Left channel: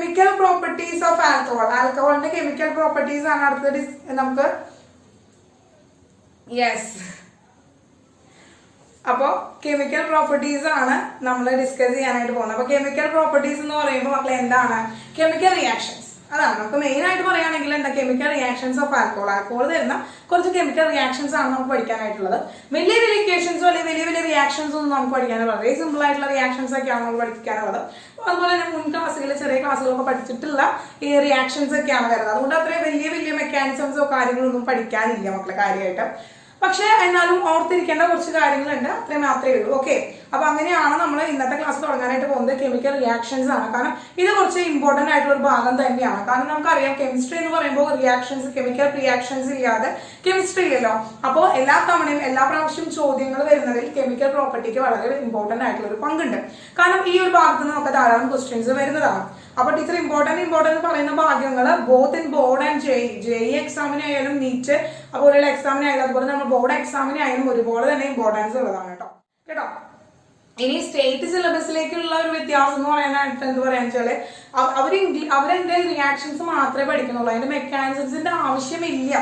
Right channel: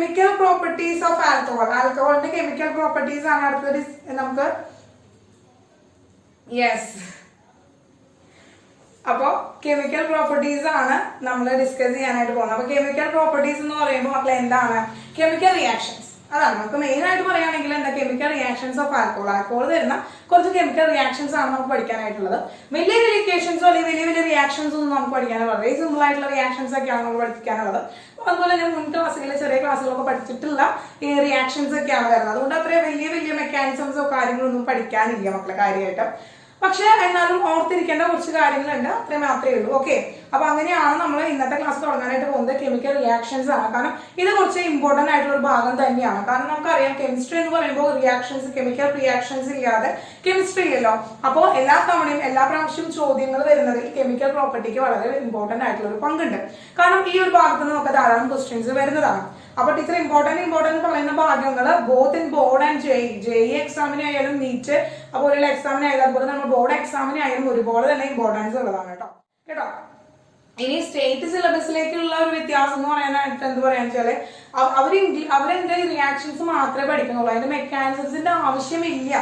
Chemical properties of alcohol. ആൽക്കഹോളിന്റെ chemical properties ആണ് അടുത്തത് നമുക്ക്. യെസ്, അപ്പോ കെമിക്കൽ പ്രോപ്പർട്ടീസ് ആണ് നമ്മൾ ഡിസ്കസ് ചെയ്യാനായിട്ട് പോകുന്നത്. അപ്പൊ കെമിക്കൽ പ്രോപ്പർട്ടീസ് എന്ന് പറയുമ്പോൾ മക്കളെ എന്താണ്? Chemical reactions. അതാണ് നമുക്ക് മെയിൻ ആയിട്ട് പറയുകയാണെങ്കിൽ എന്താ? Chemical reactions of alcohol. Alcohol തരുന്ന കുറച്ച് കെമിക്കൽ റിയാക്ഷൻസ് ആണ് നമുക്ക് പഠിക്കാനായിട്ടുള്ളത്. വലിയ വലിയ ഇക്വേഷൻസോ അല്ലെങ്കിൽ വലിയ വലിയ റിയാക്ഷൻസ് ഒന്നും നമുക്ക് പഠിക്കാനുള്ളത് വളരെ സിമ്പിൾ ആയിട്ടുള്ള റിയാക്ഷൻസ് ഒക്കെയാണ് നമുക്ക് പഠിക്കാനുള്ളത്. അതുപോലെ തന്നെ മുൻ ക്ലാസ്സുകളിൽ ചെറിയ ക്ലാസ്സുകളൊക്കെ പഠിച്ചിട്ടുള്ള ഈ റിയാക്ഷൻസ് ഒക്കെയാണ് വരുന്നത്. അതുകൊണ്ട് അത്രയും വലിയ വലിയ മെക്കാനിസംസോ കാര്യങ്ങളൊന്നും പഠിക്കാനില്ല മക്കളെ കാര്യമായിട്ട്. പക്ഷെ എന്നാലും ഓർത്തിരിക്കേണ്ട കുറച്ച് കാര്യങ്ങളുണ്ട്, അത്രയും മാത്രമേ ഉള്ളൂ. ഓക്കെ, അപ്പൊ അങ്ങനെയാണ് നമ്മൾ ഇന്നത്തെ ക്ലാസ് തുടങ്ങാനായിട്ട് പോകുന്നത്. കെമിക്കൽ റിയാക്ഷൻസ് ആണ്. കാരണം ഇത് കുറച്ച് ഇമ്പോർട്ടന്റ് ആയിട്ടുള്ള ഒരു ഭാഗം തന്നെയാണ്. കാരണം നമുക്കറിയാം കെമിസ്ട്രി എന്ന് പറയുമ്പോൾ റിയാക്ഷൻസ്, കെമിക്കൽ റിയാക്ഷൻസ് ഇല്ലാതെ കെമിസ്ട്രി ഇല്ലല്ലോ. അപ്പോൾ എല്ലാ തവണയും എല്ലാ പ്രാവശ്യം ചോദ്യങ്ങൾ വരുന്നതിൽ കെമിക്കൽ പ്രോപ്പർട്ടിക്ക് വളരെ ഇമ്പോർട്ടന്റ് ആയിട്ടുള്ള ഒരു പങ്കുണ്ട്. കാരണം ഈ ഒരു ഭാഗത്ത് നിന്ന് നമുക്ക് ധാരാളം ക്വസ്റ്റ്യൻസ് വരുന്നതാണ്. അപ്പൊ ടീച്ചർ ഇമ്പോർട്ടന്റ് പറയുന്ന ഭാഗ്യങ്ങൾ both in board and JEE എക്സാമിനായാലും നീറ്റ് അതുപോലെയുള്ള എക്സാമിനായാലും അതുപോലെ നമ്മൾ ബോർഡ് എക്സാമിനായാലും ഒരുപോലെ തന്നെ ഇമ്പോർട്ടൻസ് ഉള്ളതാണ് കേട്ടോ. ഇനി സ്റ്റേറ്റ് സിലബസിലേക്കുള്ള ഒരു വ്യത്യാസം എന്ന് പറയാനായിട്ട് എന്ത് പറയാന്ന് വെച്ചാല് അവരെന്താ റിയാക്ഷൻസ് മാത്രമേ പഠിക്കുന്നുള്ളൂ. അതിന്റെ മെക്കാനിസത്തിന്റെ ആവശ്യമില്ല.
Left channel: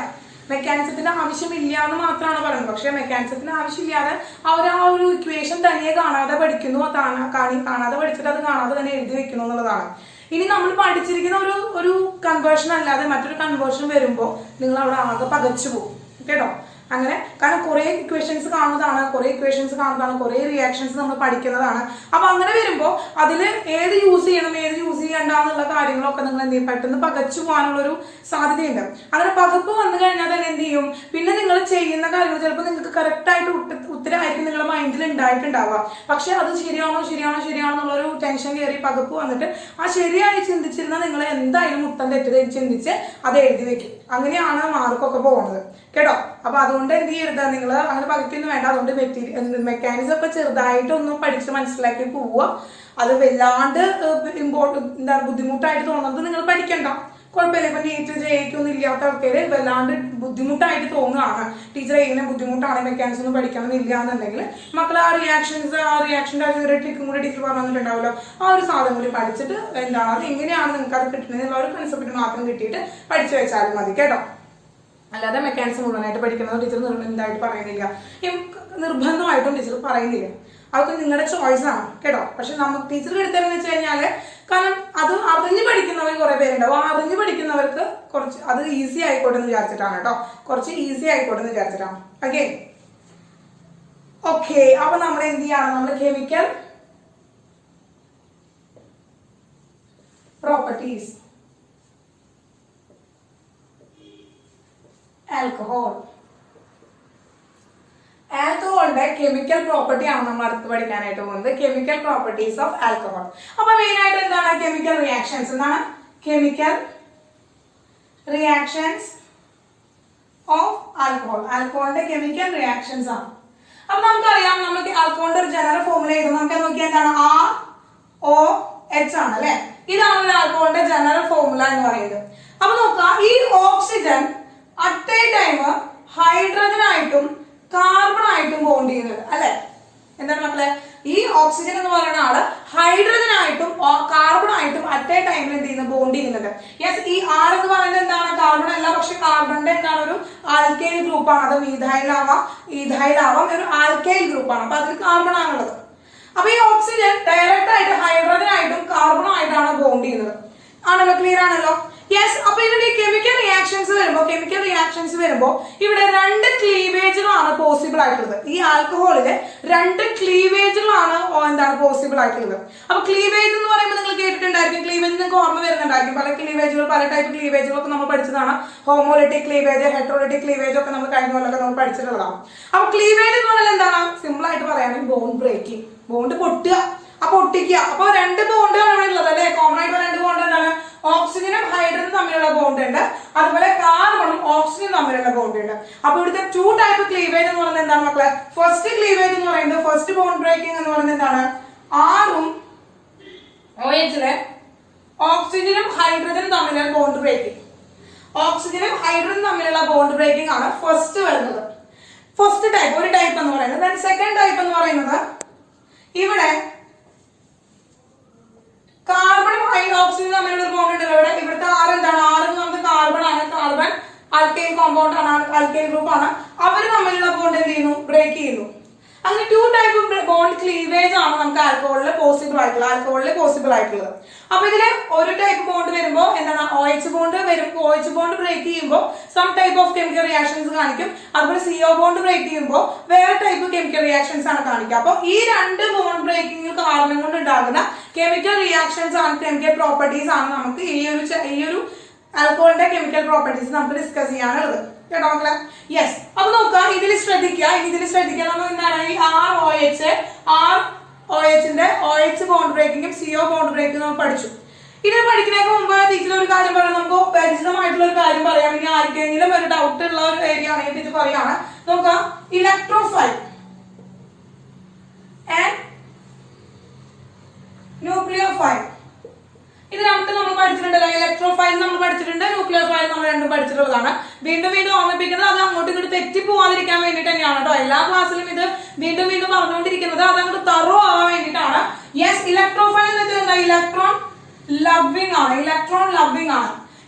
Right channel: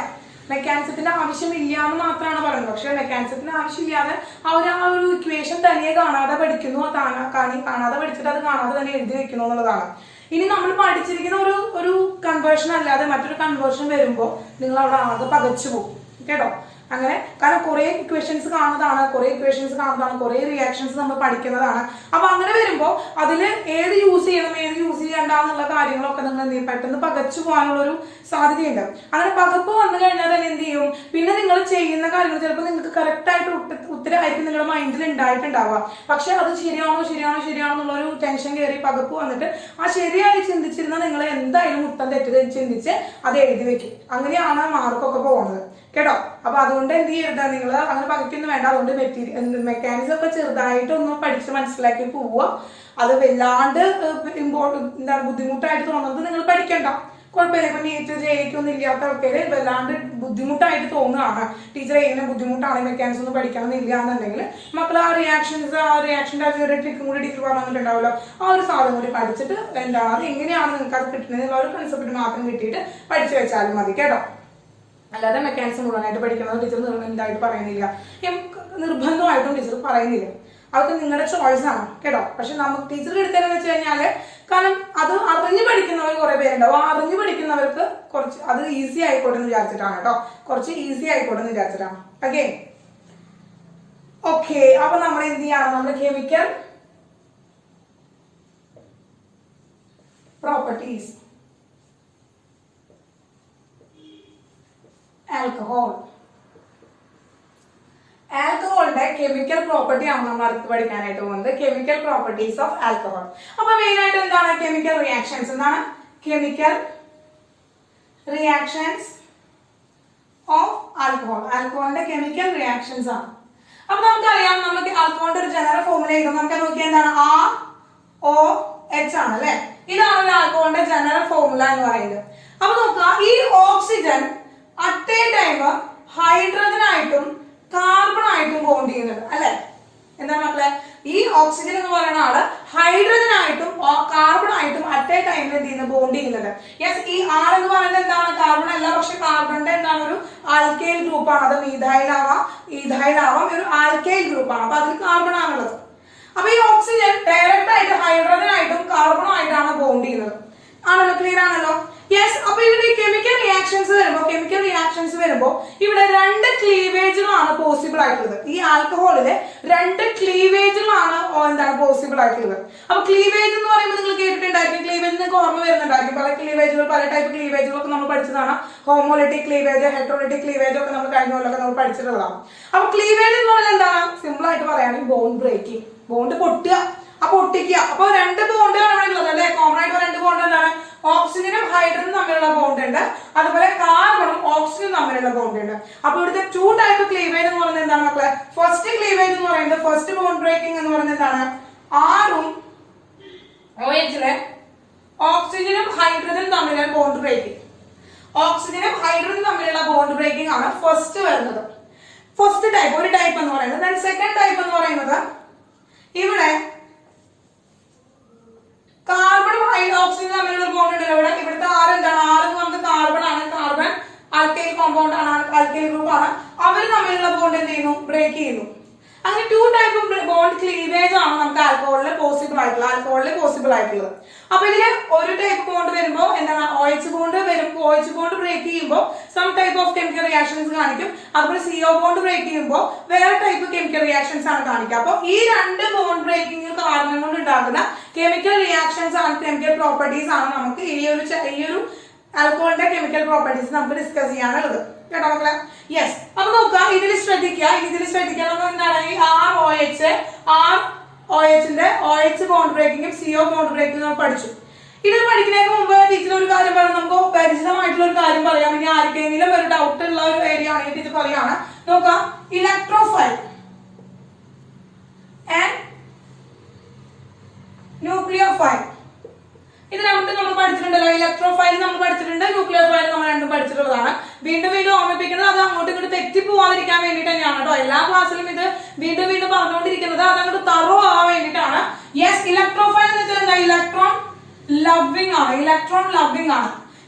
മെക്കാനിസത്തിന്റെ ആവശ്യമില്ല എന്ന് മാത്രമാണ് പറയുന്നത്. പക്ഷെ മെക്കാനിസത്തിന്റെ ആവശ്യമില്ലാതെ അവർ ആ ഒരു ഇക്വേഷൻ തനിയെ കാണാതെ പഠിക്കുന്നു, കാണാതെ പഠിച്ചിട്ട് അത് കാണാതെ തന്നെ എഴുതി വെക്കുന്നു എന്നുള്ളതാണ്. ഇനി നമ്മൾ പഠിച്ചിരിക്കുന്ന ഒരു കൺവേർഷൻ അല്ലാതെ മറ്റൊരു കൺവേർഷൻ വരുമ്പോൾ നിങ്ങൾ അവിടെ ആകെ പകച്ചു പോകും കേട്ടോ. അങ്ങനെ കാരണം കുറെ ഇക്വേഷൻസ് കാണുന്നതാണ്, കുറെ റിയാക്ഷൻസ് നമ്മൾ പഠിക്കുന്നതാണ്. അപ്പൊ അങ്ങനെ വരുമ്പോൾ അതിൽ ഏത് യൂസ് ചെയ്യണം ഏത് യൂസ് ചെയ്യണ്ടെന്നുള്ള കാര്യങ്ങളൊക്കെ നിങ്ങൾ എന്ത് ചെയ്യും, പെട്ടെന്ന് പകച്ചു പോകാനുള്ള ഒരു സാധ്യതയുണ്ട്. അങ്ങനെ പകപ്പ് വന്നു കഴിഞ്ഞാൽ തന്നെ എന്ത് ചെയ്യും, പിന്നെ നിങ്ങൾ ചെയ്യുന്ന കാര്യങ്ങൾ ചിലപ്പോൾ നിങ്ങൾക്ക് കറക്റ്റ് ആയിട്ട് ഉത്തരമായിരിക്കും നിങ്ങളുടെ മൈൻഡിൽ ഉണ്ടായിട്ടുണ്ടാവുക. പക്ഷെ അത് ശരിയാണോ എന്നുള്ളൊരു ടെൻഷൻ കയറി പകപ്പ് വന്നിട്ട് ആ ശരിയായി ചിന്തിച്ചിരുന്ന നിങ്ങൾ എന്തായാലും ഉത്തരം തെറ്റ് ചിന്തിച്ച് അത് എഴുതി വെക്കും. അങ്ങനെയാണ് മാർക്കൊക്കെ പോകുന്നത് കേട്ടോ. അപ്പൊ അതുകൊണ്ട് എന്ത് ചെയ്യരുത്, നിങ്ങൾ അങ്ങനെ പകയ്ക്കൊന്നും വേണ്ട. അതുകൊണ്ട് മെക്കാനിസം ഒക്കെ ചെറുതായിട്ടൊന്നും പഠിച്ച് മനസ്സിലാക്കി പോവുക. അത് വല്ലാണ്ട് ബുദ്ധിമുട്ടായിട്ട് തോന്നുന്നത് നിങ്ങൾ പഠിക്കണ്ട, കുഴപ്പമില്ല. ഇപ്പൊ നീറ്റ് ജയിക്കൊന്നും ഇല്ലാത്ത ആൾക്കാര് വല്ലാണ്ട് ബുദ്ധിമുട്ടായിട്ട് തോന്നുകയാണ്, ടീച്ചർ ഇങ്ങനെ ബുദ്ധിമുട്ടാണ് മെക്കാനിസം ഒന്നും പഠിക്കണം എന്നില്ല എന്നുണ്ടെങ്കിൽ മക്കൾ ആ റിയാക്ഷൻ്റെ ആ ചെറിയ ട്രിക്കും കൂടി ടീച്ചർ പറഞ്ഞിട്ടുണ്ടാവുമല്ലോ, ആ ഒരു സാധനം കൂടി പഠിച്ചിട്ട് എന്താണ് അത് എങ്ങനെയാണ് നിങ്ങൾക്ക് അത് കിട്ടുന്നത് എന്നുള്ള ഒരു കൺസെപ്റ്റ് മാത്രം കിട്ടിയിട്ട് പഠിച്ചു വെച്ചാലും മതി കേട്ടോ. അല്ലാതെ മെക്കാനിസം മുഴുവനായിട്ട് പഠിക്കുന്നത് ടീച്ചർ എന്തായിട്ട് പറയുന്നില്ല, നിർബന്ധമായിട്ടും ടീച്ചർ പറയുന്നില്ല. അതൊക്കെ നിങ്ങളുടെ ചോയ്സ് ആണ് കേട്ടോ. പക്ഷെ നമുക്ക് ടീച്ചർ എടുത്തതെന്ന് വെച്ച് കഴിഞ്ഞാല് കാരണം അത് അറിഞ്ഞു പഠിക്കുന്നവർ കുറെ പേരുണ്ടാവും. അറിഞ്ഞു പഠിക്കുന്നവർക്ക് കുറച്ച് അത് ഈസി ആയിക്കോട്ടെ എന്ന് വിചാരിച്ചിട്ടാണ് കേട്ടോ, കുറച്ച് ഈസി ആയിക്കോട്ടെ എന്ന് വിചാരിച്ചിട്ടാണ്. ഓക്കെ. അപ്പൊ നമ്മൾ എന്ത് ചെയ്യണം, നമ്മൾ കെമിക്കൽ പ്രോപ്പർട്ടീസ് ആൽക്കഹോളിന്റെ കെമിക്കൽ പ്രോപ്പർട്ടി ആണ് നമ്മൾ അടുത്ത് പഠിക്കാനായിട്ട് പോകുന്നത്. Chemical properties of alcohol. അപ്പൊ മെയിൻ ആയിട്ട് എന്താണ് കെമിക്കൽ റിയാക്ഷൻസ്? എന്താണ് കെമിക്കൽ റിയാക്ഷൻസ് ഓഫ് ആൽക്കഹോൾ? ആൽക്കഹോളിന്റെ കെമിക്കൽ റിയാക്ഷൻസ് ആണ്. അപ്പൊ നമുക്കറിയാം, നമുക്ക് ആൽക്കഹോളിന്റെ ഒരു ജനറൽ ഫോർമുല എഴുതും. നമുക്ക് നോക്കിയാൽ എന്താണ്, ROH ആണ് അല്ലെ. ഇതാണ് ഒരു ആൽക്കഹോളിന്റെ ജനറൽ ഫോർമുല എന്ന് പറയുന്നത്. അപ്പൊ നോക്കുക, ഈ ഓക്സിജൻ അറ്റ് എ ടൈം ഹൈഡ്രജനായിട്ടും കാർബണായിട്ടും ബോണ്ട് ചെയ്യുന്നുണ്ട് അല്ലെ. എന്താണ് മക്കളെ, ഈ ഓക്സിജൻ എന്ന് പറയുന്ന ആള് ഹൈഡ്രജനായിട്ടും കാർബണായിട്ടും അറ്റ് എ ടൈമിൽ എന്ത് ചെയ്യുന്നത്, ബോണ്ട് ചെയ്യുന്നുണ്ട്. യെസ്, ഈ R എന്ന് പറയുന്നത് എന്താണ്, കാർബൺ അല്ല, പക്ഷെ കാർബണിന്റെ എന്താണ് ഒരു ആൽക്കൈൽ ഗ്രൂപ്പാണ്. അത് ഈഥൈലാവാം ഒരു ആൽക്കൈൽ ഗ്രൂപ്പാണ്. അപ്പൊ അതിൽ കാർബൺ ആണുള്ളത്. അപ്പൊ ഈ ഓക്സിജൻ ഡയറക്റ്റ് ആയിട്ട് ഹൈഡ്രജനായിട്ടും കാർബണുമായിട്ടാണ് ബോണ്ട് ചെയ്യുന്നത്. ആണല്ലോ, ക്ലിയർ ആണല്ലോ. യെസ്. അപ്പൊ ഇവിടെ കെമിക്കൽ റിയാക്ഷൻസ് വരുമ്പോ ഇവിടെ രണ്ട് ക്ലീവേജുകളാണ് പോസിബിൾ ആയിട്ടുള്ളത്. ഈ ആൽക്കഹോളില് രണ്ട് ക്ലീവേജുകളാണ് എന്താണ് പോസിബിൾ ആയിട്ടുള്ളത്. അപ്പൊ ക്ലീവേജ് എന്ന് പറയുമ്പോൾ നിങ്ങൾ കേട്ടിട്ടുണ്ടായിരിക്കും, ക്ലീവേജ് നിങ്ങൾക്ക് ഓർമ്മ വരുന്നുണ്ടായിരിക്കും. പല ക്ലീവേജുകൾ, പല ടൈപ്പ് ക്ലീവേജുകളൊക്കെ നമ്മൾ പഠിച്ചതാണ്. ഹോമോലിറ്റിക് ക്ലീവേജ്, ഹെട്രോലിറ്റിക് ക്ലീവേജ് ഒക്കെ നമ്മൾ കഴിഞ്ഞ കൊല്ലമൊക്കെ നമ്മൾ പഠിച്ചിട്ടുള്ളതാണ്. അപ്പൊ ക്ലീവേജ് എന്ന് പറഞ്ഞാൽ എന്താണ്, സിമ്പിൾ ആയിട്ട് പറയുകയാണെങ്കിൽ ബോണ്ട് ബ്രേക്കിംഗ്, ബോണ്ട് പൊട്ടുക, പൊട്ടിക്കുക. അപ്പൊ രണ്ട് ബോണ്ടാണ് ഉള്ളത് അല്ലെ, കോമൺ ആയിട്ട് രണ്ട് ബോണ്ട് എന്താണ്, ഓക്സിജനും ഹൈഡ്രജനും തമ്മിലുള്ള ബോണ്ട് ഉണ്ട്, അതുപോലെ കാർബണും ഓക്സിജനും തമ്മിലുള്ള ബോണ്ട് ഉണ്ട്. അപ്പൊ ഇവിടുത്തെ ടു ടൈപ്പ് ക്ലീവേജ് എന്ന് പറയുന്നത് എന്താണ് മക്കളെ, ഫസ്റ്റ് ക്ലീവേജ് എന്ന് പറയുന്നത്, ഫസ്റ്റ് ബോണ്ട് ബ്രേക്കിംഗ് എന്ന് പറയുന്നത് എന്താണ്, ആറും OHലെ ഓക്സിജനും ഹൈഡ്രജനും തമ്മിലുള്ള ബോണ്ട് ബ്രേക്കിംഗ്. ഓക്സിജനും ഹൈഡ്രജനും തമ്മിലുള്ള ബോണ്ട് ബ്രേക്കിംഗ് ആണ് ഫസ്റ്റ് വരുന്നത്. ഫസ്റ്റ് ടൈപ്പ്, ഒരു ടൈപ്പ് എന്ന് പറയുന്നത്. സെക്കൻഡ് ടൈപ്പ് എന്ന് പറയുന്നത് ഇവിടെ കാർബണും ഓക്സിജൻ തമ്മിലുള്ള ഒരു ബോണ്ട് ഉണ്ടല്ലോ ഇവിടെ. ഇവിടുത്തെ ആറ് എന്താണ്? ആറ് എന്ന് പറഞ്ഞത് കാർബൺ ആണ്. കാർബൺ ആൽക്കൈൽ കോമ്പൗണ്ട് ആണ്, ആൽക്കൈൽ ഗ്രൂപ്പ് ആണ്. അവര് തമ്മിലുള്ള ബോണ്ട് എന്ത് ചെയ്യുന്നു? ബ്രേക്ക് ചെയ്യുന്നു. അങ്ങനെ 2 ടൈപ്പ് ഓഫ് ബോണ്ട് ക്ലീവേജ് ആണ് നമുക്ക് ആൽക്കഹോളിൽ പോസിബിൾ ആയിട്ടുള്ളത്. അപ്പൊ ഇതില് ഒരു ടൈപ്പ് ബോണ്ട് വരുമ്പോ എന്താണ്? OH ബോണ്ട് വരുമ്പോൾ OH ബോണ്ട് ബ്രേക്ക് ചെയ്യുമ്പോൾ some type of chemical reactions കാണിക്കും. അതുപോലെ CO ബോണ്ട് ബ്രേക്ക് ചെയ്യുമ്പോൾ വേറെ ടൈപ്പ് കെമിക്കൽ റിയാക്ഷൻസ് ആണ് കാണിക്കുക. അപ്പൊ ഈ രണ്ട് ബോണ്ട് ബ്രേക്കിംഗ് കാരണം കൊണ്ട് ഉണ്ടാകുന്ന കെമിക്കൽ റിയാക്ഷൻസ് ആണ്, കെമിക്കൽ പ്രോപ്പർട്ടീസ് ആണ് നമുക്ക് ഈ ഒരു ആൽക്കഹോളിന്റെ കെമിക്കൽ പ്രോപ്പർട്ടീസ് നമുക്ക് ഡിസ്കസ് ചെയ്യാനുള്ളത് കേട്ടോ മക്കളെ. യെസ്, അപ്പൊ നോക്കാം. ഇതിൽ ശ്രദ്ധിക്കുക നമ്മൾ എന്താണ് ഈ ROHന്റെ OH ബോണ്ട് ബ്രേക്കിങ്ങും CO ബോണ്ട് ബ്രേക്കിങ്ങും നമ്മൾ പഠിച്ചു. ഇത് പഠിക്കുന്നതിന് മുമ്പ് ടീച്ചർ ഒരു കാര്യം പറയാം, നമുക്ക് പരിചിതമായിട്ടുള്ള ഒരു കാര്യം പറയാം. ഇനി ആർക്കെങ്കിലും ഒരു ഡൗട്ട് ഉള്ള ഒരു ഏരിയ ആണെങ്കിൽ ടീച്ചർ പറയാണ്. നോക്കാം, ഇലക്ട്രോഫൈൽ ആൻഡ് ന്യൂക്ലിയോഫൈൽ. ഇത് രണ്ടും നമ്മൾ പഠിച്ചിട്ടുണ്ടല്ലോ. ഇലക്ട്രോഫൈൽ നമ്മൾ പഠിച്ചിട്ടുണ്ട്, ന്യൂക്ലിയർ ഫൈൽ നമ്മൾ രണ്ടും പഠിച്ചിട്ടുള്ളതാണ്. വീണ്ടും ഓർമ്മിപ്പിക്കുന്നത് അത് അങ്ങോട്ടും ഇങ്ങോട്ട് തെറ്റിപ്പോവാതിരിക്കാൻ വേണ്ടിയിട്ട് തന്നെയാണ് കേട്ടോ. എല്ലാ ക്ലാസ്സിലും ഇത് വീണ്ടും പറഞ്ഞുകൊണ്ടിരിക്കുന്നത് അത് അങ്ങോട്ട് തറോ ആവാൻ വേണ്ടിയിട്ടാണ്. യെസ്, ഇലക്ട്രോഫൈൽ എന്ന് വെച്ചാൽ എന്താ? ഇലക്ട്രോൺ ലവിംഗ് ആണ്.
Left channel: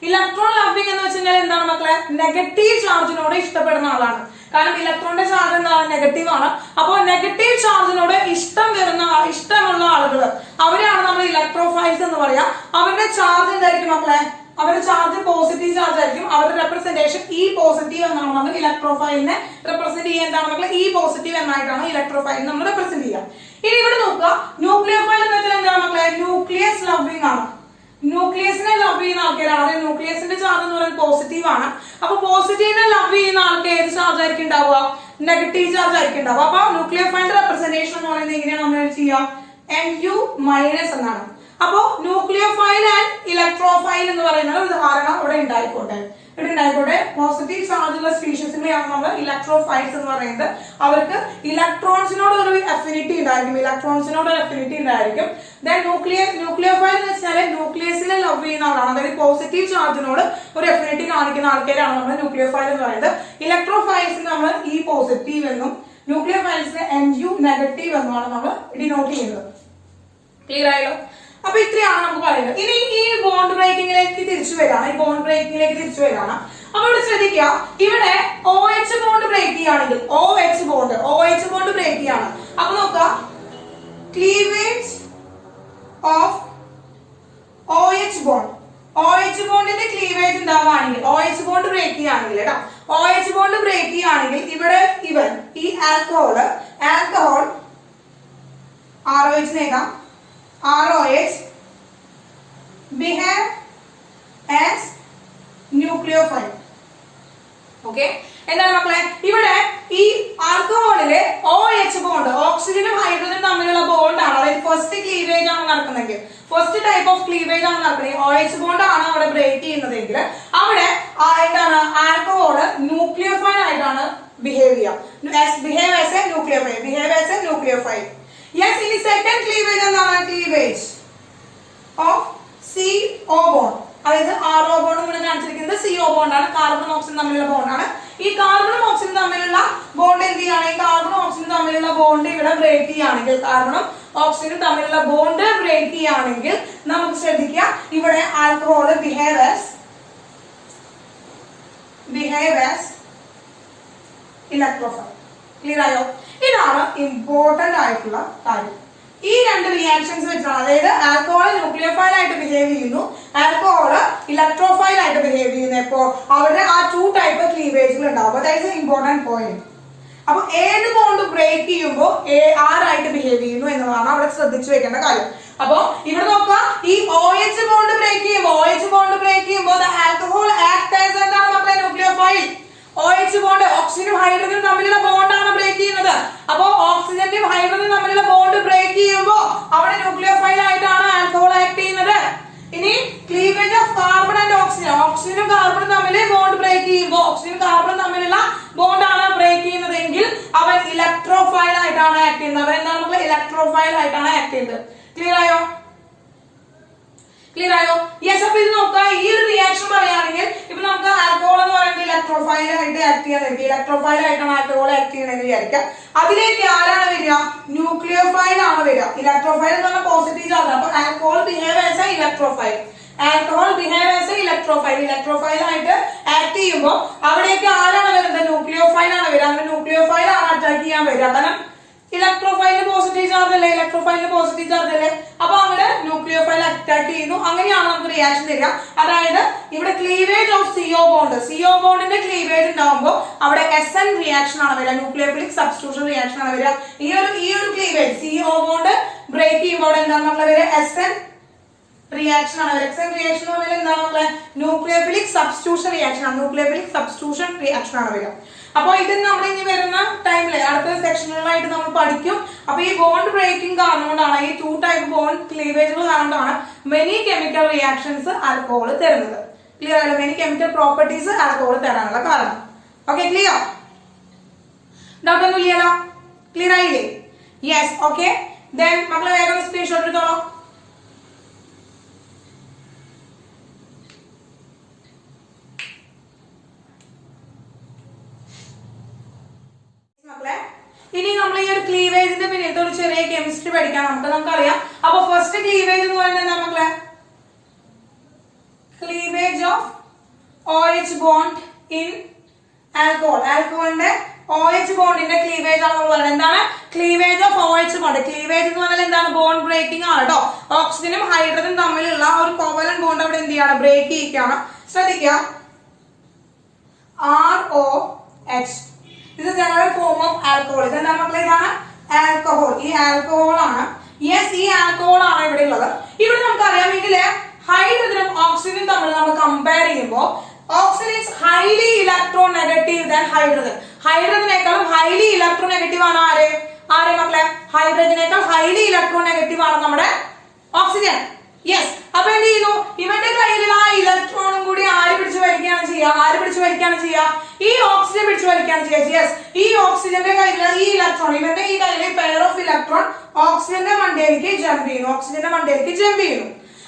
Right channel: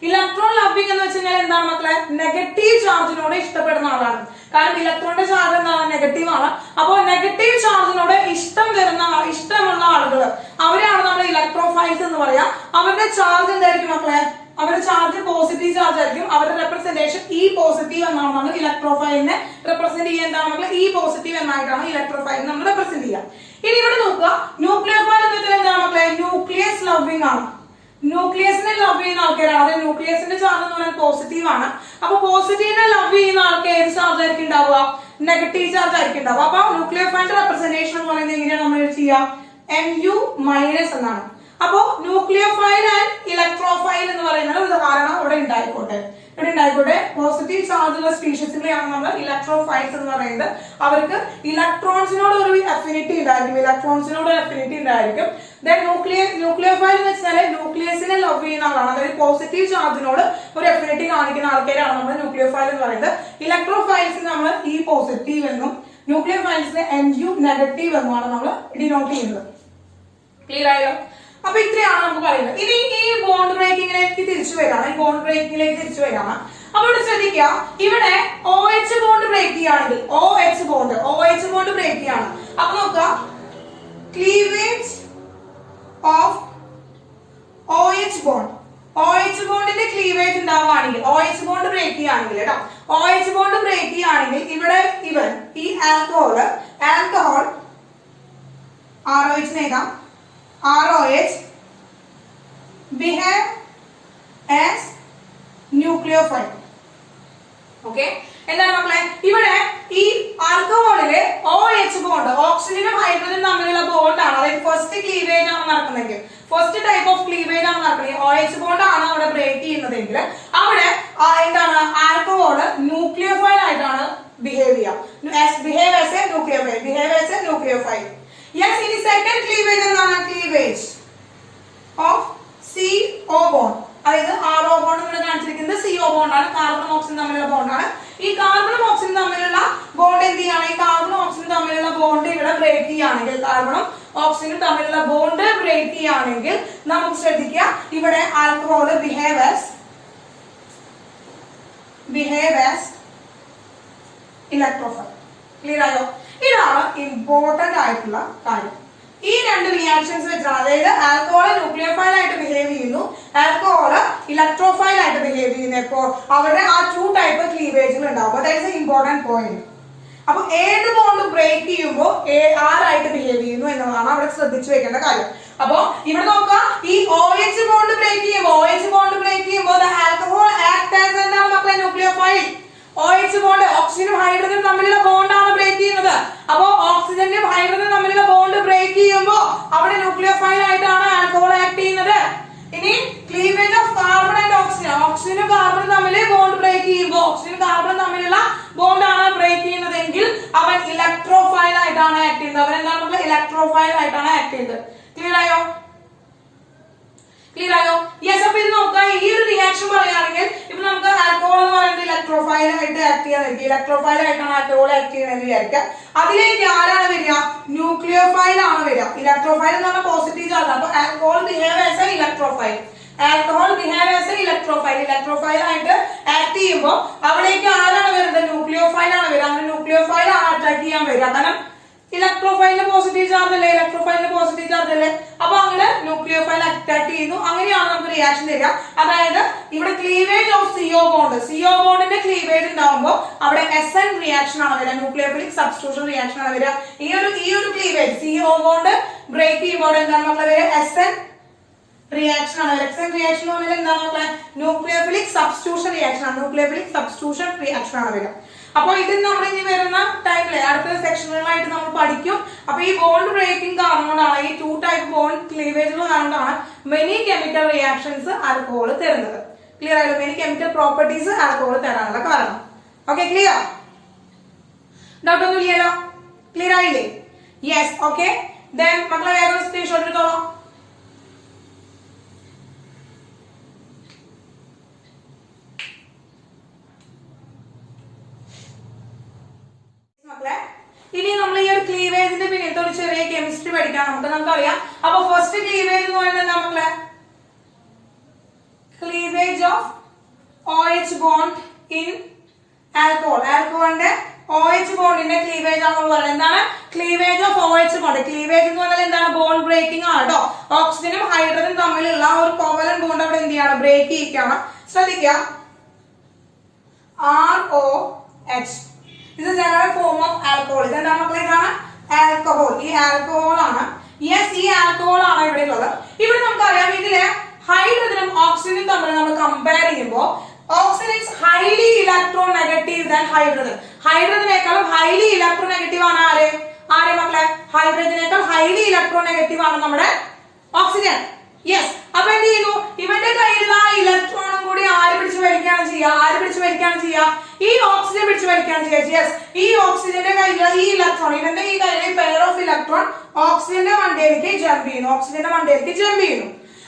ഇലക്ട്രോൺ ലവിംഗ് എന്ന് വെച്ചാൽ എന്താണ് മക്കളെ? നെഗറ്റീവ് ചാർജിനോട് ഇഷ്ടപ്പെടുന്ന ആളാണ്. കാരണം ഇലക്ട്രോണിന്റെ ചാർജ് എന്താണ്? നെഗറ്റീവ് ആണ്. അപ്പോൾ നെഗറ്റീവ് ചാർജിനോട് ഇഷ്ടമുള്ള ആളുകൾ അവരെയാണ് നമ്മൾ ഇലക്ട്രോഫൈൽസ് എന്ന് പറയാം. അവരുടെ ചാർജ് എന്തായിരിക്കും മക്കളെ? അവരുടെ ചാർജ് പോസിറ്റീവ് ചാർജ് ആയിരിക്കും. അവരുടെ റെപ്രസെന്റേഷൻ E പോസിറ്റീവ് എന്നാണ് നമ്മൾ ഇലക്ട്രോഫൈലിനെ റെപ്രസെന്റ് ചെയ്യുക. എന്താണ് മക്കളെ? E പോസിറ്റീവ് എന്നായിട്ടാണ് ഇലക്ട്രോഫൈൽ നമ്മൾ റെപ്രസെന്റ് ചെയ്യുക. ഇനി ഇവിടെ നോക്കുക, ന്യൂക്ലിയർ ഫൈൽ എന്ന് വെച്ചാൽ എന്താണ് മക്കളെ? ന്യൂക്ലിയസ് ലവിംഗ് ആണ്. ന്യൂക്ലിയസിനെ ലവ് ചെയ്യുന്ന ആൾക്കാരാണ്. അതായത് ന്യൂക്ലിയസിന്റെ ചാർജ് എന്ന് പറയുന്നത് പോസിറ്റീവ് ആണ്. അപ്പൊ പോസിറ്റീവിനെ ലവ് ചെയ്യുന്ന ആൾക്ക് ഏത് ചാർജ് ആയിരിക്കും ഉണ്ടാവുക? നെഗറ്റീവ് ചാർജ് ആയിരിക്കും ഉണ്ടാവുക. അപ്പൊ ന്യൂക്ലിയർ ഫൈലിന്റെ റെപ്രസെന്റേഷൻ എന്ന് പറയുന്നത് എങ്ങനെയാണ് നമ്മൾ ചെയ്യാം? Mu- എന്നാണ്. അപ്പോ ന്യൂക്ലിയോഫൈൽ ആൻഡ് ഇലക്ട്രോഫൈൽ എന്ന് പറയുന്നത് ഒരു ധാരണ ഇവിടെ ഉണ്ടായിക്കോട്ടെ. പോസിറ്റീവ് ചാർജുള്ള സ്പീഷീസിനെയാണ് നമ്മൾ ഇലക്ട്രോഫൈൽസ് എന്ന് പറയുന്നത്. അവർക്ക് ഇലക്ട്രോൺസിനോട് ഒരു അഫിനിറ്റി ഉണ്ടായിരിക്കും. ദെൻ ന്യൂക്ലിയോഫൈൽ എന്ന് വെച്ചാൽ ന്യൂക്ലിയസിനെ ലവ് ചെയ്യുന്ന ആളാണ്. അതായത് പോസിറ്റീവ് ചാർജിനോട് ഒരു അഫിനിറ്റി കാണിക്കുന്ന ആൾക്കാരാണ് നമ്മൾ ന്യൂക്ലിയോഫൈൽ എന്ന് പറയുന്നത്. ഇലക്ട്രോഫൈൽസിന് നമ്മൾ E പോസിറ്റീവ് എന്നും ന്യൂക്ലിയോഫൈൽസിന് Mu നെഗറ്റീവ് എന്നുമാണ് നമ്മൾ ഡിനോട്ട് ചെയ്യുന്നത്. ക്ലിയർ ആയല്ലോ? അപ്പൊ ഇത്രയാണ് നമുക്ക് പറയുന്നത്. ഇനി ഈ ബോണ്ട് ബ്രേക്കിംഗിലേക്ക് തിരിച്ചു വരാണ്. അപ്പൊ ഇവിടെ ശ്രദ്ധിക്കുക, ഇവിടെ OH ബോണ്ട് ബ്രേക്ക് ചെയ്യുകയാണെങ്കിൽ OH ബോണ്ട് ബ്രേക്ക് ചെയ്യാണ്. അപ്പൊ നോക്കാം, ക്ലീവേജ് ഓഫ് OH ബോണ്ടിന്റെ ക്ലീവേജ് ഉണ്ടാവുകയാണെങ്കിൽ, OH ബോണ്ട് ബ്രേക്ക് ചെയ്യുകയാണെങ്കിൽ കേട്ടോ, OH ബോണ്ട് ബ്രേക്ക് ചെയ്യുകയാണെങ്കിൽ ഇവിടെ ഈ ആൽക്കഹോൾ ROH നേടാം. ROH behave as nucleophile. Okay, എന്താണ് മക്കളെ? ഇവിടെ ഈ ആൽക്കഹോളില് OH ബോണ്ട്, ഓക്സിജനും ഹൈഡ്രജനും തമ്മിലുള്ള ബോണ്ടാണ്. അതായത് ഫസ്റ്റ് ക്ലീവേജ് ആണ് നടക്കുന്നതെങ്കിൽ, ഫസ്റ്റ് ടൈപ്പ് ഓഫ് ക്ലീവേജ് ആണ് നടക്കുന്നത്, OH ബോണ്ട് ആണ് അവിടെ ബ്രേക്ക് ചെയ്യുന്നതെങ്കിൽ അവിടെ എന്താണ്? ആൽക്കഹോള് ന്യൂക്ലിയോഫൈൽ ആയിട്ടാണ് ബിഹേവ് ചെയ്യുക. Behave as a nucleophile. Yes, ഇനി സെക്കൻഡ് ക്ലീവേജ് എന്താണ്? Cleavage of CO bond. അതായത് RO ബോണ്ട് ഇവിടെ കാണിച്ചിരിക്കുന്നത് CO ബോണ്ട് ആണ്. കാർബണും ഓക്സിജനും തമ്മിലുള്ള ബോണ്ടാണ്. ഈ കാർബണും ഓക്സിജനും തമ്മിലുള്ള ബോണ്ട് എന്ത് ചെയ്യാണ്? ഈ കാർബണും ഓക്സിജനും തമ്മിലുള്ള ബോണ്ട് ഇവിടെ ബ്രേക്ക് ചെയ്യുകയാണെങ്കിൽ, നമുക്ക് ശ്രദ്ധിക്കുക, ഇവിടെ alcohol behave as electrophile. Clear ആയോ? ഇതാണ് ഇമ്പോർട്ടന്റ് ആയിട്ടുള്ള കാര്യം. ഈ രണ്ട് റിയാക്ഷൻസ് വെച്ചാണ്, അതായത് ആൽക്കഹോൾ ന്യൂക്ലിയോഫൈൽ ആയിട്ട് ബിഹേവ് ചെയ്യുന്നു, ആൽക്കഹോൾ ഇലക്ട്രോഫൈൽ ആയിട്ട് ബിഹേവ് ചെയ്യുന്നു. എപ്പോൾ അവരുടെ ആ 2 ടൈപ്പ് ക്ലീവേജുകൾ ഉണ്ടാവും. അതായത് ഇമ്പോർട്ടന്റ് പോയിന്റ്. അപ്പൊ ഏത് ബോണ്ട് ബ്രേക്ക് ചെയ്യുമ്പോൾ ആരായിട്ട് ബിഹേവ് ചെയ്യുന്നു എന്നതാണ് അവിടെ ശ്രദ്ധിച്ചു വെക്കേണ്ട കാര്യം. അപ്പൊ ഇവിടെ നോക്കാം, ഈ OH ബോണ്ട് ബ്രേക്ക് ചെയ്യുമ്പോൾ ആൽക്കഹോൾ ആക്ട് ആസ് എന്താണ് മക്കളെ? ന്യൂക്ലിയോഫൈൽ. OH ബോണ്ട് ഓക്സിജനും ഹൈഡ്രജനും തമ്മിലുള്ള ബോണ്ടാണ് ബ്രേക്ക് ചെയ്യുന്നത്. അപ്പൊ ഓക്സിജന്റെയും ഹൈഡ്രജനും തമ്മിലുള്ള ബോണ്ട് ബ്രേക്ക് ചെയ്യുമ്പോൾ അവിടെ ന്യൂക്ലിയോഫൈൽ ആയിട്ടാണ് ആൽക്കഹോൾ ആക്ട് ചെയ്യുന്നത്. ഇനി ക്ലീവേജ് ഓഫ് കാർബൺ ആൻഡ് ഓക്സിജനും കാർബണും തമ്മിൽ ബോണ്ട് ബ്രേക്ക് ചെയ്യുമ്പോൾ, ഓക്സിജനും കാർബണും തമ്മിലുള്ള ബോണ്ടാണ് ബ്രേക്ക് ചെയ്യുന്നതെങ്കിൽ അവൻ ഇലക്ട്രോഫൈൽ ആയിട്ടാണ് ആക്ട് ചെയ്യുന്നത്. അവൻ എന്താണ്? ഇലക്ട്രോഫൈൽ ആയിട്ടാണ് ആക്ട് ചെയ്യുന്നത്. ക്ലിയർ ആയോ? ക്ലിയർ ആയോ? യെസ്. അപ്പൊ ഇത് നോക്കുക, ഈ ഒരു റിയാക്ഷൻ പറയുകയാണെങ്കിൽ ഇപ്പൊ നമുക്ക് ആൽക്കഹോൾ എന്ന് പറയുന്നത് ഇലക്ട്രോഫൈൽ ആയിട്ട് ആക്ട് ചെയ്യാൻ ഇലക്ട്രോഫൈൽ ആയിട്ടാണ് ആൽക്കഹോൾ ആക്ട് ചെയ്യുന്നത് വിചാരിക്കുക. അതിലേക്ക് ആരാണ് വരിക? ന്യൂക്ലിയോഫൈൽ ആണ് വരിക. ഇലക്ട്രോഫൈൽ എന്ന് പറഞ്ഞാൽ പോസിറ്റീവ് ചാർജ്. അപ്പൊ alcohol behave as A electrophile. Alcohol behave as A electrophile. Electrophile ആയിട്ട് ആക്ട് ചെയ്യുമ്പോൾ അവിടേക്ക് ആരാണ് വരുന്നത്? ന്യൂക്ലിയോഫൈൽ ആണ് വരിക. അങ്ങനെ ന്യൂക്ലിയോഫൈൽ ആണ് അറ്റാക്ക് ചെയ്യാൻ വരിക. കാരണം ഇലക്ട്രോഫൈലിന് പോസിറ്റീവ് ചാർജ് അല്ലേ, ഇലക്ട്രോഫൈലിന് പോസിറ്റീവ് ചാർജ് അല്ലേ. അപ്പൊ അവിടെ ന്യൂക്ലിയോഫൈൽ അറ്റാക്ക് ചെയ്യുന്നു. അങ്ങനെയാണ് നമുക്ക് റിയാക്ഷൻ തരിക. അതായത് ഇവിടെ cleavage of CO bond, CO ബോണ്ടിന്റെ ക്ലീവേജ് ഉണ്ടാവുമ്പോൾ അവിടെ SN റിയാക്ഷൻ ആണ് വരിക, ന്യൂക്ലിയോഫിലിക് സബ്സ്റ്റിറ്റ്യൂഷൻ റിയാക്ഷൻ ആണ് വരിക. ഈ ഒരു ക്ലീവേജ് CO ബോണ്ട് ബ്രേക്ക് ചെയ്യുമ്പോൾ എന്താണ് നമ്മുടെ വരിക? SN റിയാക്ഷൻ ആണ്. SN റിയാക്ഷൻ എന്ന് പറഞ്ഞാൽ എന്താണ്? ന്യൂക്ലിയോഫിലിക് സബ്സ്റ്റിറ്റ്യൂഷൻ റിയാക്ഷൻ ആണ്. ന്യൂക്ലിയോഫിലിക് സബ്സ്റ്റിറ്റ്യൂഷൻ റിയാക്ഷൻ ആണ് വരിക. അപ്പൊ ഇത് നമ്മൾ ഇനി വരുന്ന ടൈമില് അടുത്ത സെക്ഷനുകളായിട്ട് നമ്മൾ പഠിക്കും. അപ്പൊ ഈ ബോണ്ട് ബ്രേക്കിംഗ് കാരണം കൊണ്ടാണ്, ഈ 2 ടൈപ്പ് ബോണ്ട് ക്ലീവേജ് കാരണമാണ് മെനി കെമിക്കൽ റിയാക്ഷൻസ് ആൽക്കഹോൾ തരുന്നത്. ക്ലിയർ ആയല്ലോ? മെനി കെമിക്കൽ പ്രോപ്പർട്ടീസ് ആൽക്കഹോൾ തരാനുള്ള കാരണം. Okay, clear? ഡൗട്ട് ഒന്നും ഇല്ലല്ലോ? ക്ലിയർ ആയില്ലേ? യെസ്. ഓക്കെ, ദെൻ മക്കളെ വേറെ സ്ക്രീൻഷോട്ട് എടുത്തോളാം. ഇനി നമ്മൾ ഈ ഒരു ക്ലീവേജിന്റെ പിന്നിട്ട് ഒരു ചെറിയ കെമിസ്ട്രി പഠിക്കാൻ നമുക്കറിയാം. അപ്പൊ ഫസ്റ്റ് ക്ലീവേജ് എന്ന് പറയുന്നത് എന്താ മക്കളെ? Cleavage of OH bond in alcohol. ആൽക്കഹോളിന്റെ OH ബോണ്ടിന്റെ ക്ലീവേജ് ആണ് നമ്മൾ പറയുന്നത്. എന്താണ്? Cleavage of OH bond. Cleavage എന്ന് പറഞ്ഞാൽ എന്താണ്? ബോണ്ട് ബ്രേക്കിംഗ് ആണ് കേട്ടോ. ഓക്സിജനും ഹൈഡ്രജനും തമ്മിലുള്ള ഒരു കോവലൻ ബോണ്ട് അവിടെ എന്ത് ചെയ്യാണ്? ബ്രേക്ക് ചെയ്യിക്കുകയാണ്. ശ്രദ്ധിക്കുക, ROH. ഇത് ജനറൽ ഫോം ഓഫ് ആൽക്കഹോൾ. ഇതെന്താ മക്കളെ? ഇതാണ് ആൽക്കഹോൾ. ഈ ആൽക്കഹോൾ ആണ്. യെസ്, ഈ ആൽക്കഹോൾ ആണ് ഇവിടെ ഉള്ളത്. ഇവിടെ നമുക്കറിയാം, ഇതില് ഹൈഡ്രജനും ഓക്സിജനും തമ്മിൽ നമ്മൾ കമ്പയർ ചെയ്യുമ്പോൾ oxygen is highly electronegative than hydrogen. ഹൈഡ്രജനേക്കാളും ഹൈലി ഇലക്ട്രോ നെഗറ്റീവ് ആണ് ആരെ മക്കളെ? ഹൈഡ്രജനേക്കാൾ ഹൈലി ഇലക്ട്രോ നെഗറ്റീവ് ആണ് നമ്മുടെ ഓക്സിജൻ. യെസ്. അപ്പൊ എന്ത് ചെയ്യുന്നു? ഇവന്റെ കയ്യിലുള്ള ആ ഇലക്ട്രോണും കൂടി ആര് പിടിച്ചു വലിക്കുകയാണ് ചെയ്യുക? ഈ ഓക്സിജൻ പിടിച്ചു വലിക്കുകയാണ് ചെയ്യുക. യെസ്, ഈ ഓക്സിജന്റെ കയ്യിലുള്ള ഈ ഇലക്ട്രോൺ, ഇവന്റെ ഈ കയ്യിലെ പെയർ ഓഫ് ഇലക്ട്രോൺ ഓക്സിജന്റെ മണ്ടയിലേക്ക് ജമ്പ് ചെയ്യുന്നു.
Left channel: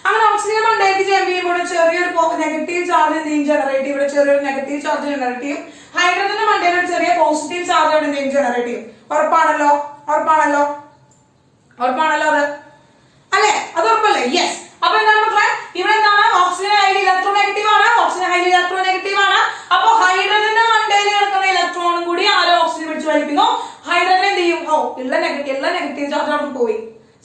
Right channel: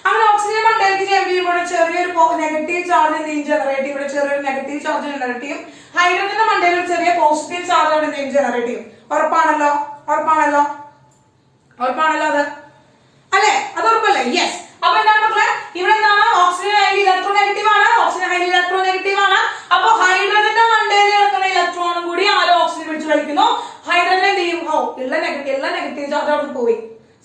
അങ്ങനെ ഓക്സിജൻ മണ്ടയിലേക്ക് ജമ്പ് ചെയ്യുമ്പോൾ ചെറിയൊരു നെഗറ്റീവ് ചാർജ് ജനറേറ്റ് ചെയ്യും. ഇവിടെ ചെറിയൊരു നെഗറ്റീവ് ചാർജ് ജനറേറ്റ് ചെയ്യും. ഹൈഡ്രജന്റെ മണ്ടയിൽ ഒരു ചെറിയ പോസിറ്റീവ് ചാർജ് അവിടെ ജനറേറ്റ് ചെയ്യും. ഉറപ്പാണല്ലോ അത് അല്ലെ? അത് ഉറപ്പല്ലേ? യെസ്. അപ്പൊ എന്താണ് മക്കളെ? ഇവിടെ എന്താണ്? ഓക്സിജൻ ഹൈലി ഇലക്ട്രോ നെഗറ്റീവ് ആണ്. അപ്പൊ ഹൈഡ്രജന്റെ മണ്ടയിൽ കിടക്കുന്ന ഇലക്ട്രോണും കൂടി ആരോ ഓക്സിജൻ പിടിച്ചു വലിക്കുന്നു. ഹൈഡ്രജൻ എന്ത് ചെയ്യും? ഉള്ള നെഗറ്റീവ് ചാർജ് അവിടെ പോയി.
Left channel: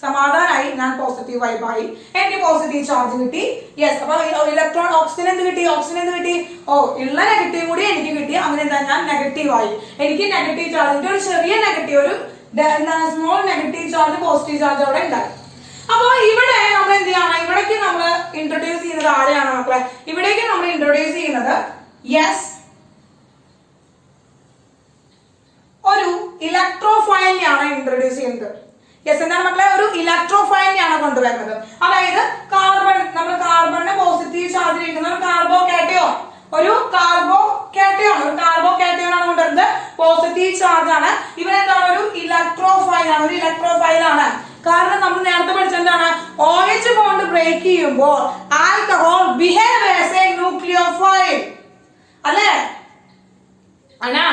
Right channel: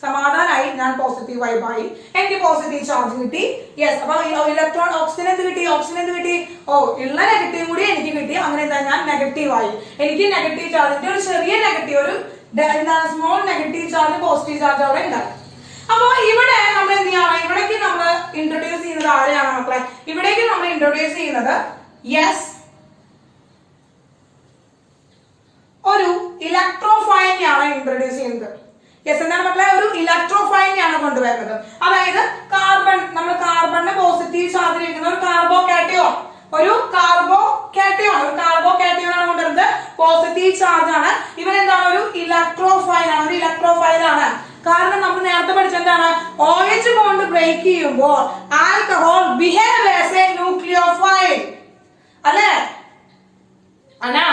സമാധാനായി, ഞാൻ പോസിറ്റീവ് വൈബായി, എനിക്ക് പോസിറ്റീവ് ചാർജ് കിട്ടി. യെസ്. അപ്പൊ ഇലക്ട്രോൺ ഓക്സിജൻ എന്ത് കിട്ടി? ഉള്ള നെഗറ്റീവ് കൂടി എനിക്ക് കിട്ടി. അങ്ങനെ ഞാൻ നെഗറ്റീവ് ആയി. എനിക്ക് നെഗറ്റീവ് ചാർജിന്റെ ഒരു ചെറിയ നെഗറ്റീവ്, ഒരു small negative charge positive charge അവിടെ ഉണ്ടായി. അപ്പൊ ഇവിടെ നമ്മൾ എന്ത് ചെയ്യണം? ഇവിടേക്ക് നമ്മൾ ഇൻട്രൊഡ്യൂസ് ചെയ്യുന്നത് ആരെയാണ് മക്കളെ? ഇവിടേക്ക് നമ്മൾ ഇൻട്രൊഡ്യൂസ് ചെയ്യുന്നത് യെസ് ഒരു ഇലക്ട്രോഫൈലിനെയാണ് ഇൻട്രൊഡ്യൂസ് ചെയ്യുന്നത്. യെസ്, എന്താ മക്കളെ? ഒരു ഇലക്ട്രോഫൈലിനെയാണ് കൊണ്ടുവരുന്നത്. അതായത് നമ്മൾ കാർബണിന് പോസിറ്റീവ് ചാർജ് ഇരിക്കുന്ന ഒരു കാർബോ കാറ്റയോൺ ആണ് കൊണ്ടുവരുന്നത്. പോസിറ്റീവ് ചാർജ് ആണ്. ഇവരെന്താണ്? ഒരു ഇലക്ട്രോഫൈൽ ആണ്. കാരണം നമ്മൾ നേരത്തെ പഠിച്ചെന്താണ്? OH ബോണ്ട് ബ്രേക്ക് ചെയ്യുമ്പോൾ alcohol behave as a nucleophile അല്ലേ? ആണോ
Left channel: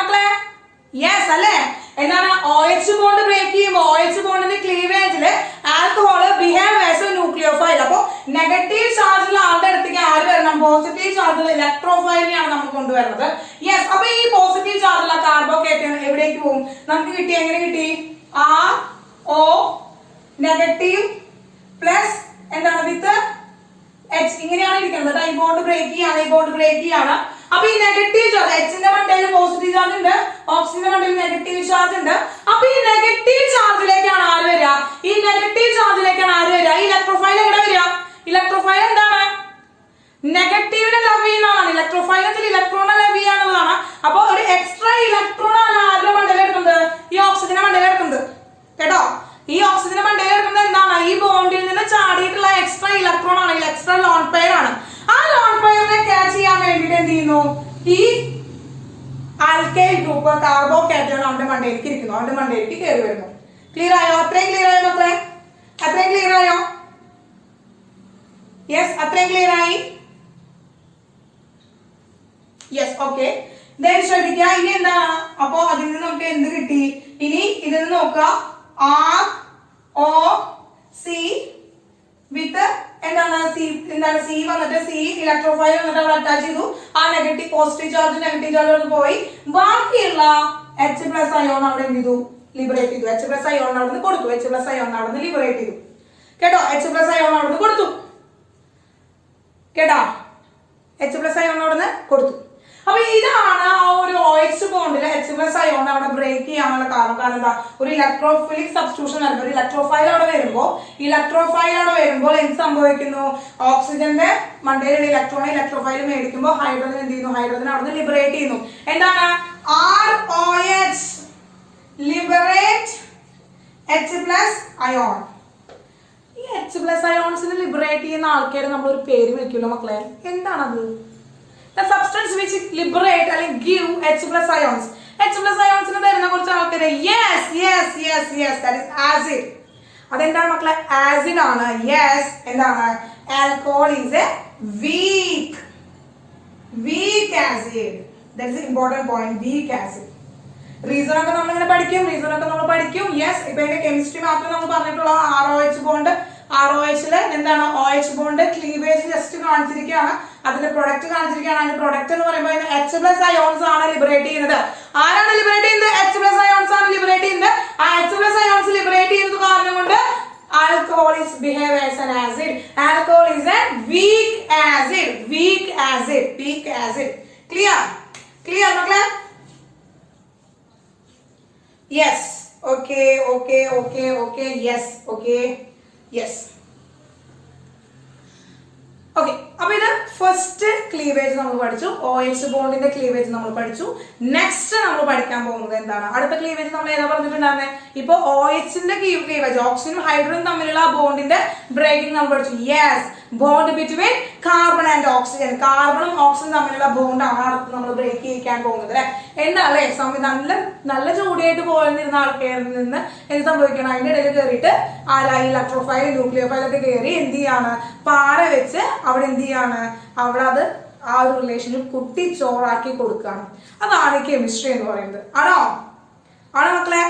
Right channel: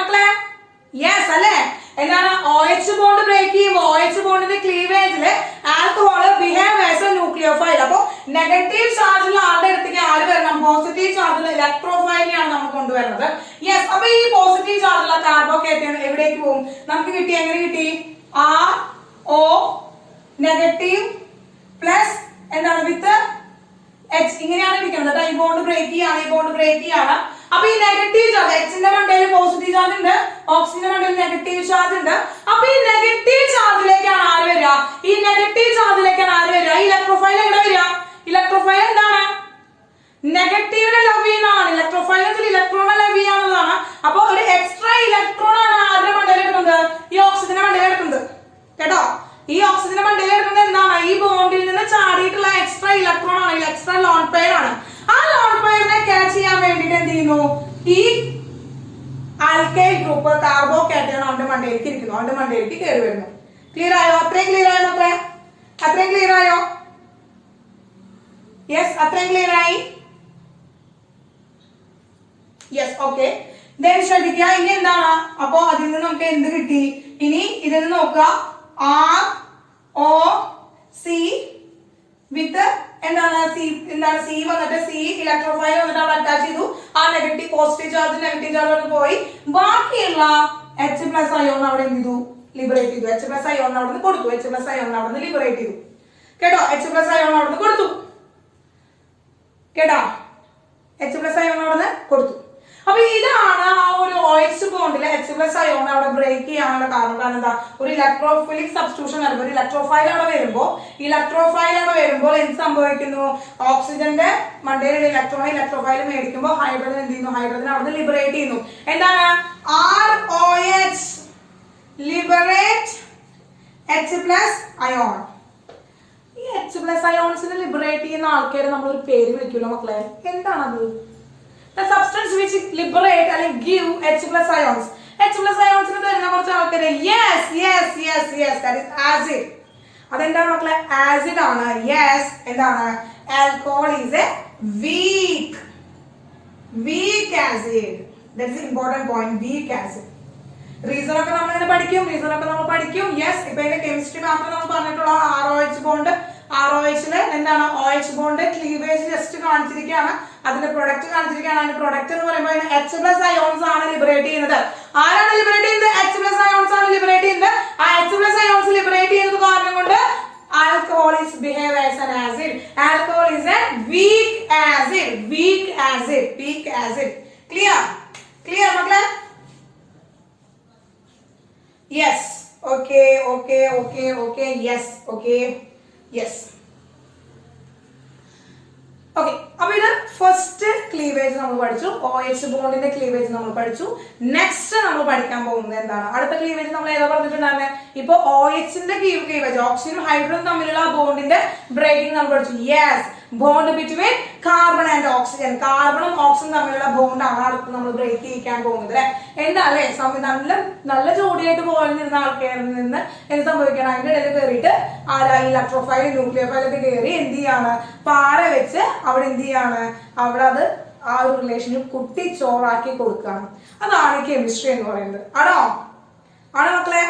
മക്കളെ? യെസ് അല്ലേ? എന്താണ്? OH ബോണ്ട് ബ്രേക്ക് ചെയ്യുമ്പോൾ OH ബോണ്ടിന്റെ ക്ലീവേജില് alcohol behave as a nucleophile. അപ്പൊ നെഗറ്റീവ് ചാർജുള്ള ആളുടെ അടുത്തേക്ക് ആര് വരണം? പോസിറ്റീവ് ചാർജുള്ള ഇലക്ട്രോഫൈലിനെയാണ് നമുക്ക് കൊണ്ടുവരുന്നത്. യെസ്. അപ്പൊ ഈ പോസിറ്റീവ് ചാർജുള്ള കാർബോക്കേറ്റയോൺ എവിടേക്ക് പോകും? നമുക്ക് കിട്ടി. എങ്ങനെ കിട്ടി? RO നെഗറ്റീവ് പ്ലസ് എന്താണ്? വിത്ത് H. ഇങ്ങനെയാണ് ഇരിക്കുന്നത്. ഈ ബോണ്ട് ബ്രേക്ക് ചെയ്യാണ്. അപ്പൊ ഈ നെഗറ്റീവ് ചാർജ്, Hന്റെ മണ്ടയിൽ പോസിറ്റീവ് ചാർജ് ഉണ്ട്, ഓക്സിജന്റെ മണ്ടയിൽ നെഗറ്റീവ് ചാർജ് ഉണ്ട്. അപ്പൊ ഈ നെഗറ്റീവ് ചാർജിലേക്കാണ് ആര് വരിക? ഈ ഇലക്ട്രോഫൈൽ എവിടെ വരിക? ഇലക്ട്രോഫൈൽ എന്താണ്? നെഗറ്റീവിനെ ലവ് ചെയ്യുന്നതാണ്. ഇലക്ട്രോഫൈലത്തിൽ ഇലക്ട്രോണെ ലവ് ചെയ്യാനുള്ളതാണ്. അപ്പൊ ഒരു എക്സ്ട്രാ ഇലക്ട്രോൺ ആണ് ആരുടെ മണ്ടയിൽ എടുക്കുന്നത്? ഈ ഓക്സിജന്റെ മണ്ടയിൽ എടുക്കുന്നത് കേട്ടോ. ഈ ഓക്സിജന്റെ മണ്ടയിൽ എടുക്കുന്നത് എന്താണ്? ഈ ബോണ്ടിൽ നിന്ന് ചാടിയിട്ടുള്ള എക്സ്ട്രാ ഇലക്ട്രോൺ ആണ്. എക്സ്ട്രാ ലോൺ പെയർ ആണ്. ആ ലോൺ പെയറിനെ ക്യാച്ച് ചെയ്യാൻ വേണ്ടിട്ട് എന്ത് ചെയ്യുന്നു? ഈ ആൽക്കൈൽ ഗ്രൂപ്പ് കാർബോകാറ്റയോൺ അവന്റെ മണ്ടയിലേക്ക് ഇരിക്കുന്നു. അവന്റെ മണ്ടയിലേക്ക് കയറി വരുന്നു. ക്ലിയർ ആയോ? അത്രയും ക്ലിയർ ആയോ മക്കളെ? യെസ്, അത്രയും ക്ലിയർ ആയി? Yes, okay. ദെൻ ശ്രദ്ധിക്കുക, ഇനി എന്താണ്? അപ്പോ അതിൽ നിന്ന് നമുക്ക് എന്ത് കിട്ടി? ഇനി ഇതിൽ നോക്കുക, ആർ ഒ സി വിത്ത് എന്താണ് സി വന്നിട്ട് സി ഇലക്ട്രോഫൈൽ വന്നിട്ട് അവിടെ അറ്റാച്ച് ചെയ്തു. ആ നെഗറ്റീവ് പോസിറ്റീവ് ചാർജ് പോയി. ബാക്കിയുള്ള H പ്ലസ് അയോൺ അവിടെ എന്ത് ചെയ്തു? ലിബറേറ്റ് ചെയ്തു. H പ്ലസ് അയോൺ അവിടെ നിന്ന് കൊടുത്തു. H പ്ലസ് അയോൺ അവിടെ നിന്ന് ലിബറേറ്റ് ചെയ്തു. കേട്ടോ? H പ്ലസ് അയോൺ അവിടെ നിന്ന് കൊടുത്തു. കേട്ടോ? H പ്ലസ് അയോൺ അവിടെ നിന്ന് കൊടുത്തു. അപ്പൊ ഇതാണ് ആ ഒരു OH ബോണ്ടിലെ H പ്ലസ് അയോൺ അവിടെ ബ്രേക്ക് ചെയ്യാനുള്ള കാരണം. കാരണം എന്താ? ഒരു ഇലക്ട്രോഫിലിക് സബ്സ്റ്റിറ്റ്യൂഷൻ വരുമ്പോൾ ഇലക്ട്രോഫൈൽ അവിടെ വരുമ്പോൾ എന്ത് സംഭവിക്കുന്നു? ഓക്സിജന്റെ മണ്ടയിലുള്ള ഇലക്ട്രോഫൈൽ മേടിക്കുമ്പോൾ ഹൈഡ്രജൻ എന്ത് ചെയ്യുന്നു? ഹൈഡ്രജൻ അവിടെ ലിബറേറ്റ് ചെയ്യുന്നു. എന്താണ്? ROH liberate H plus ion. ഈ H പ്ലസ് അയോൺസിന് ലിബറേറ്റ് ചെയ്യുന്ന ആൾക്കാരെ നമ്മൾ ഒരു പേര് വിളിക്കുമല്ലോ മക്കളെ, എന്താണത്? The substance which liberate അല്ലെങ്കിൽ give H plus ions. H plus ions ന് തരുന്ന കുറച്ച് ആൾക്കാര് yes, that is acid. അതെന്താണ് മക്കളെ? ആസിഡ് ആണ്. യെസ്, എന്താണ്? Alcohol is A weak acid. That is important point, weak acid. Reason ഒക്കെ നമ്മൾ പഠിക്കും. യെസ്, ഇപ്പൊ ഇതിന്റെ കെമിസ്ട്രി മാത്രം നമ്മൾ പറഞ്ഞിട്ടുള്ള ROH ബോണ്ട്, ROHല് എന്താണ്? OH ബോണ്ട് ക്ലീവേജ് ജസ്റ്റ് കാണിച്ചിരിക്കുകയാണ്. അതിന്റെ പ്രൊഡക്റ്റ് കാണിച്ചിരിക്കുകയാണ്. അതിന്റെ പ്രൊഡക്റ്റ് എന്ന് പറയുമ്പോൾ H പ്ലസ് അയോൺസ് ആണ് ലിബറേറ്റ് ചെയ്യുന്നത്. ആരാണ് ലിബറേറ്റ് ചെയ്യുന്നത്? H പ്ലസ് അയോൺസ് ആണ് ലിബറേറ്റ് ചെയ്യുന്നത്. ആ H പ്ലസ് അയോൺസ് ലിബറേറ്റ് ചെയ്യുന്നത് കാരണം കൊണ്ട് alcohol is behave as an acid. Alcohol is a weak acid. Clear മക്കളെ? Yes. Okay. Yes. ഓക്കെ, അപ്പൊ ഇത് ഫസ്റ്റ് ക്ലീവേജ് നമ്മൾ പഠിച്ചു. OH ബോണ്ടിന്റെ ക്ലീവേജ് നമ്മൾ പഠിച്ചു. നെക്സ്റ്റ് നമ്മൾ പഠിക്കാൻ പോകുന്നത് എന്താണ്? അടുത്ത ക്ലീവേജ് നമ്മൾ ഏതാ പറഞ്ഞിട്ടുണ്ടായിരുന്നത്? ഇപ്പൊ OHന്റെ ക്ലീവേജ്, ഓക്സിജനും ഹൈഡ്രജനും തമ്മിലുള്ള ബോണ്ടിന്റെ ബ്രേക്കിംഗ് നമ്മൾ പഠിച്ചു. Yes, bond between carbon and oxygen. കാർബണും ഓക്സിജനും തമ്മിലുള്ള ബോണ്ടാണ് അടുത്ത് നമ്മൾ ബ്രേക്ക് ചെയ്യിക്കാൻ പോകുന്നത് അല്ലെ. എന്താ അല്ലെ? നല്ല ജോഡിയായിട്ട് പോയിരുന്ന ആൾക്കാരിൽ നിന്ന് എന്ത് സംഭവിക്കണം? അതിന്റെ ഇടയിൽ കയറിയിട്ട് ഇലക്ട്രോഫൈൽ ന്യൂക്ലിയോഫൈൽ ഒക്കെ കയറി എന്ത് ചെയ്യാണ്? പാര വെച്ച് അവിടെ എന്ത് ചെയ്യാണ്? അവിടെ അത് ആ ഒരു റിലേഷനിൽ കുട്ടി ചോറാക്കി കൊടുക്കുകയാണ്. അതാണ് കെമിസ്ട്രി എന്ന് പറയുന്നത്. ആണോ മക്കളെ?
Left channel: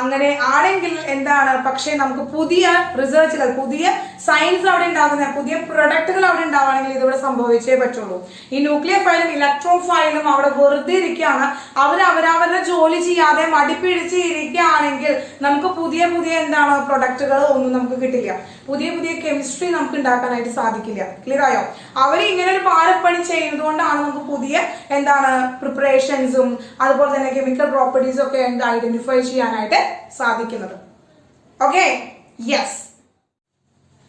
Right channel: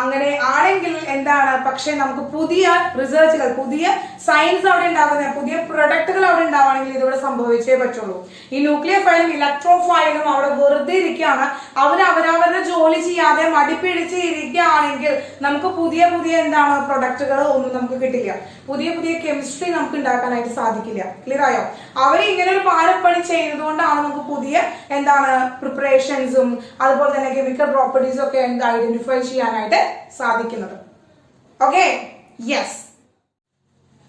അങ്ങനെ ആണെങ്കിൽ എന്താണ്? പക്ഷെ നമുക്ക് പുതിയ റിസർച്ചുകൾ, പുതിയ സയൻസ് അവിടെ ഉണ്ടാകുന്ന പുതിയ പ്രൊഡക്റ്റുകൾ അവിടെ ഉണ്ടാവുകയാണെങ്കിൽ ഇതിവിടെ സംഭവിച്ചേ പറ്റുള്ളൂ. ഈ ന്യൂക്ലിയോഫൈലും ഇലക്ട്രോഫൈലും അവിടെ വെറുതെ ഇരിക്കുകയാണ്. അവരവരുടെ ജോലി ചെയ്യാതെ മടിപ്പിടിച്ച് ഇരിക്കുകയാണെങ്കിൽ നമുക്ക് പുതിയ എന്താണ് പ്രൊഡക്റ്റുകൾ ഒന്നും നമുക്ക് കിട്ടില്ല. പുതിയ കെമിസ്ട്രി നമുക്ക് ഉണ്ടാക്കാനായിട്ട് സാധിക്കില്ല. ക്ലിയർ ആയോ? അവർ ഇങ്ങനെ ഒരു പാരപ്പണി ചെയ്യുന്നത് കൊണ്ടാണ് നമുക്ക് പുതിയ എന്താണ് പ്രിപ്പറേഷൻസും അതുപോലെ തന്നെ കെമിക്കൽ പ്രോപ്പർട്ടീസും ഒക്കെ ഐഡന്റിഫൈ ചെയ്യാനായിട്ട് സാധിക്കുന്നത്. Okay, yes.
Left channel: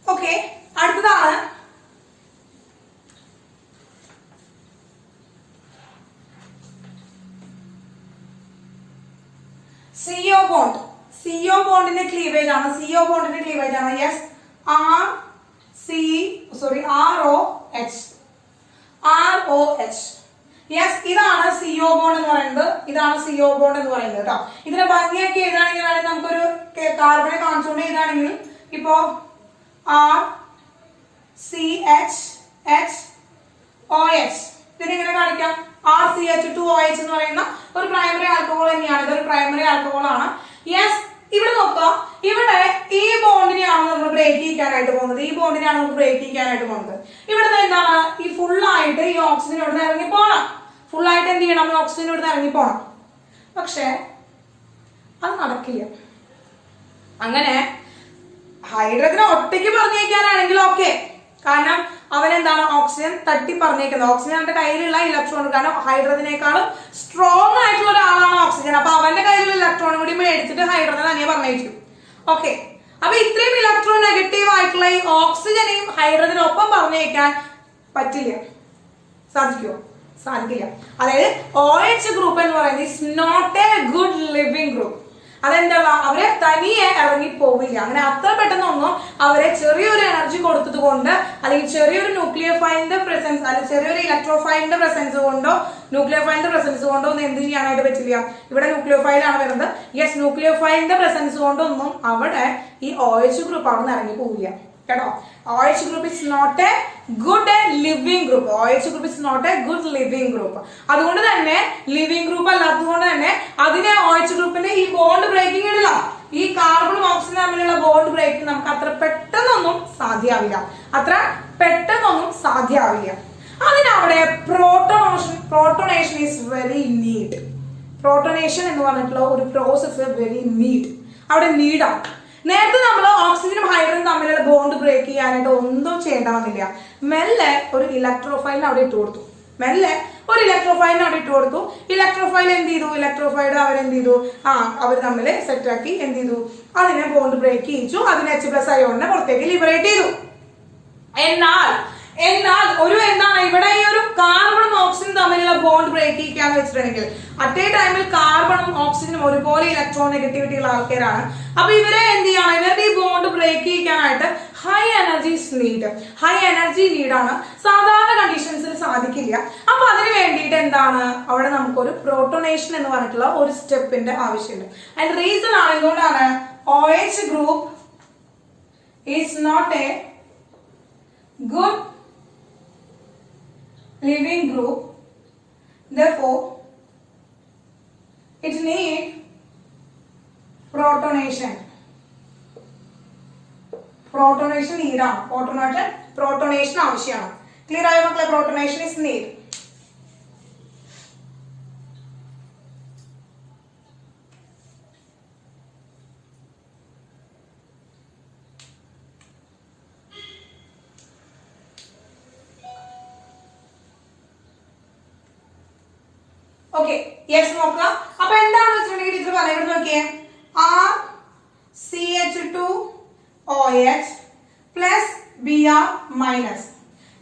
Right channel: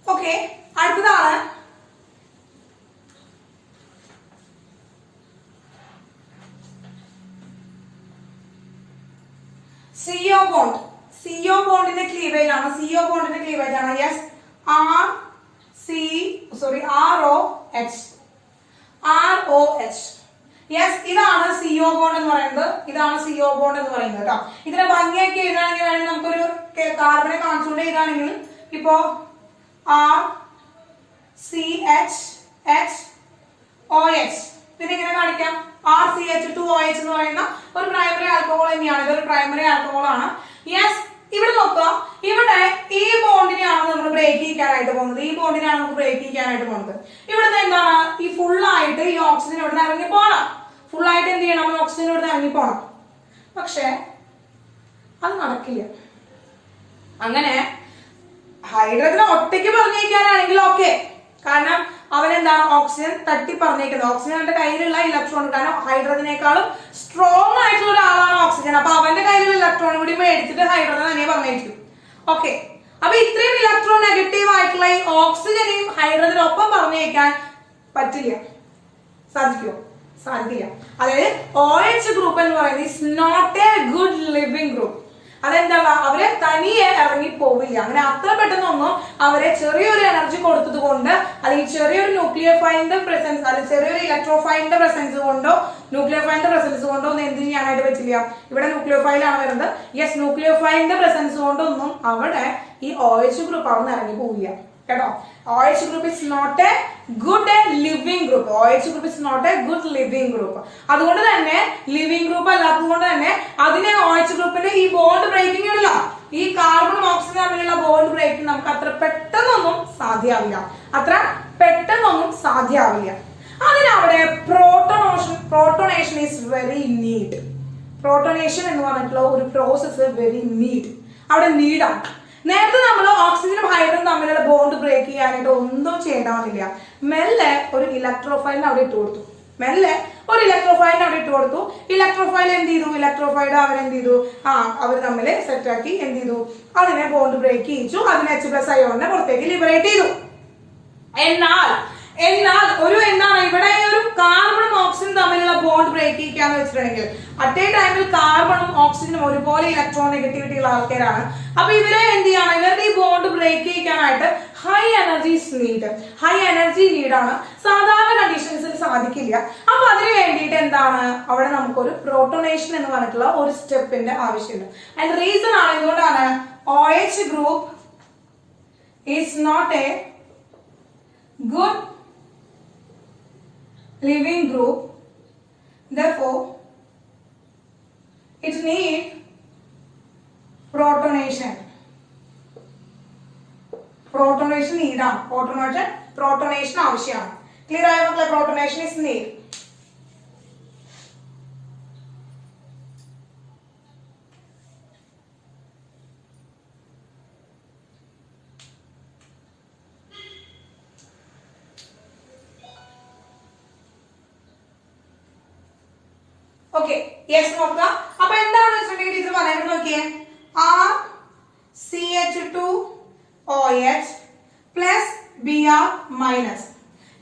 ഓക്കെ, അടുത്തതാണ് CO ബോണ്ട്. CO ബോണ്ടിന്റെ ക്ലീവേജ് ആണ്. Yes, ROH. യെസ്, ഇതാണ് CO ബോണ്ട് എന്ന് പറയുന്നത്. കേട്ടോ. ഇതിനെ ഭംഗിയാക്കി എഴുതാണെങ്കിൽ നമുക്കൊരു കാർബണെ കാണിച്ചുകൊണ്ട് എഴുതാണെങ്കിൽ ഇപ്പോ RCHHOH ഇതിനെങ്ങനെ കാണിക്കാം? RCH2OH എന്ന് പറയുന്ന ഒരു പ്രൈമറി ആൽക്കഹോൾ തന്നെയാണ്. ഇതൊരു പ്രൈമറി ആൽക്കഹോൾ ആണ്. യെസ്, ഇവിടെ നോക്കുക. ഇവിടെ ഈ ബോണ്ടിനെയാണ് നമ്മൾ ബ്രേക്ക് ചെയ്യിക്കാനായിട്ട് പോകുന്നത്. ഇവിടുന്ന് എന്താണ്? ഈ ഫുള്ളായിട്ട് ഈ ഓക്സിജൻ ഇവിടുന്ന് ഇറങ്ങി പോകണം. ഫുള്ളായിട്ട് എന്ത് ചെയ്യണം? ഓക്സിജൻ ഇവിടുന്ന് ഇറങ്ങി പോകണം. പക്ഷെ അത് നടക്കില്ല. അങ്ങനെ ഹൈഡ്രജനെ ഒറ്റയ്ക്ക് പറഞ്ഞേക്കാനാണെങ്കിൽ ഓക്കെ, കാരണം അവനെന്താണ് ഓക്സിജൻ തട്ടി പറഞ്ഞേക്കുന്നത്. ഓക്സിജൻ അവന്റെ കയ്യിലുള്ള ഇലക്ട്രോൺ, കാരണം ഹൈഡ്രജനേക്കാളും സ്ട്രോങ് ആയിട്ടുള്ള ഒരാളാണ് ഓക്സിജൻ. അപ്പൊ അവന്റെ കയ്യിലുള്ള ഇലക്ട്രോൺ കൂടി മേടിച്ചിട്ട് ഹൈഡ്രജൻ തന്നെ പറഞ്ഞേക്കും. ഓക്കെ, അപ്പൊ ഇത്രയും ഇലക്ട്രോൺ നെഗറ്റീവ് ആയിട്ടുള്ള ഈ ഓക്സിജനെയും ഹൈഡ്രജനും ഒപ്പം പറഞ്ഞേക്കാൻ പറ്റില്ല. സാധിക്കില്ല. അതായത് OH ഗ്രൂപ്പ് എന്ന് പറയുന്നത് is not a good living group. അതെന്താ? അവരെ തനിയെ ഇറങ്ങി പോവില്ല. അങ്ങനെ അത്ര പെട്ടെന്നൊന്നും അവരെ ചെറിയൊരു എനർജി കൊടുത്തത് കൊണ്ട് അല്ലെങ്കിൽ ചെറിയൊരു ന്യൂക്ലിയോഫൈലിന്റെ പ്രസൻസ് അല്ലെങ്കിൽ ചെറിയൊരു ഇലക്ട്രോഫൈലിന്റെ പ്രസൻസ് കൊണ്ടോ ഒന്നും എന്ത് ചെയ്യാനായിട്ട് പറ്റില്ല. ഇവിടെ ന്യൂക്ലിയോഫൈലാണ് വരുന്നത്. യെസ്, ന്യൂക്ലിയോഫൈലിന്റെ പ്രസൻസ് കൊണ്ടൊന്നും അവിടെ ഈ OH ഗ്രൂപ്പ് അവിടെ നിന്ന് ഇറങ്ങി പോവില്ല. കേട്ടോ. OH group is not a good living group. OH group is not a good living group. അതുകൊണ്ട് തന്നെ ലിവിംഗ് ഗ്രൂപ്പ് അല്ലാത്തത് കൊണ്ട് തന്നെ അതിനെ OH ഗ്രൂപ്പിന്റെ ഈ ബോണ്ട് ബ്രേക്കിംഗ് ഇല്ല. ഈ കാർബണും ഓക്സിജനും തമ്മിലുള്ള ബോണ്ട് ബ്രേക്കിംഗ് നമുക്ക് അത്ര പെട്ടെന്നൊന്നും സാധ്യമാവില്ല. അതിനവിടെ protonation is very need. Protonation എന്ന് പറഞ്ഞിട്ടുള്ള ഒരു പ്രോസസ് വെരി നീഡ്, അവിടെ നീഡാണ്. നേരത്തെ നമ്മൾ ഓക്സിജനും ഹൈഡ്രജനും തമ്മിലുള്ള ബോണ്ട് ബ്രേക്ക് ചെയ്യാനായിട്ട് ഒന്നും ചെയ്യേണ്ട വന്നില്ല. മെല്ലെ ഒരു ഇലക്ട്രോഫൈലിന് അവിടെ ഇട്ട് കൊടുത്തു. ഇലക്ട്രോഫൈൽ എന്ത് ചെയ്തു? ഇലക്ട്രോഫൈഡ് അവരെന്ത് ചെയ്തു? അവർ തമ്മിൽ സെറ്റാക്കി എന്ത് ചെയ്തു? അതിനെ ബോണ്ട് ബ്രേക്ക് ചെയ്യിച്ചു. അതിനെ H+ അയോണിനെ പുറത്തേക്ക് ലിബറേറ്റ് ചെയ്തു. എന്നാൽ എന്താണ് ഇവിടെ ഒരു കാർബണും ഓക്സിജനും തമ്മിലുള്ള ബോണ്ട് ബ്രേക്ക് ചെയ്യിക്കാന്ന് വെച്ചിട്ടുണ്ടെങ്കിൽ അറ്റ് എ ടൈമിൽ കാർബണും ഓക്സിജനും ഒരുപോലെ ഇലക്ട്രോൺ നെഗറ്റിവിറ്റി ഉള്ള ആൾക്കാരാണ്. അപ്പൊ ഇവരെ എന്ത് ചെയ്യണം? ഇവരുടെ ഈ ബോണ്ട് ബ്രേക്ക് ചെയ്യിക്കാനായിട്ട് ഹൈ എനർജി നീഡാണ്. സാധാരണ കണ്ടീഷൻസിൽ സാധിക്കില്ല. അപ്പൊ അതിന് വേണ്ടിയിട്ട് എന്താണ് അവിടെ നമുക്കൊരു പ്രോട്ടോണേഷൻ എന്ന് പറഞ്ഞിട്ടുള്ള ഒരു സ്റ്റെപ്പിന്റെ ആവശ്യമുണ്ട്. അതിന്റെ റീസൺ ആണ് എന്തുകൊണ്ടാണ് OH group is not a good living group, therefore it need protonation need ആണ്. protonation ആവശ്യമാണ്. ക്ലിയർ ആയോ മക്കളെ? protonation is need. Okay, yes നോക്കാം. അപ്പൊ എന്താണെന്ന് വെച്ചിട്ടുണ്ടെങ്കിൽ ടീച്ചർ പറയുന്നത് നോക്കിയേ, RCH2OH പ്ലസ് Br മൈനസ്.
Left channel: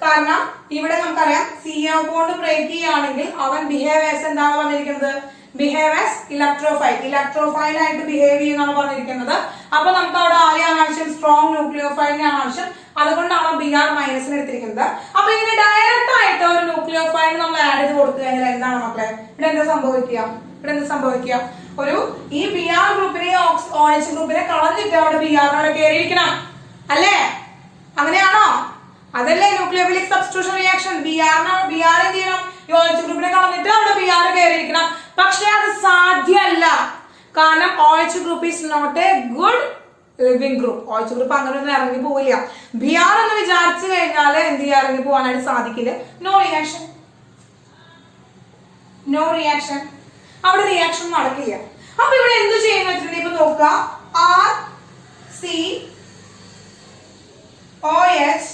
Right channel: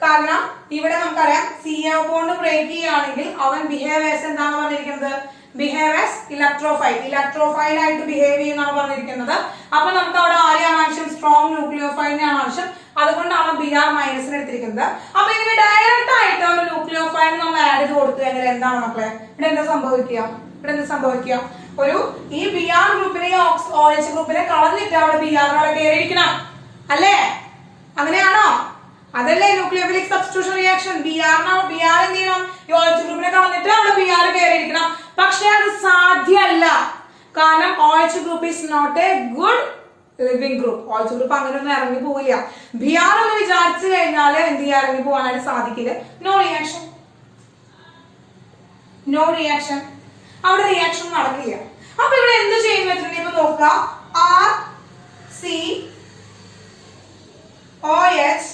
കാരണം ഇവിടെ നമുക്കറിയാം CO ബോണ്ട് ബ്രേക്ക് ചെയ്യുകയാണെങ്കിൽ അവൻ ബിഹേവ് ആസ് എന്താണ് പറഞ്ഞിരിക്കുന്നത്? ബിഹേവ് ആസ് ഇലക്ട്രോഫൈൽ ആയിട്ട് ബിഹേവ് ചെയ്യുന്നതാണ് പറഞ്ഞിരിക്കുന്നത്. അപ്പൊ നമുക്ക് അവിടെ ആരെയാണ് ആവശ്യം? സ്ട്രോങ് ന്യൂക്ലിയോഫൈലിനെയാണ് ആവശ്യം. അതുകൊണ്ടാണ് Br മൈനസിന് എടുത്തിരിക്കുന്നത്. അപ്പൊ ഇങ്ങനെ ഡയറക്റ്റ് ആയിട്ട് ഒരു ന്യൂക്ലിയോഫൈൽ നമ്മൾ ആഡ് ചെയ്ത് കൊടുത്തു കഴിഞ്ഞാൽ എന്താണ് മക്കളെ ഇവിടെ എന്താ സംഭവിക്കുക? ഒരു ഈ Br ഗ്രൂപ്പിനെ OH ഗ്രൂപ്പിനെ കളഞ്ഞിട്ട് അവിടെ Br അവിടെ കയറിയിരിക്കണം അല്ലേ? അങ്ങനെയാണോ? അതല്ലേ ന്യൂക്ലിയോഫിലിക് സബ്സ്റ്റിറ്റ്യൂഷൻ റിയാക്ഷൻ. Br എന്ത് ചെയ്യണം? ഈ OH ഗ്രൂപ്പിനെ കളഞ്ഞിട്ട് അവിടെ Br കയറിയിരിക്കണം. പക്ഷെ അത് സാധ്യമല്ല. കാരണം OH group is not a good living group. OH group അങ്ങനെയൊന്നും ഇറങ്ങി പോവില്ല. Br എന്ന് വിചാരിച്ചു കഴിഞ്ഞാൽ എന്ത് ചെയ്യാൻ ഇറങ്ങി പോകാനായിട്ട് സാധിക്കില്ല. No reaction. അവിടെ റിയാക്ഷൻ നടക്കില്ല. അപ്പൊ ഇവിടെ എന്ത് ചെയ്യുന്ന വെച്ചിട്ടുണ്ടെങ്കിൽ ഇപ്പൊ നോക്കുക, RCOH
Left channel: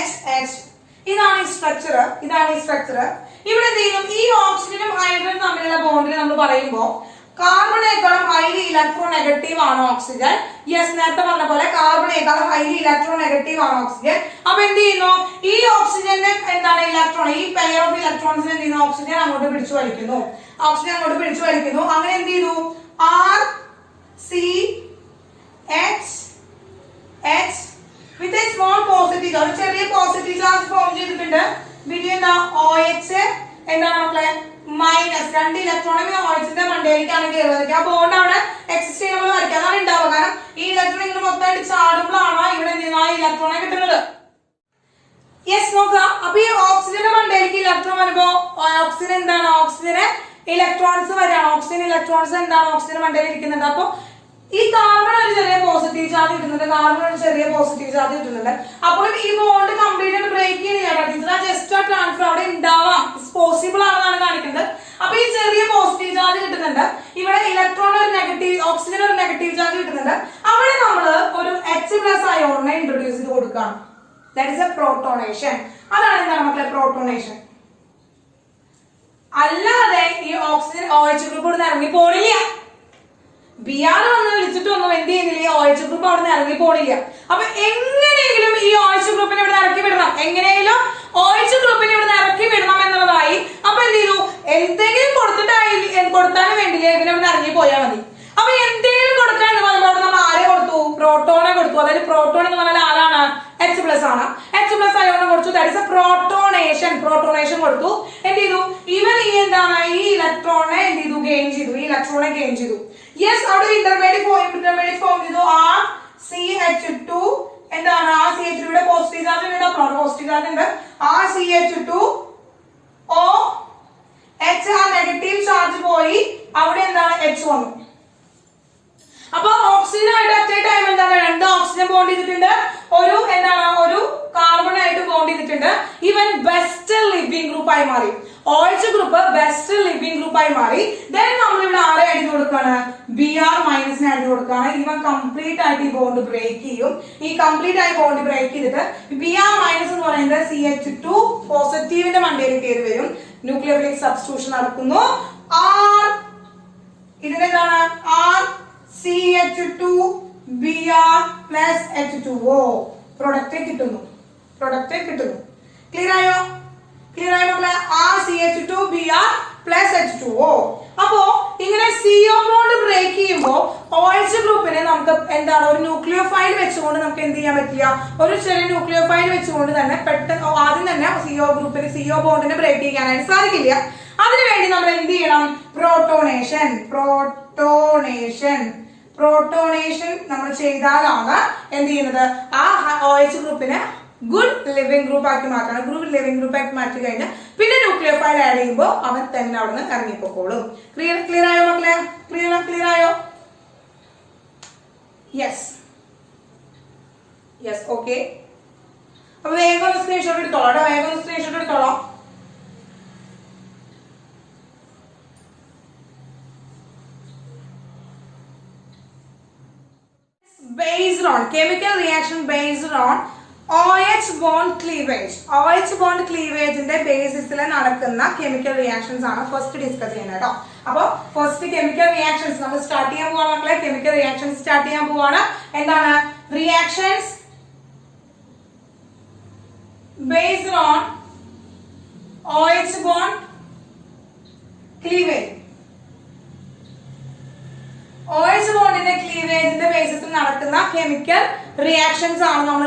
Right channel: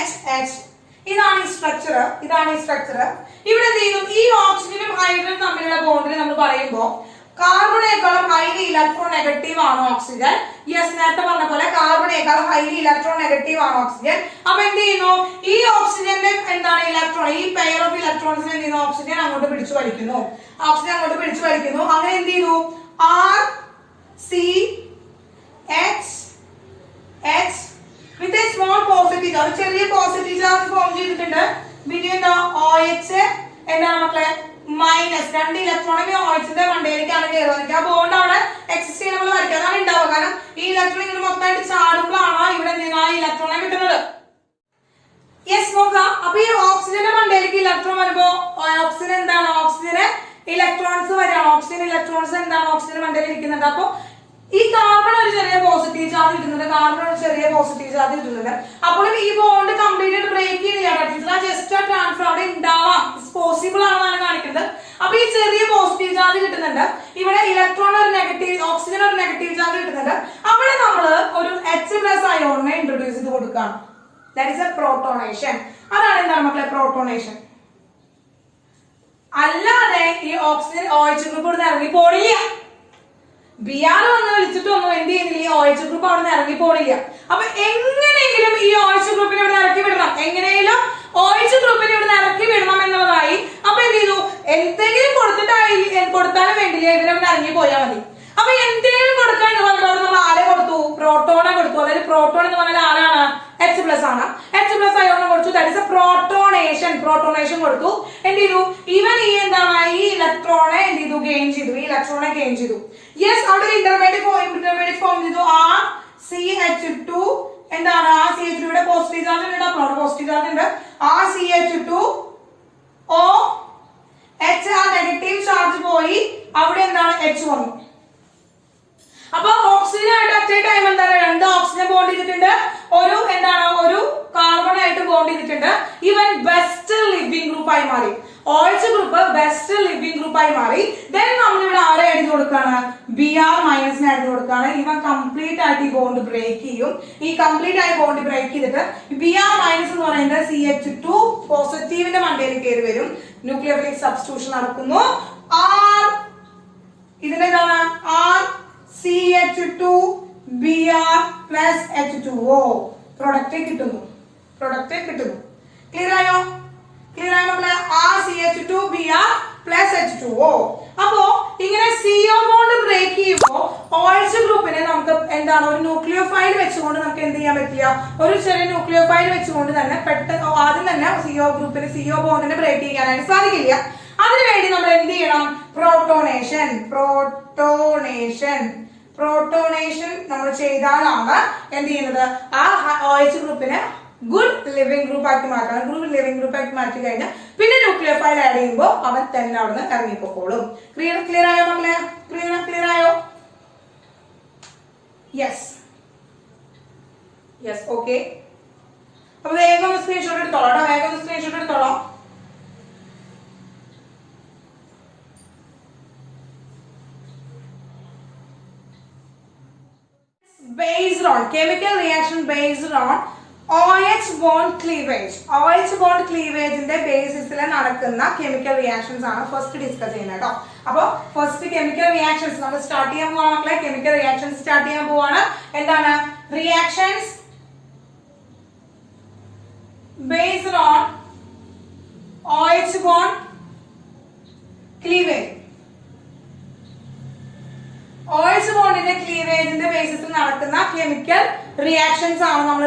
HH ഇതാണ് ഈ സ്ട്രക്ചർ. ഇവിടെ എന്ത് ചെയ്യും? ഈ ഓക്സിജനും ഹൈഡ്രജനും തമ്മിലുള്ള ബോണ്ടിൽ നമ്മൾ പറയുമ്പോൾ കാർബണേക്കാളും ഹൈലി ഇലക്ട്രോൺ നെഗറ്റീവ് ആണ് ഓക്സിജൻ. യെസ്, നേരത്തെ പറഞ്ഞ പോലെ കാർബണേക്കാളും ഹൈലി ഇലക്ട്രോൺ നെഗറ്റീവ് ആണ് ഓക്സിജൻ. അപ്പൊ എന്ത് ചെയ്യുന്നു? ഈ ഓക്സിജന്റെ എന്താണ് ഇലക്ട്രോൺ, ഈ പെയർ ഓഫ് ഇലക്ട്രോൺസിനെ എന്ത് ചെയ്യുന്നു? ഓക്സിജൻ അങ്ങോട്ട് പിടിച്ചു വലിക്കുന്നു. അങ്ങനെ എന്ത് ചെയ്യുന്നു? RCH with a small positive, ഒരു ചെറിയ പോസിറ്റീവ് ചാർജ് ഫോം ചെയ്തിട്ടുണ്ട്. പിന്നെ OH എന്താണ് മക്കളെ? മൈനസ്. 2 ഇലക്ട്രോണിന് OHന്റെ മണ്ടയിലേക്കാണ് കയറുന്നത്. ആ ബോണ്ട് അവിടെ എക്സിസ്റ്റ് ചെയ്യുന്ന നമ്മൾ വരയ്ക്കുക. അതാണ് ഉണ്ടാവുക. കാരണം ഈ ഇലക്ട്രോൺ ഇങ്ങനെ മൊത്തമായിട്ട് ചാടുമ്പോഴാണ് ഇവിടെ ഇലക്ട്രോണെ കിട്ടുന്നത്. യെസ് നോക്കുക. അപ്പൊ ഈ ഓക്സിജന്റെ മണ്ടയിലേക്ക് ഇലക്ട്രോൺ വരുമ്പോ ഓക്സിജൻ എന്താണ്? ഓക്സിജന് ഇലക്ട്രോൺസ് വരെയാണ്. ഓക്സിജൻ ഇലക്ട്രോൺസ് എന്താണ്? ഓക്സിജൻ മണ്ടയിൽ ഇരിക്കുന്നുണ്ട്. അപ്പൊ ഈ കാർബൺ ഒരു ചെറിയ പോസിറ്റീവ് ചാർജ് കിട്ടുന്നുണ്ട്. അപ്പോൾ ഈ ബോണ്ട് കംപ്ലീറ്റ് ആയിട്ട് ബ്രേക്ക് ചെയ്യുന്നില്ല. ജസ്റ്റ് ആ ട്രാൻസ്ഫർ അവിടെ ഉണ്ടാവാം, പോസിബിൾ ആണെന്നാണ് കാണിക്കുന്നത്. അപ്പൊ ഈ ചെറിയ പോസിറ്റീവ് ചാർജ് കിട്ടുന്നുണ്ട്. ഇവിടെ ഇലക്ട്രോൺ ഒരു നെഗറ്റീവ്, ഓക്സിജൻ ഒരു നെഗറ്റീവ് ചാർജ് കിട്ടുന്നുണ്ട്. അവിടെ നമ്മൾ ഒരു H+ അയോണിനെ ഇൻട്രൊഡ്യൂസ് ചെയ്ത് കൊടുക്കുകയാണ്. That is A protonation. അതാണ് എന്താണ് മക്കളെ? പ്രോട്ടോണേഷൻ. അല്ലാതെ ഈ ഓക്സിജൻ OH ഗ്രൂപ്പ് ഇവിടെ ഇറങ്ങി പോണില്ല. Br വന്ന് വിളിച്ചിട്ടൊന്നും എന്ത് ചെയ്യുന്നില്ല? ഈ OH ഗ്രൂപ്പ് അവിടെ നിന്ന് ഇറങ്ങി പോണില്ല. അപ്പൊ എങ്ങനെയെങ്കിലും ഈ OH ഗ്രൂപ്പിനെ ഇവിടെ ഇറക്കി വിടണം. OH ഗ്രൂപ്പിനെ ഇവിടെ ഇറക്കി വിടണം എന്നുള്ളതായി. അപ്പൊ എന്ത് ചെയ്തു? എന്തെങ്കിലും കൊടുത്താലും വേണ്ടില്ല, ഇതിലിവിടെ ഇറങ്ങി പോയാൽ മതി. അപ്പൊ എന്തെങ്കിലും കൊടുക്കാൻ എന്ന് പറയുമ്പോൾ നമ്മൾ ആരെ കൊടുത്തു? പ്രോട്ടോണെ കൊടുത്തു. അതായത് പ്രോട്ടോൺ എന്ന് പറഞ്ഞാൽ ആരാണ്? H+ ആണ്. H+ അയോണിനെ കൊടുത്തു. ദാറ്റ് ഇസ് എ പ്രോട്ടോണേഷൻ കൊടുത്തു. എന്ത് ചെയ്തു? ഇവൻ ഈ എന്താണ്? ഈ ഇലക്ട്രോണെ എന്ത് ചെയ്തു? ഗെയിൻ ചെയ്തു. യെസ്, അവിടെ ഇന്റർമീഡിയറ്റ് ഫോം ചെയ്തു. CH2 എന്താണ് ആ CH2 യുടെ പോസിറ്റീവ് ചാർജ് ഉണ്ട്, പോസിറ്റീവ് ചാർജ് ഉണ്ട്. ആ CH2 O H ആ നെഗറ്റീവ് ചാർജ് പോയി, അവിടെ എന്താണ് H വന്നു. അപ്പൊ ഓക്സിജനായിട്ട് അറ്റ് എ ടൈം എന്താണ് രണ്ട് ഓക്സിജൻ ബോണ്ട് ചെയ്തിട്ടുണ്ട്, ഒരു എന്താണ് ഒരു കാർബൺ ആയിട്ട് ബോണ്ട് ചെയ്തിട്ടുണ്ട്. ഇവൻ ബെസ്റ്റ് ലിവിംഗ് ഗ്രൂപ്പ് ആയി മാറി. OH group best living group ആയി മാറി. ദെൻ നമ്മളിവിടെ ആരെ ആഡ് കൊടുക്കാണ്, Br മൈനസിന് ആഡ് കൊടുക്കാണ്. ഇവൻ കംപ്ലീറ്റ് ആയിട്ട് ഈ ബോണ്ട് ബ്രേക്ക് ചെയ്യും. ഈ കംപ്ലീറ്റ് ആയി ബോണ്ട് ബ്രേക്ക് ചെയ്തിട്ട് Br മൈനസ് എന്ന് പറയുന്നത് CH2 പോസിറ്റീവിന്റെ മണ്ടയിൽ കയറി വരും. ന്യൂക്ലിയോഫിലിക് സബ്സ്റ്റിറ്റ്യൂഷൻ നടക്കുന്നു. R ഇതിന്റെ എന്താണ് R CH2 Br plus H2O product കിട്ടുന്നു. ക്ലിയർ ആയോ മക്കളെ? R CH2 Br plus H2O. അപ്പോ ഇങ്ങനെ CO ബോണ്ട് ബ്രേക്ക് ചെയ്യുമ്പോൾ OH ഗ്രൂപ്പിനെ നമുക്ക് എന്താണ് ഒരു ന്യൂക്ലിയോഫൈൽ വെച്ചുകൊണ്ട് നമുക്ക് എന്ത് ചെയ്യാൻ പറ്റില്ല, ഒരു ചെറിയ ന്യൂക്ലിയോഫൈൽ വെച്ചുകൊണ്ട് തന്നെ പെട്ടെന്ന് ആദ്യം തന്നെ CO ഗ്രൂപ്പിന് CO ബോണ്ടിനെ ബ്രേക്ക് ചെയ്യാനായിട്ട് സാധിക്കില്ല. അതിനുവേണ്ടി നമ്മൾ എന്ത് ചെയ്യണം, പ്രോട്ടോണേഷൻ നമ്മൾ ചെയ്താലാണ് എന്ത് ചെയ്യുന്നത്, ആ OH ഗ്രൂപ്പിനെ ഗുഡ് ലിവിംഗ് ഗ്രൂപ്പ് ആക്കി മാറ്റണം. ഗുഡ് ലിവിംഗ് ഗ്രൂപ്പ് ആക്കി മാറ്റി കഴിഞ്ഞാൽ പിന്നെ ന്യൂക്ലിയോഫൈൽ ആഡ് ചെയ്യുമ്പോൾ അവൻ തന്നെ അവിടെ നിന്ന് ഇറങ്ങിപ്പോക്കോളും. ക്ലിയർ ആയോ മക്കളെ? ക്ലിയർ ആയോ? Yes okay. അപ്പൊ വേഗം ഒന്ന് സ്ക്രീൻഷോട്ട് എടുത്തോളാം. Based on chemical reaction based on OH bond cleavage. OH bond cleavage ന്റെ ബേസിസിൽ നടക്കുന്ന കെമിക്കൽ റിയാക്ഷൻസ് ആണ് ഫസ്റ്റ് ഡിസ്കസ് ചെയ്യുന്നത് കേട്ടോ. അപ്പൊ ഫസ്റ്റ് കെമിക്കൽ റിയാക്ഷൻസ് നമ്മൾ സ്റ്റാർട്ട് ചെയ്യാൻ പോവാണ് മക്കളെ. കെമിക്കൽ റിയാക്ഷൻസ് സ്റ്റാർട്ട് ചെയ്യാൻ പോവാണ്. എന്താണ് reactions based on OH bond cleavage. OH ബോണ്ടിന്റെ ക്ലീവേജിന്റെ ബേസിസിൽ നടക്കുന്ന കെമിക്കൽ റിയാക്ഷൻസ് ആണ് നമ്മൾ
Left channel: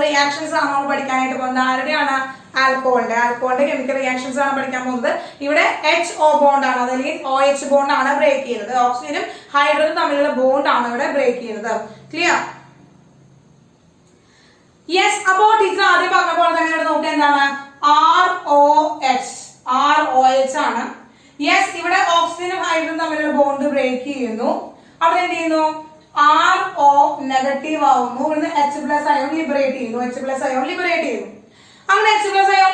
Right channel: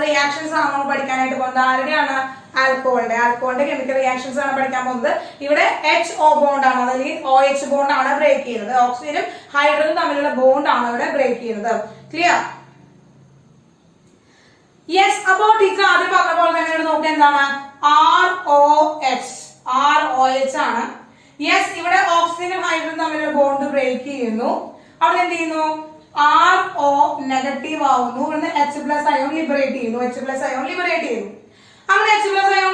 പഠിക്കാനായിട്ട് പോകുന്നത്. ആരുടെയാണ്? ആൽക്കഹോളിന്റെ കെമിക്കൽ റിയാക്ഷൻസ് ആണ് പഠിക്കാൻ പോകുന്നത്. ഇവിടെ HO ബോണ്ട് ആണ്, അല്ലെങ്കിൽ OH ബോണ്ട് ആണ് ബ്രേക്ക് ചെയ്യുന്നത്. ഓക്സിജനും ഹൈഡ്രജനും തമ്മിലുള്ള ബോണ്ട് ആണ് ഇവിടെ ബ്രേക്ക് ചെയ്യുന്നത്. ക്ലിയർ? യെസ്. അപ്പോ ടീച്ചർ ആദ്യം പറഞ്ഞ പോലെ തന്നെ നോക്കുക എന്താണ് ROH ആണ്. യെസ്, ഇവിടെ ഓക്സിജനും ഹൈഡ്രജനും തമ്മിലുള്ള ബോണ്ട് ബ്രേക്ക് ചെയ്യുന്നു. അവിടെ എന്ത് ചെയ്യുന്നു, RO നെഗറ്റീവ് ആവുന്നു. ഇവിടുന്ന് H പ്ലസ് അയോൺ ലിബറേറ്റ് ചെയ്യുന്നു. അങ്ങനെ H പ്ലസ് അയോൺ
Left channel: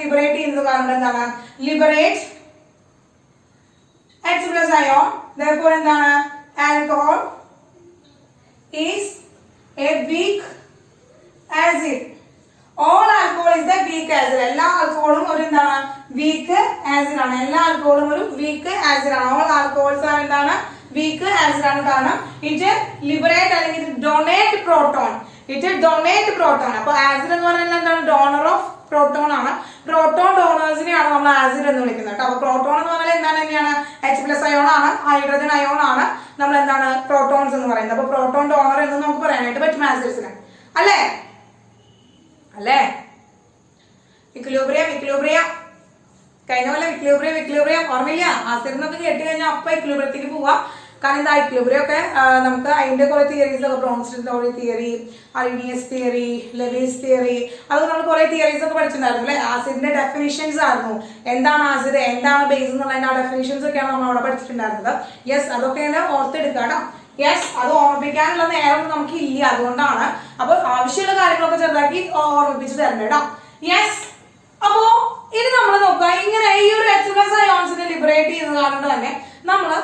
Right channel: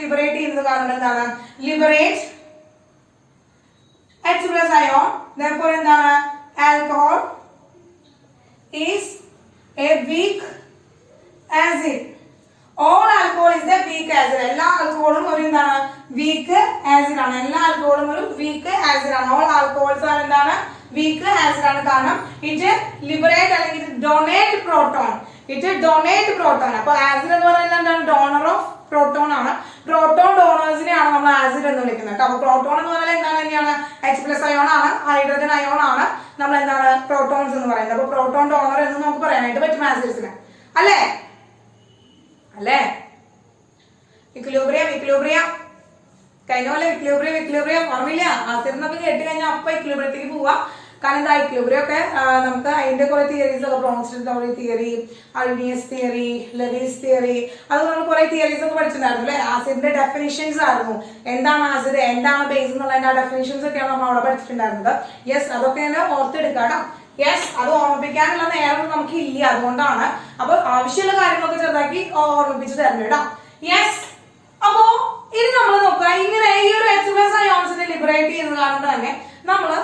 ലിബറേറ്റ് ചെയ്യുന്നത് കാരണം എന്താണ്, liberate H plus ion. therefore എന്താണ്, alcohol is A weak acid. All alcohol is A weak acid. എല്ലാ ആൽക്കഹോളും ഒരു എന്താണ്, വീക്ക് ആസിഡ് ആണ്. ഓൾ ആൽക്കഹോൾസ് ആണ് എന്താണ്, വീക്ക് ആസിഡ് ആണ്. കാരണം ഇത് ലിബറേറ്റ് അല്ലെങ്കിൽ ഡൊണേറ്റ് പ്രോട്ടോൺ. അപ്പൊ ആസിഡ് എന്ന് പറയുന്നത് എന്താണ്, ഡോണർ ഓഫ് പ്രോട്ടോൺ ആണ്. പ്രോട്ടോൺ ഡോണേഴ്സിനെയാണ് നമ്മൾ ആസിഡ് എന്ന് വിളിക്കുന്നത്. അപ്പൊ പ്രോട്ടോൺ എന്ന് പറഞ്ഞാൽ എന്താണ് തന്നെയാണ്, H പ്ലസ് അയോൺ ആണ്, ഹൈഡ്രജൻ അയോൺ ആണ്. നമ്മൾ എന്താണ് പ്രോട്ടോൺസ് എന്ന് പറയുന്നത്. അപ്പൊ പ്രോട്ടോൺ ഡോണർ എന്ന് നമുക്ക് പറയാനായിട്ട് പറ്റും ആസിഡ്സിന്. അല്ലേ? ഇക്വിലിബ്രിയം കഴിഞ്ഞ ഇക്വിലിബ്രിയം ഓർമ്മയില്ല? ആസിഡിനൊക്കെ കേട്ട് കഴിഞ്ഞാൽ അപ്പൊ ഇക്വിലിബ്രിയത്തിലേക്ക് പോവാ. കാരണം എന്താ, ഇക്വിലിബ്രിയം ഒക്കെ നമുക്ക് അതിന്റെ കുറെ തിയറീസ് ഒക്കെ, ബ്രോൺസ്റ്റൺ theory, ideas theory, levees theory, അത് നമ്മൾ കുറെ തിയറീസ് ഒക്കെ പഠിച്ചിട്ടുണ്ടായിരുന്നു അല്ലെ. ആസിഡിന്റെ ഡെഫിനിഷൻസ് ആയിരുന്നു. എന്താണ് ആസിഡ്, എന്താണ് ബേസ് എന്നുള്ളതിന്റെ ഡെഫിനിഷൻസ് ഒക്കെയാണ് നമ്മൾ അവിടെ പഠിച്ചിട്ടുണ്ടായിരുന്നത്. യെസ്, അതൊക്കെ ഓർത്തെടുക്കണം. യെസ്, അത് ഓർമ്മിപ്പിക്കാനുള്ള നേരം നമുക്ക് ഇല്ല, അതുകൊണ്ടാണ്. അപ്പൊ ആവശ്യമുള്ള കാര്യങ്ങളൊക്കെ ചെറുതാക്കി ഓർമ്മിപ്പിച്ച് തരണം കേട്ടോ. യെസ്. അപ്പോ ഇനി നമ്മൾ നോക്കുക, ഇങ്ങനെ ഈ ഒരു H പ്ലസ് അയോൺസിനെ ലിബറേറ്റ് ചെയ്യുന്നത് കാരണം തന്നെ നമ്മള്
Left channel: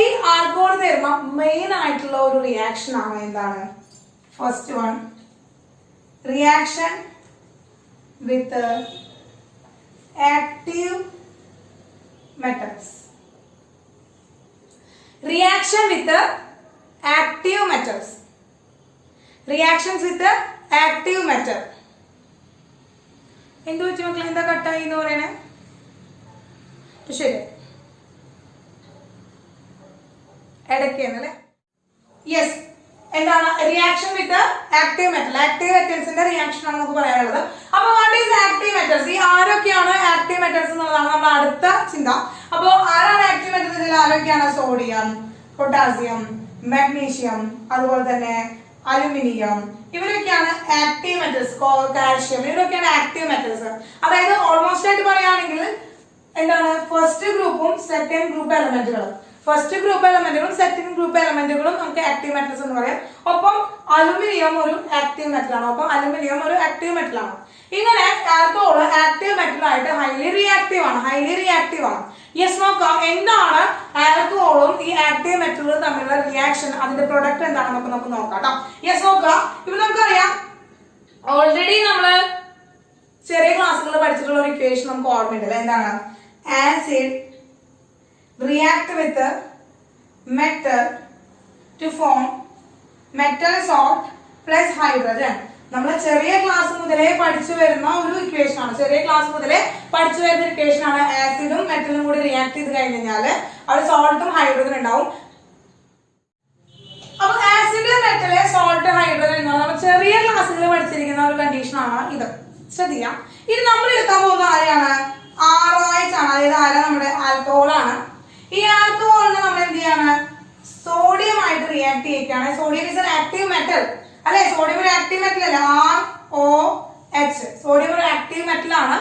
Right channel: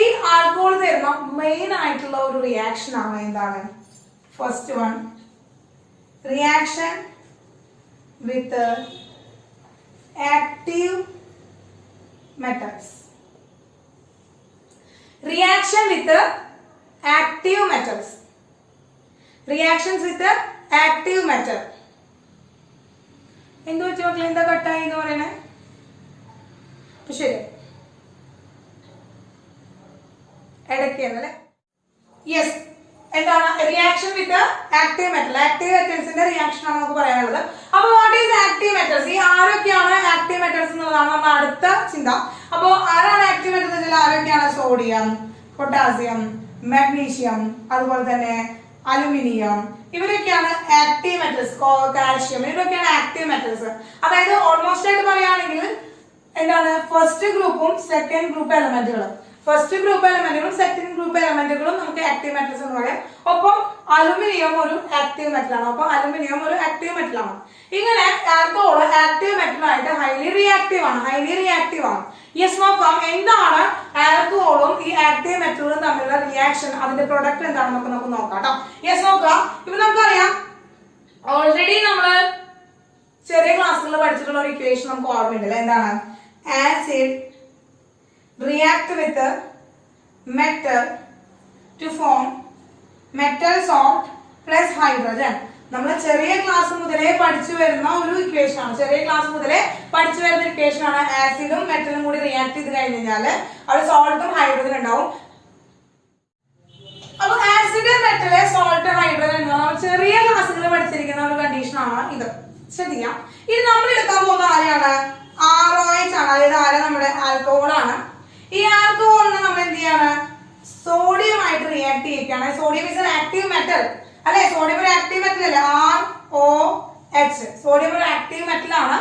ഈ ആൽക്കഹോൾ തരുന്ന മെയിൻ ആയിട്ടുള്ള ഒരു റിയാക്ഷൻ ആണ് എന്താണ്, first one, reaction with active metals. Reactions with active metal. എന്ത് വെച്ച് മക്കളെ, എന്താ കട്ടായി എന്ന് പറയണേ? ശരി, ഇടയ്ക്കല്ലേ. യെസ്, എന്താണ് റിയാക്ഷൻ വിത്ത് ആക്റ്റീവ് മെറ്റൽസിന്റെ റിയാക്ഷൻ ആണ് നമുക്ക് പറയാനുള്ളത്. അപ്പൊ വാട്ട് ഈസ് ആക്റ്റീവ് മെറ്റൽസ്? ഈ ആരൊക്കെയാണ് ആക്റ്റീവ് മെറ്റൽസ് എന്നുള്ളതാണ് നമ്മുടെ അടുത്ത ചിന്ത. അപ്പൊ ആരാണ് ആക്റ്റീവ് മെറ്റൽസ്? ആരൊക്കെയാണ്? സോഡിയം, പൊട്ടാസ്യം, മാഗ്നീഷ്യം, അതുപോലെ തന്നെ അലുമിനിയം, ഇവരൊക്കെയാണ് ആക്റ്റീവ് മെറ്റൽസ്. കാൽഷ്യം, ഇവരൊക്കെയാണ് ആക്റ്റീവ് മെറ്റൽസ്. അതായത് ഓൾമോസ്റ്റ് ആയിട്ട് പറയുകയാണെങ്കിൽ എന്താണ് ഫസ്റ്റ് ഗ്രൂപ്പും സെക്കൻഡ് ഗ്രൂപ്പ് എലമെന്റുകളും, ഫസ്റ്റ് ഗ്രൂപ്പ് എലമെന്റുകളും സെക്കൻഡ് ഗ്രൂപ്പ് എലമെന്റുകളും നമുക്ക് ആക്റ്റീവ് മെറ്റൽസ് എന്ന് പറയാം. ഒപ്പം അലുമിനിയം ഒരു ആക്റ്റീവ് മെറ്റലാണ്. ഒപ്പം അലുമിനിയം ഒരു ആക്റ്റീവ് മെറ്റലാണ്. ഇങ്ങനെ ആൽക്കഹോൾ ആക്റ്റീവ് മെറ്റൽ ആയിട്ട് ഹൈലി റിയാക്റ്റീവ് ആണ്. യെസ്, നോക്കാം എന്താണ് ആൽക്കഹോളും ഈ ആക്റ്റീവ് മെറ്റലുകളും തമ്മിലുള്ള റിയാക്ഷൻ, അതിന്റെ പ്രൊഡക്റ്റ് എന്താണെന്നൊക്കെ നമുക്ക് നോക്കാം കേട്ടോ. യെസ്, നോക്കാം. ഇപ്പൊ നമുക്കറിയാം ഓൾറെഡി നമ്മള് ചെറിയ ക്ലാസ്സുകൾ പഠിച്ചിട്ടുള്ള ഒരു ഇക്വേഷൻ നമുക്ക് ഓർമ്മയുണ്ടല്ലോ. എന്താണ്? Acid react with metal to form metal salt plus hydrogen. നമ്മൾ ചെറിയ ക്ലാസ് മുതലേ പഠിച്ചു വരുന്ന ഒരു ഇക്വേഷൻ ആണ്. ആസിഡും മെറ്റലും കൂടി റിയാക്ട് ചെയ്ത് കഴിഞ്ഞാൽ അവിടെ സോൾട്ടും ഹൈഡ്രജൻ ഉണ്ടാവും. അപ്പൊ ആസിഡ്, മെറ്റല്, സോൾട്ട്, ഹൈഡ്രജൻ നമ്മൾ ചെറിയ ക്ലാസ്സുകളിൽ പഠിച്ചിരിക്കുന്ന ഒരു കണ്ടീഷൻ ആണ് ഇത്. ശ്രദ്ധിക്കാം. ഇത് നമ്മൾ എടുക്കാൻ പോകുന്ന ആരെയാണ്? ROH ആണ്. അതായത് ആരാ? നമ്മുടെ ആൽക്കഹോൾ ആണ്. ഈ ആൽക്കഹോളിനെ നമ്മൾ എന്ത് ചെയ്യാണ്? സോഡിയം ആയിട്ട് റിയാക്ട് ചെയ്യിക്കുകയാണ്. Sodium is an active metal അല്ലെ? സോഡിയം ഒരു ആക്റ്റീവ് മെറ്റൽ അല്ലേ? ROH. സോഡിയം ഒരു ആക്റ്റീവ് മെറ്റൽ ആണ്.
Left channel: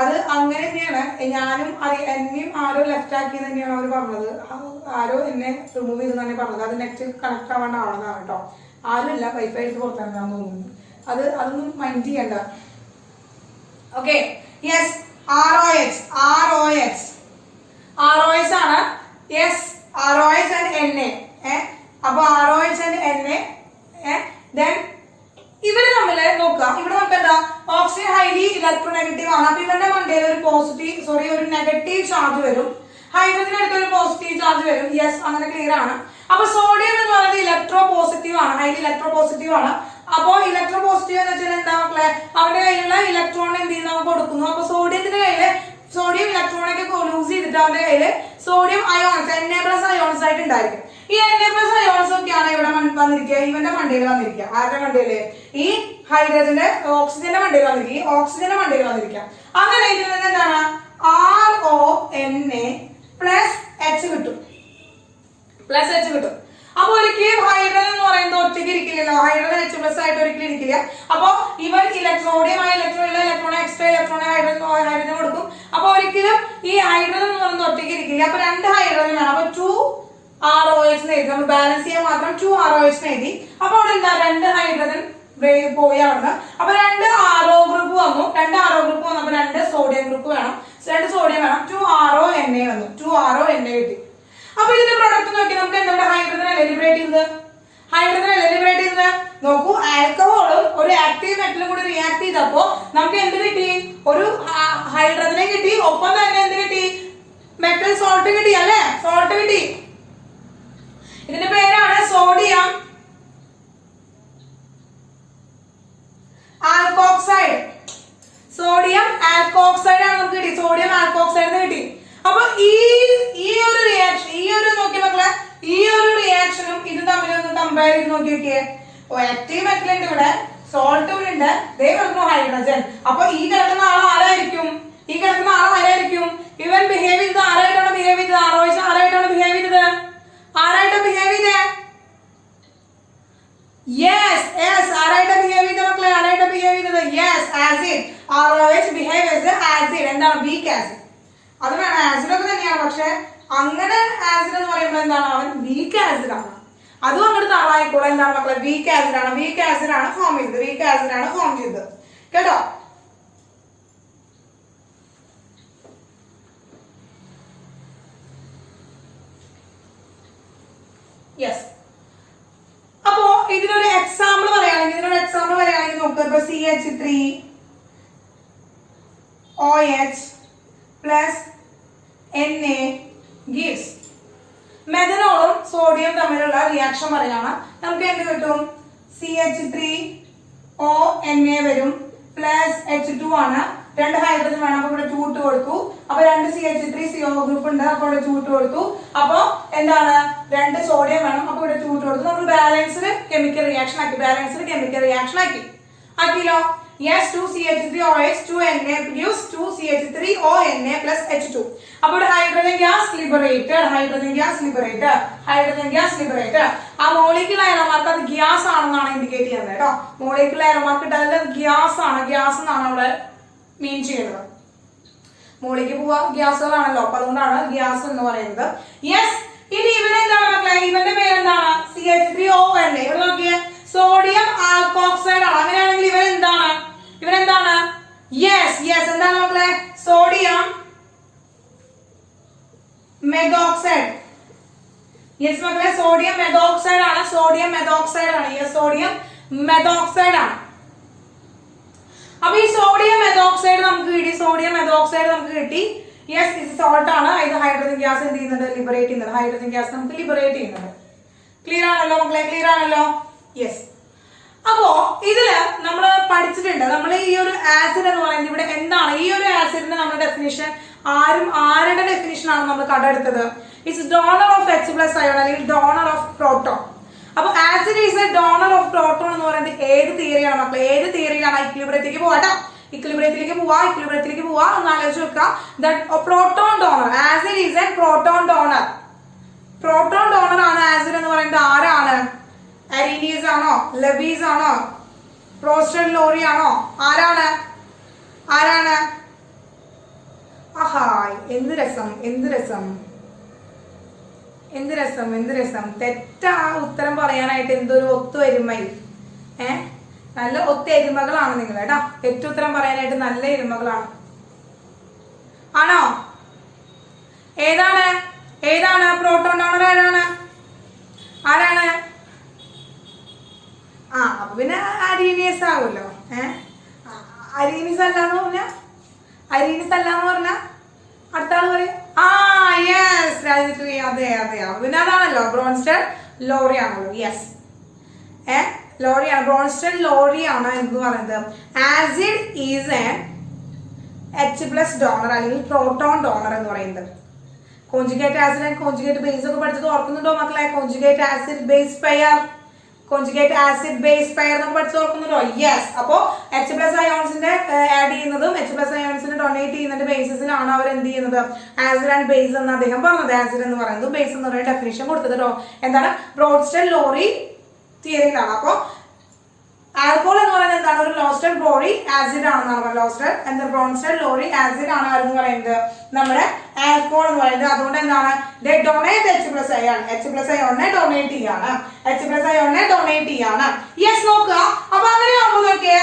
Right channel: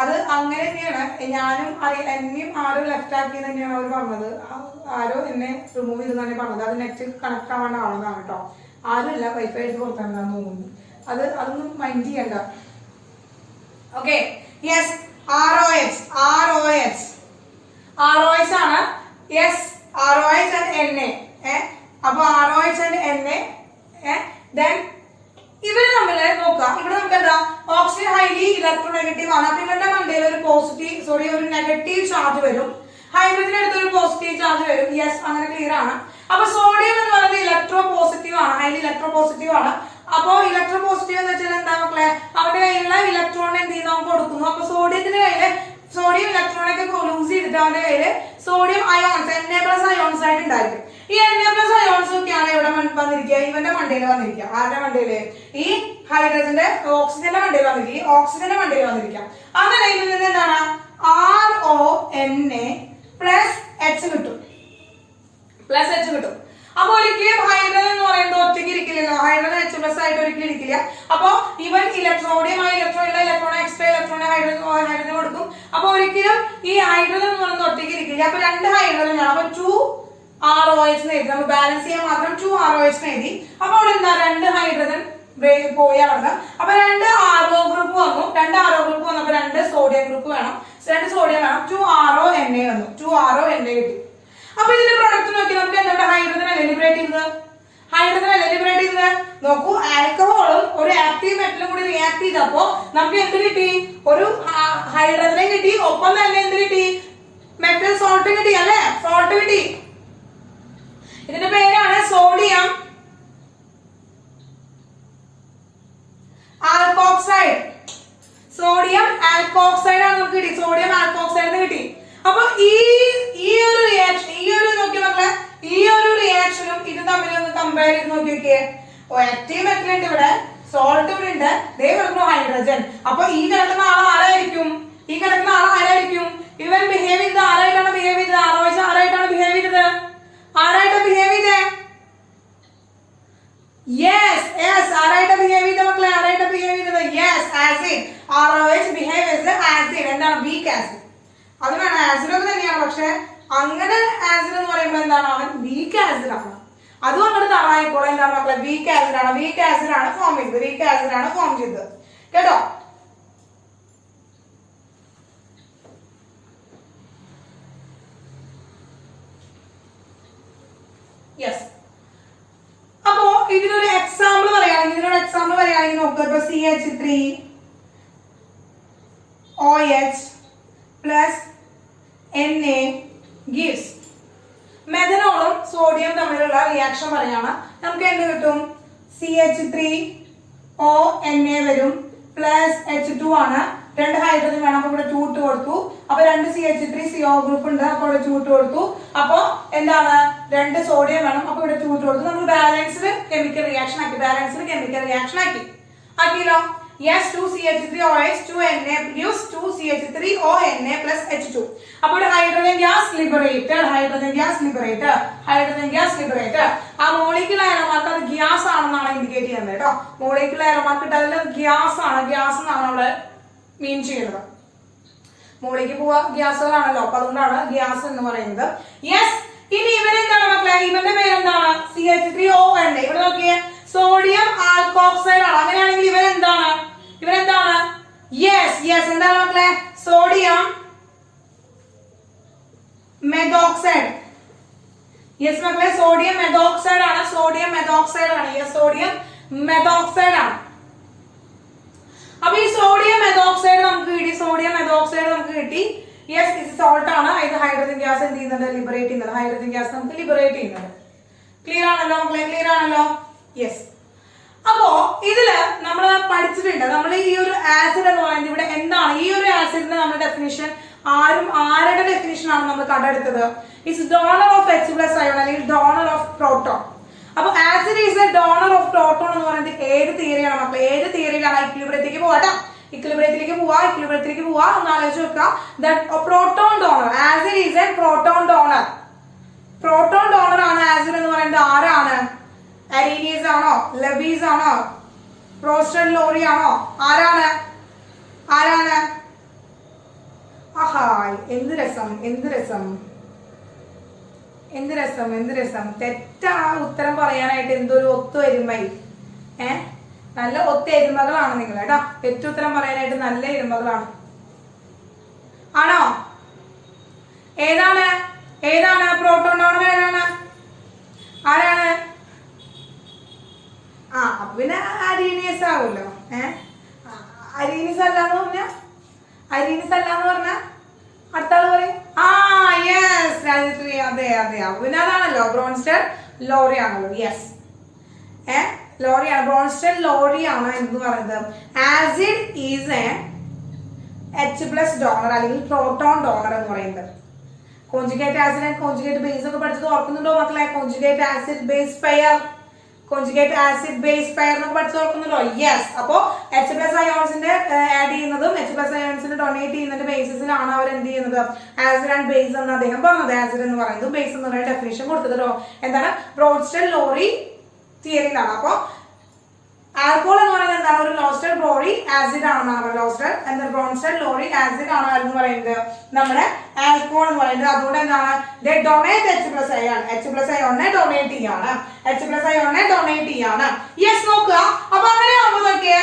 അത് അങ്ങനെ തന്നെയാണ്. ഞാനും എന്നെയും ആരോ ലെഫ്റ്റ് ആക്കിയത് തന്നെയാണ് അവർ പറഞ്ഞത്. ആരോ എന്നെ റിമൂവ് ചെയ്ത് തന്നെ പറഞ്ഞത്. അത് നെറ്റ് കണക്ട് ആവേണ്ടതാണ് കേട്ടോ. ആരുമില്ല, വൈഫൈ എടുത്ത് പുറത്തിറങ്ങാന്ന് തോന്നുന്നു. അതൊന്നും മൈൻഡ് ചെയ്യണ്ട. ഓക്കെ, യെസ്, ROH ആണ്. Yes, ROH and Na. അപ്പൊ ROH and Na. Then ഇവര് തമ്മില് നോക്കാം. ഇവിടെ നമുക്ക് എന്താ? ഓക്സിജൻ ഹൈലി ഇലക്ട്രോനെഗറ്റീവ് ആണ്. അപ്പൊ ഇവരുടെ മണ്ടയിൽ ഒരു നെഗറ്റീവ് ചാർജ് വരും. ഹൈഡ്രജൻ എടുത്ത് ഒരു പോസിറ്റീവ് ചാർജ് വരും. യെസ്, അങ്ങനെ ക്ലിയർ ആണ്. അപ്പൊ സോഡിയം എന്ന് പറയുന്നത് ഇലക്ട്രോ പോസിറ്റീവ് ആണ്, ഹൈലി ഇലക്ട്രോ പോസിറ്റീവ് ആണ്. അപ്പോ ഇലക്ട്രോ പോസിറ്റീവ് എന്ന് വെച്ചാൽ എന്താ മക്കളെ? അവരുടെ കയ്യിലുള്ള ഇലക്ട്രോൺ എന്ത് ചെയ്യുന്ന കൊടുക്കുന്നു. അപ്പൊ സോഡിയത്തിന്റെ കയ്യില് സോഡിയം ഇലക്ട്രോണൊക്കെ ലൂസ് ചെയ്തിട്ട് അവരുടെ കയ്യില് സോഡിയം അയോൺസ്, Na+ അയോൺസ് ആയിട്ട് ഉണ്ടായിരിക്കും. ഈ Na+ അയോൺസ് ഒക്കെയാണ് ഇവിടെ വന്നിരിക്കുക. ഇവന്റെ മണ്ടയിൽ വന്നിരിക്കുക. ആരുടെ മണ്ടയില്? ഈ ഹൈഡ്രജന്റെ ഓക്സിജന്റെ മണ്ടയിൽ വന്നിരിക്കുക. ഈ ഓക്സിജന്റെ മണ്ടയിൽ വന്നിരിക്കാം. അങ്ങനെ ഇതിൽ നിന്ന് എന്താണ്? RONA പ്ലസ് H കിട്ടും. അപ്പൊ ഒരിക്കലും ഹൈഡ്രജൻ എന്ന് പറയുന്നത് ഒറ്റയ്ക്ക് ഇരിക്കില്ലല്ലോ. ഹൈഡ്രജൻ H+ ആയിട്ട് ഒരിക്കലും ഇരിക്കില്ല. അപ്പൊ ഇവൻ sodium electron extra electron hydrogen കൊടുക്കും. അപ്പൊ ഒരിക്കലും ഈ ഹൈഡ്രജൻ എന്ന് പറയുന്നത് ഒറ്റയ്ക്ക് ഇരിക്കില്ല. അപ്പൊ 2 ഹൈഡ്രജൻ വേണം. അപ്പൊ 2 ROH എഴുതി. നമ്മൾ ബാലൻസ് ചെയ്യാൻ മാത്രം 2 ROH എഴുതി. അപ്പൊ അവിടെ എന്താ? 2 ഹൈഡ്രജൻ പോയി അവിടുന്ന്. അപ്പൊ 2 RO ഗ്രൂപ്പ് വന്നു. 2 RO ഗ്രൂപ്പ് വന്നപ്പോ 2 സോഡിയം ഗ്രൂപ്പ് വേണം. 2 സോഡിയം വേണം. 2 RONA വന്നു. 2 RONA കിട്ടി. അപ്പൊ ഇതിന്റെ പ്രൊഡക്റ്റ് നോക്കി നമുക്ക് എന്താ? ഹൈഡ്രജൻ അല്ലേ ലിബറേറ്റ് ചെയ്തത്. നോക്കൂ, ആൽക്കഹോളും ഒരു ആക്റ്റീവ് മെറ്റലും കൂടി റിയാക്ട് ചെയ്തപ്പോ നമുക്ക് എന്ത് കിട്ടി? ഒരു ഹൈഡ്രജനെ കിട്ടി. ഒപ്പം തന്നെ എന്ത് കിട്ടി? മെറ്റൽ സോൾട്ട് കിട്ടി അല്ലെ? സോൾട്ട് കിട്ടി. ഇതിന്റെ പേരാണ് സോഡിയം ആൽക്കോക്സൈഡ്. സോഡിയം ആൽക്കോക്സൈഡ് ആണ് നമുക്ക് കിട്ടി. സോഡിയം ആൽക്കോക്സൈഡ് കിട്ടി. അപ്പൊ ഈ ഒരു റിയാക്ഷൻ, നോക്കി മക്കളെ, ഈ ഒരു റിയാക്ഷനും ഇത് തമ്മിലൊന്ന് കമ്പയർ ചെയ്ത് നോക്കിയൊക്കെ. ആക്റ്റീവ് മെറ്റൽ ഉണ്ട്, ഇവിടെ സോൾട്ടും ഉണ്ട്, ദേ പറഞ്ഞു ഹൈഡ്രജൻ. അപ്പൊ ഈ കിടക്കുന്ന ആളും ആരായിരിക്കും? ഇവൻ ബിഹേവ് ചെയ്തത് ആരായിട്ടാണ് ബിഹേവ് ചെയ്തത്? ROH ആരായിട്ടാണ് ബിഹേവ് ചെയ്തത്? യെസ്, ആരായിട്ടാ ബിഹേവ് ചെയ്തത് മക്കളെ? Yes, acid. ROH ബിഹേവ് ചെയ്തത് ആസിഡ്. എന്താണ്? Weak acid. അത് വേണം, ആസിഡ് ഒക്കെ തന്നെയാണ്. പക്ഷെ അങ്ങനെ ആസിഡ് എന്ന് പറയുമ്പോൾ എന്താണ്? അവൻ വീക്ക് ആസിഡ് ആണ്. അതും അങ്ങോട്ട് ആളായിപ്പോൾ എന്താണ് മക്കളെ? വീക്ക് ആസിഡ് ആണ് ഫോം ചെയ്തത്. കേട്ടോ? യെസ്. അപ്പോ ഇതിനൊരു എക്സാമ്പിൾ പറയുകയാണെങ്കിൽ നോക്കുക. ഇപ്പൊ CH3OH plus Na gives. മെഥനോളും സോഡിയം തമ്മിലുള്ള റിയാക്ഷൻ പറയാണ്. നമുക്ക് എന്ത് കിട്ടും? CH3ONA വരും പ്ലസ് H2 ആണ്. 2 ഹൈഡ്രജൻ വേണം. അപ്പൊ ഇവിടെ 2 ഇട്ട് കൊടുത്തു. അപ്പൊ 2 CH3CO ഗ്രൂപ്പ് ഉണ്ട്. അപ്പൊ ഇവിടെ 2 ഇട്ട് കൊടുത്തു. അപ്പൊ എന്താണ്? 2 സോഡിയം വേണം. അപ്പൊ ഇവിടെ 2 ഇട്ട് കൊടുത്തു. നമ്മൾ ബാലൻസ്ഡ് കെമിക്കൽ റിയാക്ഷൻ ആക്കി. ആക്കിയല്ലോ. Yes, 2CH3OH 2Na produce 2CH3ONA plus H2. അപ്പോൾ hydrogen gas liberated, hydrogen gas liberated, hydrogen gas liberated. ആ മോളിക്യുലർ അയറോമാർക്ക് അത് ഗ്യാസ് ആണെന്നാണ് ഇൻഡിക്കേറ്റ് ചെയ്യുന്നത് കേട്ടോ. മോളിക്യുലർ അയറോമാർക്ക് ഇട്ടാൽ ഗ്യാസ് ആണ്, ഗ്യാസ് എന്നാണ് അവിടെ മീൻ ചെയ്യുന്നത്. മോളിക്ക് പോവാ ഗ്യാസുകളാണല്ലോ, അപ്പൊ അതുകൊണ്ടാണ് ഗ്യാസ് എന്ന് പറയുന്നത്. യെസ്, ഇനി ഇവരെന്താണ് മക്കളെ? ഇവന്റെ പേരെന്താണ്? CH3ONA. ഇവിടെ നോക്കിയേ, സോഡിയം ആൽക്കോക്സൈഡ് ആണ്. അങ്ങനെയാണെങ്കിൽ ഇവരെന്താണ്? യെസ് യെസ്, എന്താണ് മക്കളെ? സോഡിയം മെഥോക്സൈഡ്. യെസ് മക്കളെ, സോഡിയം മെഥോക്സൈഡ് ആണ്, സോഡിയം മെഥോക്സൈഡ് ആണ്. യെസ്, സോഡിയം മെഥോക്സൈഡ് ആണ്. അപ്പൊ ഈ സോഡിയം മെഥോക്സൈഡ് നമുക്ക് കിട്ടി, സോഡിയം മെഥോക്സൈഡ് നമുക്ക് കിട്ടി. യെസ്, ഇത് സോൾട്ട് ആണ്. ഇത് ഹൈഡ്രജൻ ഗ്യാസ് എന്ത് ചെയ്യുന്നത്? ലിബറേറ്റ് ചെയ്യുന്നത്. ഹൈഡ്രജൻ ഗ്യാസ് നമുക്ക് ലിബറേറ്റ് ചെയ്യുന്നത്. ക്ലിയർ ആണല്ലോ മക്കളെ? ക്ലിയർ ആണല്ലോ? യെസ്. അപ്പോ ഇതില് നമ്മൾ പഠിച്ചിട്ടുണ്ട്, നമ്മൾ ഈ ഒരു ആസിഡ് എന്ന് പറയുന്നത് ഇവിടെ എന്താണ്? ഈ ഒരു ആസിഡിന്റെ നമ്മുടെ ഡെഫിനിഷൻ ആരുടെ ഡെഫിനിഷൻ ആണ് നമ്മൾ കണ്ടെടുത്തത്? It's donor of H+ ion അല്ലെങ്കിൽ ഡോണർ ഓഫ് പ്രോട്ടോൺ. അപ്പൊ acid is A donor of proton എന്ന് പറയുന്നത് ഏത് തിയറിയാണ് മക്കൾ? ഏത് തിയറിയിലാണ്? ഇക്വിലിബ്രിയത്തിലേക്ക് പോവാട്ടോ, ഇക്വിലിബ്രിയത്തിലേക്ക് പോവാ എന്ന് ആലോചിച്ച് വെക്കുക. Proton donor, acid is A proton donor. Proton donor ആണ് ആസിഡ് എന്ന് പറയുന്നത്. ആരാണ്? അരീനിയസ് ആണോ? ലെവീസ് ആണോ? റോസ്റ്റഡ് ലോറി ആണോ? ആരാണ്? ആഹാ, എന്ത് രസം, എന്ത് രസം, എന്ത് രസം, എന്ത് രസം. തെറ്റാ ഉത്തരം പറയാനായിട്ട് എന്തൊരു ഒത്തുവരുമൈ. നല്ല ഒത്തെരുമകളാണ് നിങ്ങൾ കേട്ടോ. തെറ്റുത്തരം പറയാനായിട്ട് നല്ല എരുമകളാണ്. ആണോ? ഏതാണ് പ്രോട്ടോൺ ഡോണർ? ആരാണ്? അപ്പൊ പിന്നെ അരീനിയസ് ആവുമല്ലോ. അരീനിയസ് അല്ലാന്ന് പറഞ്ഞ അടുത്ത ആള് പറയും യെസ്, അതെ. പിന്നെ അതാണല്ലോ ബ്രോൺസ്റ്റഡ് ലോറി ആണല്ലോ. യെസ്, ലോറിയാണ്, ബ്രോൺസ്റ്റഡ് ലോറി ആണ് എന്ന് പറയുന്നത്. Acid is A H+ donor അല്ലെങ്കിൽ പ്രോട്ടോൺ ഡോണർ എന്ന് പറയുന്നത്. Conjugate acid and conjugate base ഒക്കെ പഠിച്ചത് ഓർക്കുന്നുണ്ടോ മക്കളെ? Conjugate acid base pair, conjugate acid base pair എന്നൊക്കെ പഠിച്ചു ഓർക്കുന്നുണ്ടോ? യെസ്. അപ്പോ H+ അയോൺസിന്റെ ആഡ് ചെയ്യുന്നതും H+ അയോൺസിനെ ഡൊണേറ്റ് ചെയ്യുന്നതിന്റെ ബേസിസിലാണ് അവർ എന്ത് ചെയ്യുന്നത്? ആസിഡ് ആൻഡ് ബേസ് എന്ന് അദ്ദേഹം പറഞ്ഞത്. ആസിഡ് എന്ന് പറയുന്നത് ബേസ് എന്ന് പറയുന്ന ഡെഫിനിഷൻ കൊടുത്തത് എന്താണ്? ബ്രോൺസ്റ്റഡ് ലോറി തിയറിയിലാണ്. അപ്പൊ ആൽക്കോൾ എന്ന് പറയുന്നത് എന്താണ്? ഒരു ലോസ്റ്റഡ് ലോറി ആസിഡ് ആണെന്നാണ്. ലോസ്റ്റഡ് ബ്രോൺസ്റ്റഡ് ലോറി ആസിഡ് ആണ് എന്ന് പറയുന്നത് നമ്മുടെ ആൽക്കോൾ എന്ന് പറയുന്നത്. അതുകൊണ്ട് എന്താണ്? ഡൊണേറ്റ് H+ അയോൺ, H+ അയോണിനെ ഡൊണേറ്റ് ചെയ്യാണ്. യെസ്, നോക്കുക. അപ്പൊ അങ്ങനെ ആകുമ്പോൾ നോക്കിയേ,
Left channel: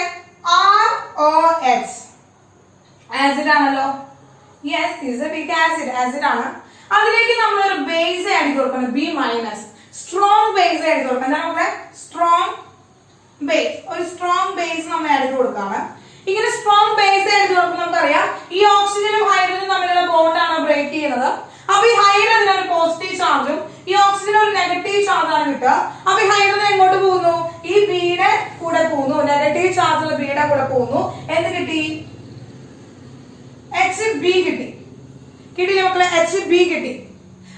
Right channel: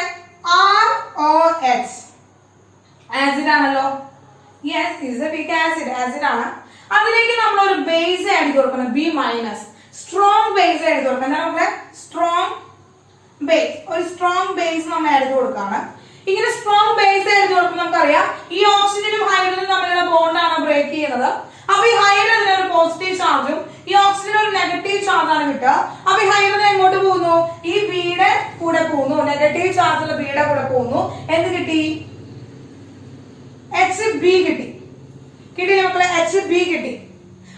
ROH ആസിഡ് ആണല്ലോ. Yes, is a big acid ആണ്. അതിലേക്ക് നമ്മൾ ഒരു ബേസ് ആഡ് കൊടുക്കണം, B-, സ്ട്രോങ് ബേസ് ആഡ് കൊടുക്കണം. എന്താണ് നമ്മളെ? Strong base. ഒരു സ്ട്രോങ് ബേസ് നമ്മൾ ആഡ് കൊടുക്കാണ്. ഇങ്ങനെ സ്ട്രോങ് ബേസ് ആഡ് കൊടുക്കുമ്പോൾ നമുക്കറിയാം ഈ ഓക്സിജനും ഹൈഡ്രജനും തമ്മിലുള്ള ബോണ്ടാണ് ബ്രേക്ക് ചെയ്യുന്നത്. അപ്പൊ ഈ ഹൈഡ്രജന് ഒരു പോസിറ്റീവ് ചാർജും ഈ ഓക്സിജൻ ഒരു നെഗറ്റീവ് ചാർജാണ് കിട്ടുക. അപ്പൊ ഈ ഹൈഡ്രജൻ എങ്ങോട്ട് പോകുന്നു? ഈ ബിയുടെ കൂടെ പോകുന്നു, നെഗറ്റീവ് ചാർജുള്ള ബിയുടെ കൂടെ പോകുന്നു. എന്ത് കിട്ടി? HB കിട്ടിയില്ലേ മക്കളെ? HB കിട്ടി.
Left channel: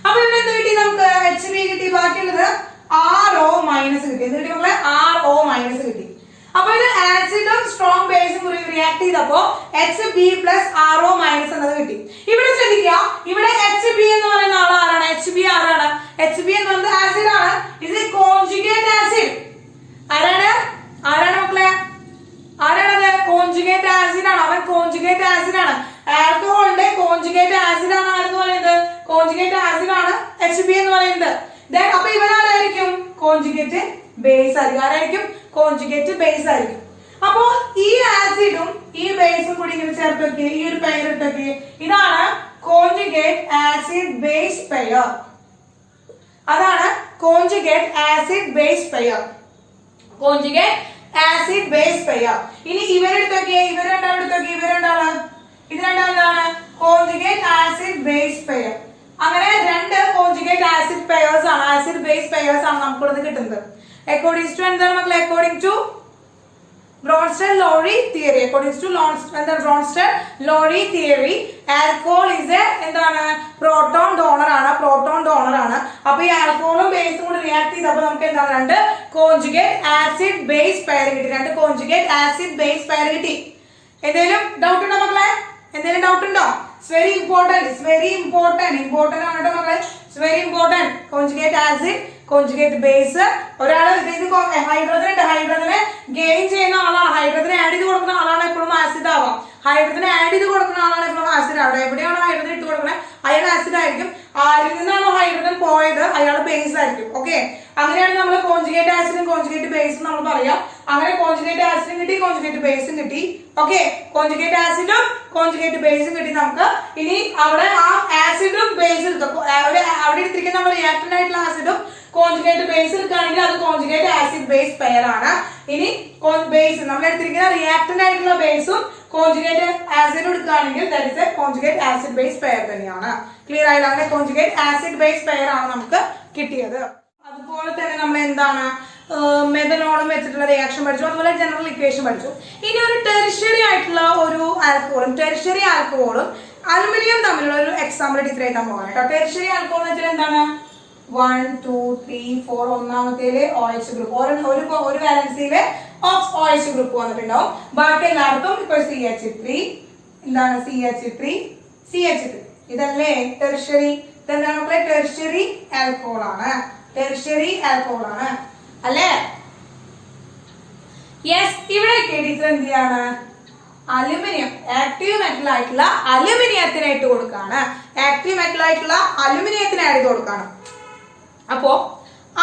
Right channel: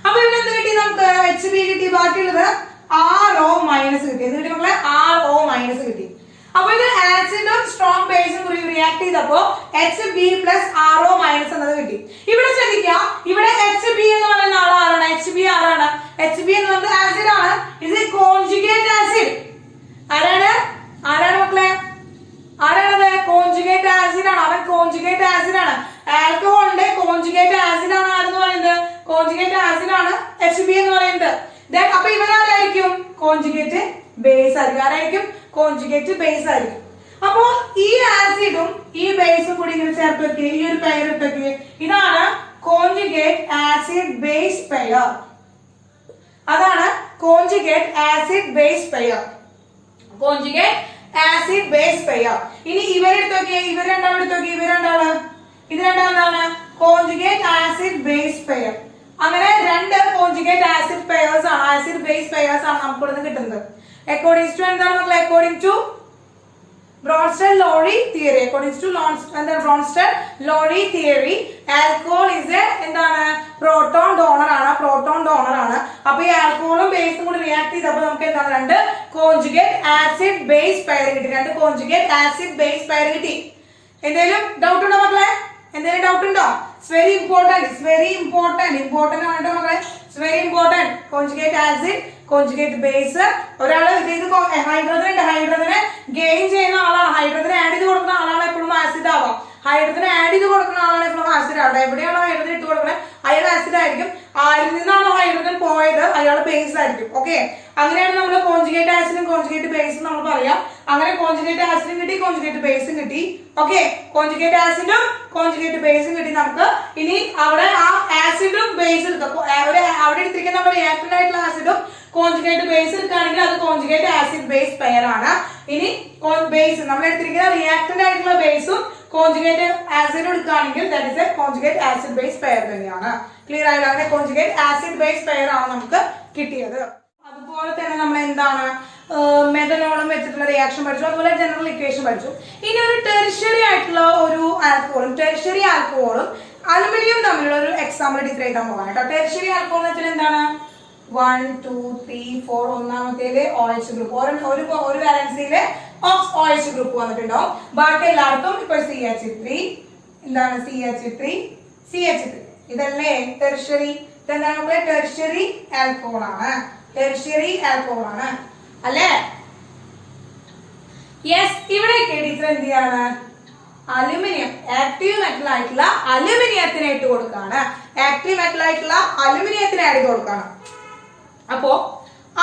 അപ്പൊ ഇവിടെ എന്ത് കിട്ടി നമുക്ക്? HB കിട്ടി. ബാക്കിയുള്ളത് RO- കിട്ടി. എന്ത് കിട്ടി മക്കളെ? RO- കിട്ടി. അപ്പൊ ഇത് ആസിഡും സ്ട്രോങ് ബേസും കൂടി റിയാക്ട് ചെയ്തപ്പോ HB + RO- എന്നത് കിട്ടി. ഇവിടെ ശ്രദ്ധിക്കുക, ഇവിടെ HB എന്ന് പറയുന്ന ആളാണ്. HB ആരാണ്? HB എന്ന് പറയുന്നത് ആസിഡ് ആണ്. ഇത് കോൺജുഗേറ്റ് ആസിഡ്. ആരാണ് മക്കളെ? ആരാണത്? കോൺജുഗേറ്റ് ആസിഡ് ആണ്. അവൻ കോൺജുഗേറ്റ് ആസിഡ് ആണ്. ആൽക്കഹോളിന്റെ കോൺജുഗേറ്റ് ആസിഡ് ആണ് ആരെന്ന് പറയുന്നത്? കോൺജുഗേറ്റ് ആസിഡ് ആണ് HB എന്ന് പറയുന്നത്. അപ്പൊ ഇവരാരായിരിക്കും? കോൺജുഗേറ്റ് ബേസ് ആയിരിക്കും. ആരായിരിക്കും? കോൺജുഗേറ്റ് ബേസ് ആയിരിക്കും. അപ്പോ ഈ ആസിഡും ഈ ബേസും കൂടി ഇങ്ങനെ ചേർത്ത് ഈ ഒരു പെയർ ഇട്ടൊക്കെ ഇതാണ് കോൺജുഗേറ്റ് ആസിഡ് ബേസ് പെയർ. അതാണ് conjugate acid base pair. Conjugate acid base pair. ഇനി ഇവരെടുത്തൊക്കെ ഇത് രണ്ടാമതാണ് കോൺജുഗേറ്റ് ആസിഡ് ബേസ് പെയർ. അങ്ങനെ രണ്ട് കോൺജുഗേറ്റ് ആസിഡ് പെയർസ് ആണ്, ആസിഡ് ബേസ് പെയർസ് ആണ് നമുക്ക് കിട്ടുന്നത്. അക്കോർഡിംഗ് ടു എന്താണ് മക്കളെ? According to Bronsted Lowry theory. According to Bronsted Lowry theory, alcohol is a proton donor. Proton donor ആണ്. അപ്പൊ ഈ ആൽക്കഹോളും ബേസും കൂടി റിയാക്ട് ചെയ്തപ്പോൾ നമുക്ക് എന്താണ് രണ്ട് കോൺജുഗേറ്റ് ആസിഡ് ബേസ് പെയർ കിട്ടി. രണ്ട് കോൺജുഗേറ്റ് ആസിഡ് ബേസ് പെയർ കിട്ടി. എന്തെങ്കിലും ഡൗട്ട് ഉണ്ടോ മക്കളെ? എന്തെങ്കിലും ഡൗട്ട് ഉണ്ടോ? It's very important. It's very important ആണ് കേട്ടോ മക്കളെ. It's very important. Conjugate acid, conjugate base. ഒരാള് ഇത് ഹൈഡ്രജൻ ഉണ്ട്, ഹൈഡ്രജനെ ഗെയിൻ ചെയ്യുന്ന ആളാണ്, ഹൈഡ്രജനെ ആഡ് ചെയ്ത് കൊടുക്കുന്ന ആളാണ് എപ്പോഴും ആസിഡ് ആവാം. ഹൈഡ്രജൻ ആഡ് ചെയ്ത് കൊടുക്കുന്ന ആളാണ് എപ്പോഴും ആസിഡ് ആവട്ടെ. എവിടെയാണോ ഹൈഡ്രജൻ ഇട്ട് കൊടുക്കണേ അയാൾ ആസിഡ് ആയിരിക്കും. ആരിൽ നിന്നാണോ ഹൈഡ്രജൻ പോയത് അയാൾ ബേസ് ആയിരിക്കും. ഓക്കെ, അങ്ങനെയാണ് നമ്മൾ കോൺജുഗേറ്റ് ആസിഡും കോൺജുഗേറ്റ് ബേസും നമ്മൾ പറയാം. അങ്ങനെ കോൺജുഗേറ്റ് ആസിഡും കിട്ടി, കോൺജുഗേറ്റ് ബേസും കിട്ടി. ഓക്കെ, കോൺജുഗേറ്റ് ആസിഡും കോൺജുഗേറ്റ് ബേസും കിട്ടി നമുക്ക്. ഇനി അവിടെ ആ ആസിഡും ബേസും അവിടെ എടുത്തിരിക്കുന്ന നമ്മുടെ റിയാക്ടന്റ് ആയിട്ടുള്ള ആസിഡും കോൺജുഗേറ്റ് ബേസ് എടുക്കുകയാണെങ്കിൽ അത് കോൺജുഗേറ്റ് ആസിഡ് ബേസ് പെയർ ആണ്. ഇനി ബേസ് നമ്മൾ എടുത്തിരിക്കുന്ന റിയാക്ടന്റ് ആയിട്ടുള്ള ബേസും കോൺജുഗേറ്റ് ആസിഡ് എടുക്കുകയാണെങ്കിൽ that is A conjugate acid base pair തന്നെയാണ്. ക്ലിയർ ആയില്ല? അങ്ങനെ കോൺജുഗേറ്റ് ആസിഡ് ബേസ് പെയർ ആണ് നമുക്ക് കിട്ടിയത്. അതുപോലെ തന്നെ നമ്മൾ എന്താണ് മെഥനോളും വെച്ചിട്ടുള്ള റിയാക്ഷൻ പഠിച്ചു. അതുപോലെ ജനറൽ ഇക്വേഷൻ പഠിച്ചു. ഇനി ഒരു ടെറിഷ്യറി ആയിട്ടുള്ള ഒരു ആൽക്കഹോളും ടെറിഷ്യറി ആൽക്കഹോളും അലുമിനിയം തമ്മിലുള്ള ഒരു എക്സാമ്പിൾ ഡിഗ്രി ആയിട്ടാണ് പോകാൻ കേട്ടോ. ടെറിഷ്യറി ആൽക്കഹോൾ എന്ന് വെച്ചാൽ എന്താണ്? 1 2 3 4 ഒന്നാമത്തേല് OH ഗ്രൂപ്പ്, ഒരു വാലൻസിയില് OH ഗ്രൂപ്പ് വന്നിട്ടുണ്ടാവും. ബാക്കി എല്ലായിടത്തും ഇപ്പൊ CH3 എന്താണ് CH3 ഇതല്ലേ ടെറിഷ്യറി. ഇതെന്താണ്? ടെറിഷ്യറി ആൽക്കഹോൾ ആണ്. ടെറിഷ്യറി ആൽക്കഹോൾ ആണ് അല്ലേ? യെസ്. ഇവിടെ ടീച്ചർ എന്ത് ചെയ്യാണ്? അലുമിനിയം ആക്റ്റീവ് മെറ്റൽ ആയിട്ടുള്ള അലുമിനിയത്തിന് ഇട്ട് കൊടുക്കാണ്. ആക്റ്റീവ് മെറ്റൽ ആയിട്ടുള്ള അലുമിനിയത്തിന് ആഡ് ചെയ്ത് കൊടുക്കാണ്. അപ്പോ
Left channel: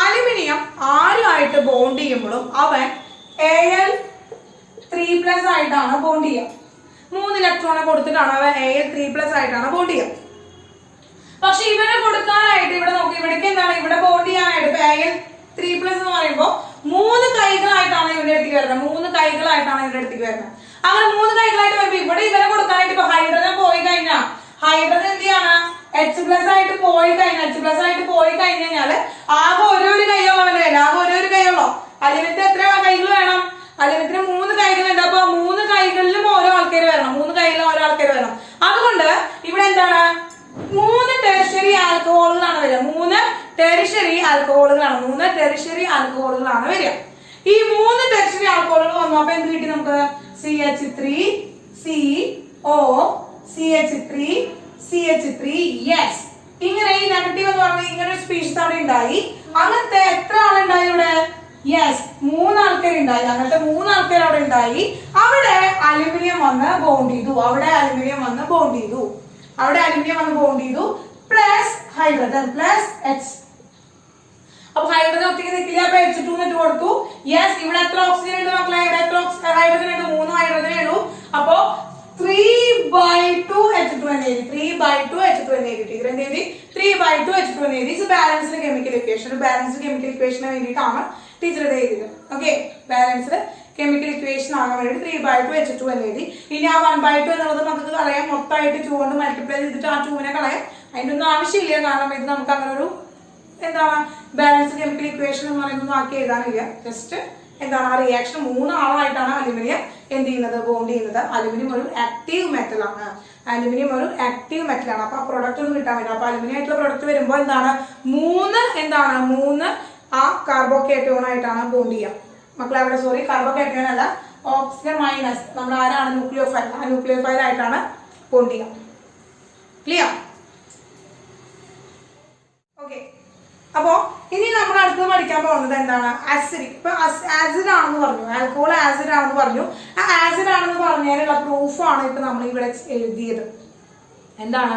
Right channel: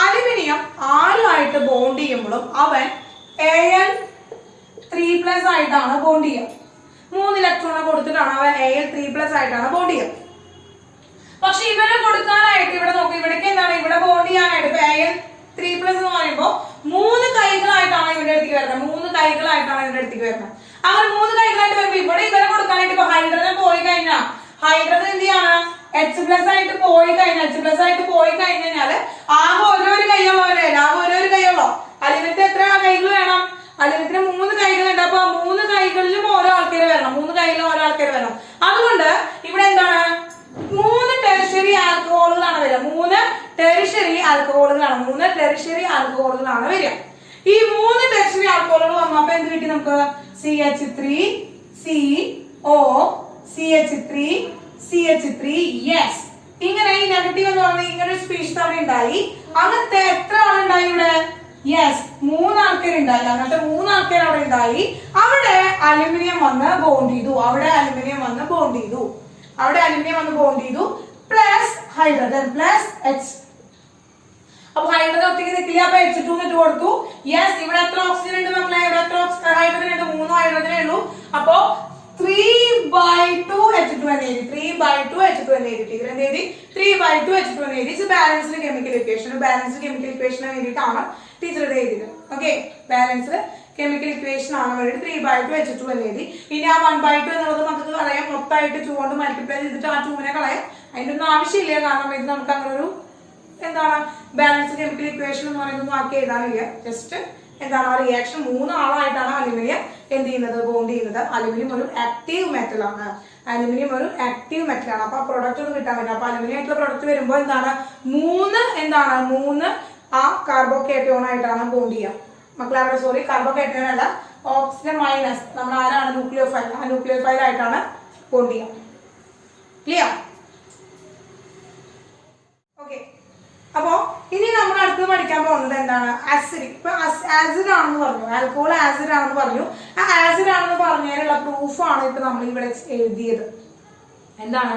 അലുമിനിയം ആരുമായിട്ട് ബോണ്ട് ചെയ്യുമ്പോഴും അവൻ Al3+ ആയിട്ടാണ് ബോണ്ട് ചെയ്യുക. 3 ഇലക്ട്രോണെ കൊടുത്തിട്ടാണ് അവൻ Al3+ ആയിട്ടാണ് ബോണ്ട് ചെയ്യുക. പക്ഷെ ഇവരെ കൊടുക്കാനായിട്ട് ഇവിടെ നോക്കും, ഇവിടേക്ക് എന്താണ് ഇവിടെ ബോണ്ട് ചെയ്യാനായിട്ട് Al3+ എന്ന് പറയുമ്പോൾ 3 കൈകളായിട്ടാണ് ഇവരുടെ അടുത്തേക്ക് വരുന്നത്. 3 കൈകളായിട്ടാണ് ഇവരുടെ അടുത്തേക്ക് വരുന്നത്. അങ്ങനെ 3 കൈകളായിട്ട് വരുമ്പോൾ ഇവിടെ ഇവരെ കൊടുക്കാനായിട്ട് ഇപ്പൊ ഹൈഡ്രജൻ പോയി കഴിഞ്ഞാൽ ഹൈഡ്രജൻ എന്ത് ചെയ്യാണ്? H+ ആയിട്ട് പോയി കഴിഞ്ഞാല് ആകെ ഓരോരു കൈയുള്ളൂ അവന്റെ കയ്യിൽ. ആകെ ഓരോരു കൈയുള്ളൂ. അലുമിനത്തിന് എത്ര കൈകൾ വേണം? അലുമിനത്തിന് 3 കൈകളുണ്ട്. അപ്പൊ 3 കൈകളിലും ഓരോ ആൾക്കാർ വരണം. 3 കൈകളിലും ഓരോ ആൾക്കാർ വരണം. അതുകൊണ്ട് ഇവിടെ എന്താണ്? 3 ടെറിഷ്യറി ആൽക്കഹോളുകളാണ് വരിക. 3 ടെറിഷ്യറി ആൽക്കഹോളുകളാണ് വരിക. ഈ 3 ടെറിഷ്യറി ആൽക്കഹോളുകൾ വന്നപ്പോ എന്ത് കിട്ടി നമുക്ക്? CH3CO CH3 yes. ഇങ്ങനെ ഈ നെഗറ്റീവ് എന്ന് പറഞ്ഞാൽ ഇങ്ങനെ ഒരു സ്പീഷീസ് അവിടെ ഉണ്ടായി. അങ്ങനത്തെ എത്ര ആളുണ്ടായി ഇവിടെ? യെസ്, 3 ആൾക്കാരുണ്ടായി. അങ്ങനത്തെ 3 ആൾക്കാർ അവിടെ ഉണ്ടായി. അവിടെ അലുമിനിയം വന്ന് ബോണ്ട് ചെയ്തു. Plus hydrogen plus H. അപ്പൊ ഹൈഡ്രജൻ ഒത്തിരി നിൽക്കില്ല. അപ്പൊ H2 ഇട്ട് കൊടുത്തു. യെസ്, ഇവിടെ എത്ര ഓക്സിജൻ ഉണ്ട് മക്കളെ? ഇവിടെ എത്ര ഹൈഡ്രജൻ ഉണ്ട്? 3 ഹൈഡ്രജനേ ഉള്ളൂ. അപ്പൊ 3/2 H2 എന്ന് എഴുതി. 3/2 H2 എന്ന് എഴുതി. ഇതിന്റെ എഴുതി 3/2 H2 എന്ന് എഴുതി. ബാലൻസ്ഡ് കെമിക്കൽ ഇക്വേഷൻ വേണ്ടിയിട്ടാണ് ടീച്ചർ ഇത് എഴുതിയത്. ഓക്കെ, ബാലൻസ്ഡ് കെമിക്കൽ ഇക്വേഷൻ ആകാൻ വേണ്ടി 3/2 H2 എന്ന് എഴുതി. ഇനി ആ 1/2 എന്നുള്ളത് നമുക്ക് കളയാം. മൊത്തമായിട്ട് 2 കൊണ്ട് മൾട്ടിപ്ലൈ ചെയ്തിട്ട് ആ 2നെ കളയാം. അതിന്റെ ഒന്നും ആവശ്യമില്ല. കാരണം ഇത് നമുക്ക് അങ്ങനെ ഒരു എന്താണ് ബാലൻസ്ഡ് കെമിക്കൽ ഇക്വേഷൻ എന്ന് പറയുന്നത് ആക്കി എഴുതാനില്ല. ജസ്റ്റ് എന്താണ് ആ റിയാക്ഷൻ 3 ആളായിട്ടാണ് അലുമിനിയം എന്ത് ചെയ്യുന്നത്? ബോണ്ട് ചെയ്യുന്നത്. അലുമിനിയം ഒരു ആക്റ്റീവ് മെറ്റൽ ആണ്. അപ്പൊ പ്രൊഡക്റ്റ് ഒന്നും കിട്ടാൻ പറ്റില്ല. അപ്പൊ അലുമിനിയം ആയിട്ടുള്ള പ്രൊഡക്റ്റ് വരുമ്പോൾ എന്താണ്? 3 ആ കാർബോക്കേറ്റോൺ ആയിട്ടാണ് ബോണ്ട് ചെയ്യുക. മക്കളെ സോറി, കാർബോക്കേറ്റോൺ അല്ല, ഓക്സിജൻ മൈനസ് നമ്മൾ ആരാണ്? ന്യൂക്ലിയോഫൈൽ. ആ ന്യൂക്ലിയോഫൈൽ ആയിട്ടാണ് ബോണ്ട് ചെയ്യുക. ക്ലിയർ? ഓക്കെ. അപ്പോ ഇനി നമ്മൾ അടുത്ത് പഠിക്കാൻ പോകുന്നത് എന്താണ്? ആസിഡിക്. ഇപ്പൊ ആസിഡ് ആണെന്ന് പറഞ്ഞു, ആൽക്കഹോൾ ആസിഡ് ആണെന്ന് പറഞ്ഞു. ആ ആസിഡ് ആണെന്ന് പറഞ്ഞതിനുള്ള പ്രൂഫാണ് ഇപ്പൊ നമ്മൾ ഇവിടെ എഴുതിയത്. എന്താണ്?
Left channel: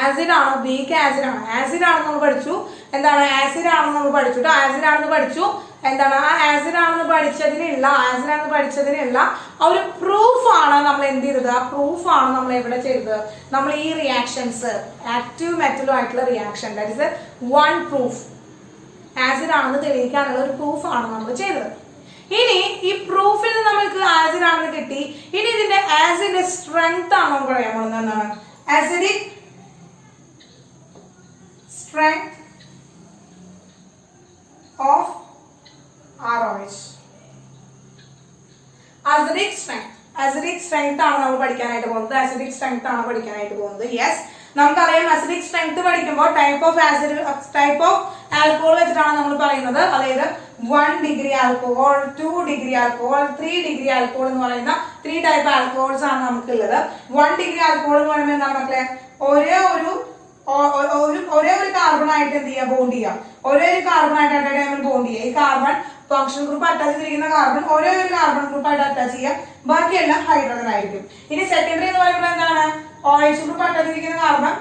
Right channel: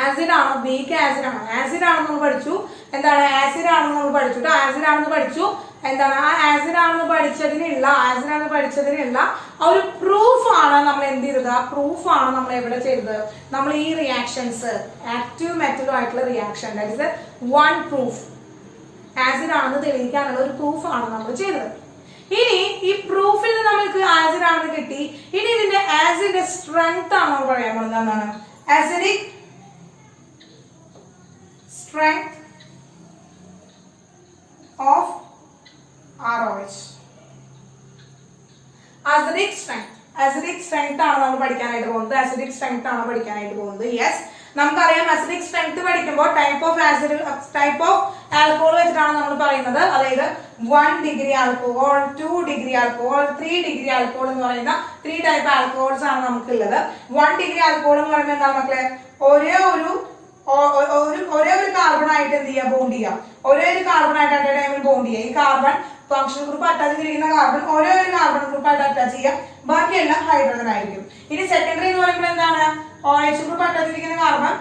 ആസിഡ് ആണ്, വീക്ക് ആസിഡ് ആണ്. ആസിഡ് ആണെന്ന് നമ്മൾ പഠിച്ചു. എന്താണ്? ആസിഡ് ആണെന്ന് നമ്മൾ പഠിച്ചു. ആസിഡ് ആണെന്ന് പഠിച്ചു. എന്താണ്? ആ ആസിഡ് ആണെന്ന് പഠിച്ചതിനുള്ള ഒരു പ്രൂഫാണ് നമ്മൾ എന്ത് ചെയ്തത്? ആ പ്രൂഫാണ് നമ്മൾ എവിടെ ചെയ്തത്? നമ്മൾ ഈ റിയാക്ഷൻസ് ആക്റ്റീവ് മെറ്റലുമായിട്ടുള്ള reaction, that is one proof. Acid ആണെന്ന് തെളിയിക്കാനുള്ള ഒരു പ്രൂഫാണ് നമ്മൾ ചെയ്തത്. ഇനി ഈ പ്രൂഫിൽ നിന്ന് നമ്മൾക്ക് ആസിഡ് ആണെന്ന് കിട്ടി. ഇനി ഇതിന്റെ ആസിഡിന്റെ സ്ട്രെങ്ത് ആണ് നമ്മൾ പറയാൻ പോകുന്നത്. എന്താണ്? Acidic strength of ROH. acidic strength ആണ് നമ്മൾ പഠിക്കാനായിട്ട് പോകുന്നത്. യെസ്, നമുക്കറിയാം അസിഡിക് സ്ട്രെങ്ത് പഠിക്കുമ്പോൾ ടൈപ്പ് ഓഫ് ആൽക്കഹോൾ വെച്ചിട്ടാണ് നമ്മൾ പറയുന്നത്. അതായത് 1 degree alcohol, 2 degree alcohol, 3 degree alcohol എന്ന് പറയുന്ന 3 ടൈപ്പ് ആൽക്കഹോൾസ് ആണ് നമുക്കുള്ളത്. 1 ഡിഗ്രി ആൽക്കഹോൾ എന്ന് പറയുമ്പോൾ എന്താ മക്കളെ, ഒരേ ഒരു കാർബൺ ആയിട്ട് എന്ത് ചെയ്യാം, ബോണ്ട് ചെയ്യാം. ഒരേ ഒരു കാർബൺ ആയിട്ട് അറ്റ് എ ടൈമിൽ ബോണ്ട് ചെയ്യാം. ഈ കാർബൺ ഫംഗ്ഷൻ ഗ്രൂപ്പ് അറ്റാച്ച് ചെയ്തിരിക്കുന്ന കാർബൺ ഒരേ ഒരു കാർബൺ ഗ്രൂപ്പ് ആയിട്ട് അറ്റാച്ച് ചെയ്യാം, ബാക്കിയെല്ലാം ഹൈഡ്രജൻ ആയിരിക്കും. ഇനി സെക്കൻഡറി എന്ന് പറയുമ്പോൾ എന്താണ്, OH ഗ്രൂപ്പ് അറ്റാച്ച് ചെയ്തിരിക്കുന്ന കാർബൺ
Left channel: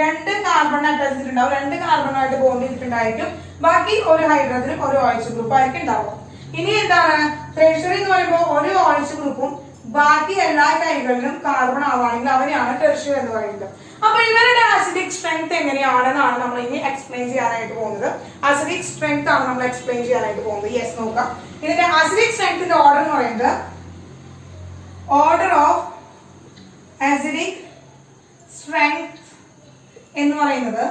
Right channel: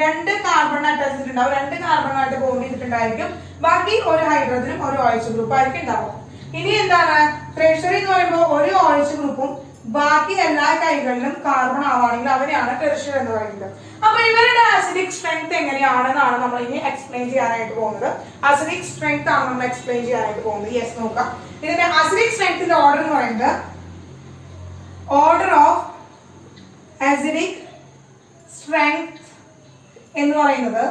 രണ്ട് കാർബൺ അറ്റാച്ച് ചെയ്തിട്ടുണ്ടാവും, 2 കാർബണായിട്ട് ബോണ്ട് ചെയ്തിട്ടുണ്ടായിരിക്കും, ബാക്കി ഒരു ഹൈഡ്രജനും ഒരു OH ഗ്രൂപ്പ് ആയിരിക്കും ഉണ്ടാവും. ഇനി എന്താണ് ടെർഷ്യറി എന്ന് പറയുമ്പോൾ ഒരു OH ഗ്രൂപ്പും ബാക്കി എല്ലാ കൈകളിലും കാർബൺ ആവുകയാണെങ്കിൽ അവരെയാണ് ടെർഷ്യറി എന്ന് പറയുന്നത്. അപ്പൊ ഇവരുടെ അസിഡിക് സ്ട്രെങ്ത് എങ്ങനെയാണെന്നാണ് നമ്മൾ ഇനി എക്സ്പ്ലെയിൻ ചെയ്യാനായിട്ട് പോകുന്നത്. അസിഡിക് സ്ട്രെങ്ത് ആണ് നമ്മൾ എക്സ്പ്ലെയിൻ ചെയ്യാനായിട്ട് പോകുന്നത്. യെസ്, നോക്കാം. ഇതിന്റെ അസിഡിക് സ്ട്രെങ്ത്തിന്റെ ഓർഡർ എന്ന് പറയുന്നത്, ഓർഡർ ഓഫ് അസിഡിക് സ്ട്രെങ്ത് എന്ന് പറയുന്നത്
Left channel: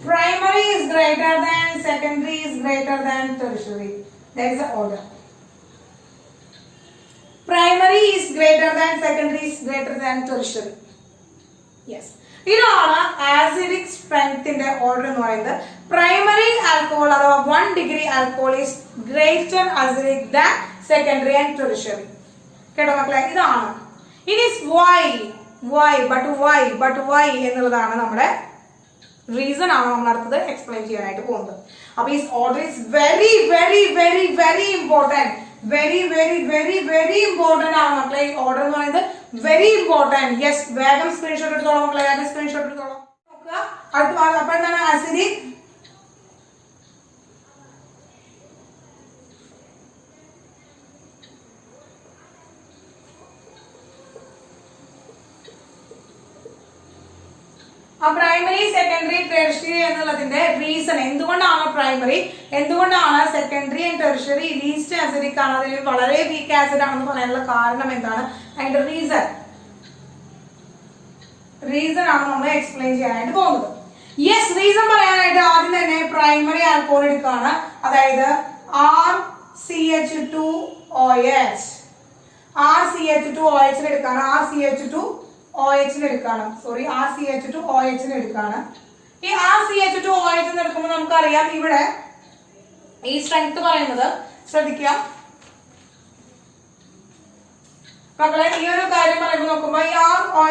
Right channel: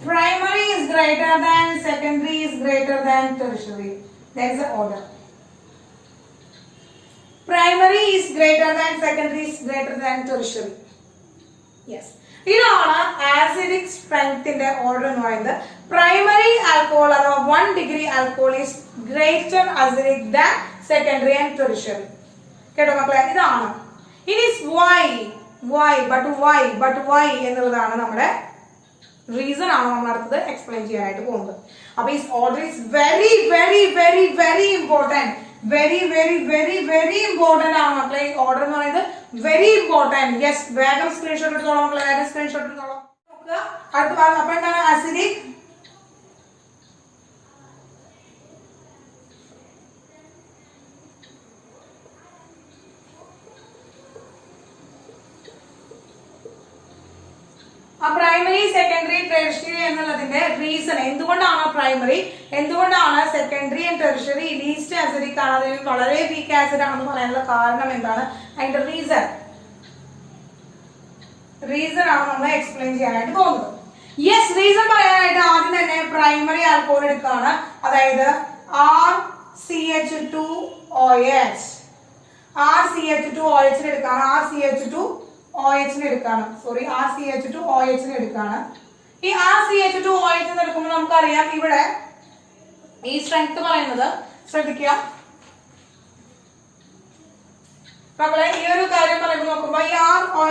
primary is greater than secondary is greater than tertiary. That is the order. Primary is greater than secondary is greater than tertiary. Yes. ഇതാണ് acidic സ്ട്രെങ്ത്തിന്റെ order എന്ന് പറയുന്നത്. Primary alcohol അഥവാ 1 degree alcohol is greater acidic than secondary and tertiary. കേട്ടോ മക്കളെ, ഇതാണ്. ഇനി Y എന്നുള്ളതാണ് നമ്മുടെ റീസൺ ആണ് നമ്മൾ അടുത്തത് എക്സ്പ്ലെയിൻ ചെയ്യാനായിട്ട് പോകുന്നത്. അപ്പൊ ഈ order is very very very very important. Very very very very important ആണ് മക്കളെ ഈ ഓർഡർ എന്ന് പറയുന്നത്. Very important. യെസ്, വേഗം സ്ക്രീൻഷോട്ട് എടുത്തോളാം മക്കളെ, വേഗം സ്ക്രീൻഷോട്ട് എടുത്തോളാം. അടുത്ത അപ്പൊ എന്താണ് ആസിഡിക് പ്രൈമറി സെക്കൻഡറി ടെർഷ്യറി എന്നുള്ളതിന്റെ റീസൺ, എന്തുകൊണ്ടാണ് പ്രൈമറി, എന്തുകൊണ്ടാണ് secondary and tertiary least acidic ആണ്, അതിന് വളരെ വീക്ക് ആസിഡ് ആണെന്ന് പറയാനുള്ള കാരണം എന്താണ്, അതിന്റെ റീസൺ ആണ് നമ്മൾ എക്സ്പ്ലെയിൻ ചെയ്യാനായിട്ട് പോകുന്നത്. യെസ്, റീസൺ പറയാനായിട്ട് ആദ്യം തന്നെ പ്രൈമറി ആൽക്കഹോൾ എടുക്കുകയാണ്. അതായത് RCH2OH RCH2OH എടുക്കാണ്. ഈ RCH2OH എടുക്കുമ്പോൾ നമുക്കറിയാം ഇവിടെ ഈ സ്ട്രെങ്ത് പറയുന്നത്, ശ്രദ്ധിക്കുക മക്കളെ, ഈ ഒരു കാര്യം പറയുമ്പോൾ നോക്കുമ്പോ ഈ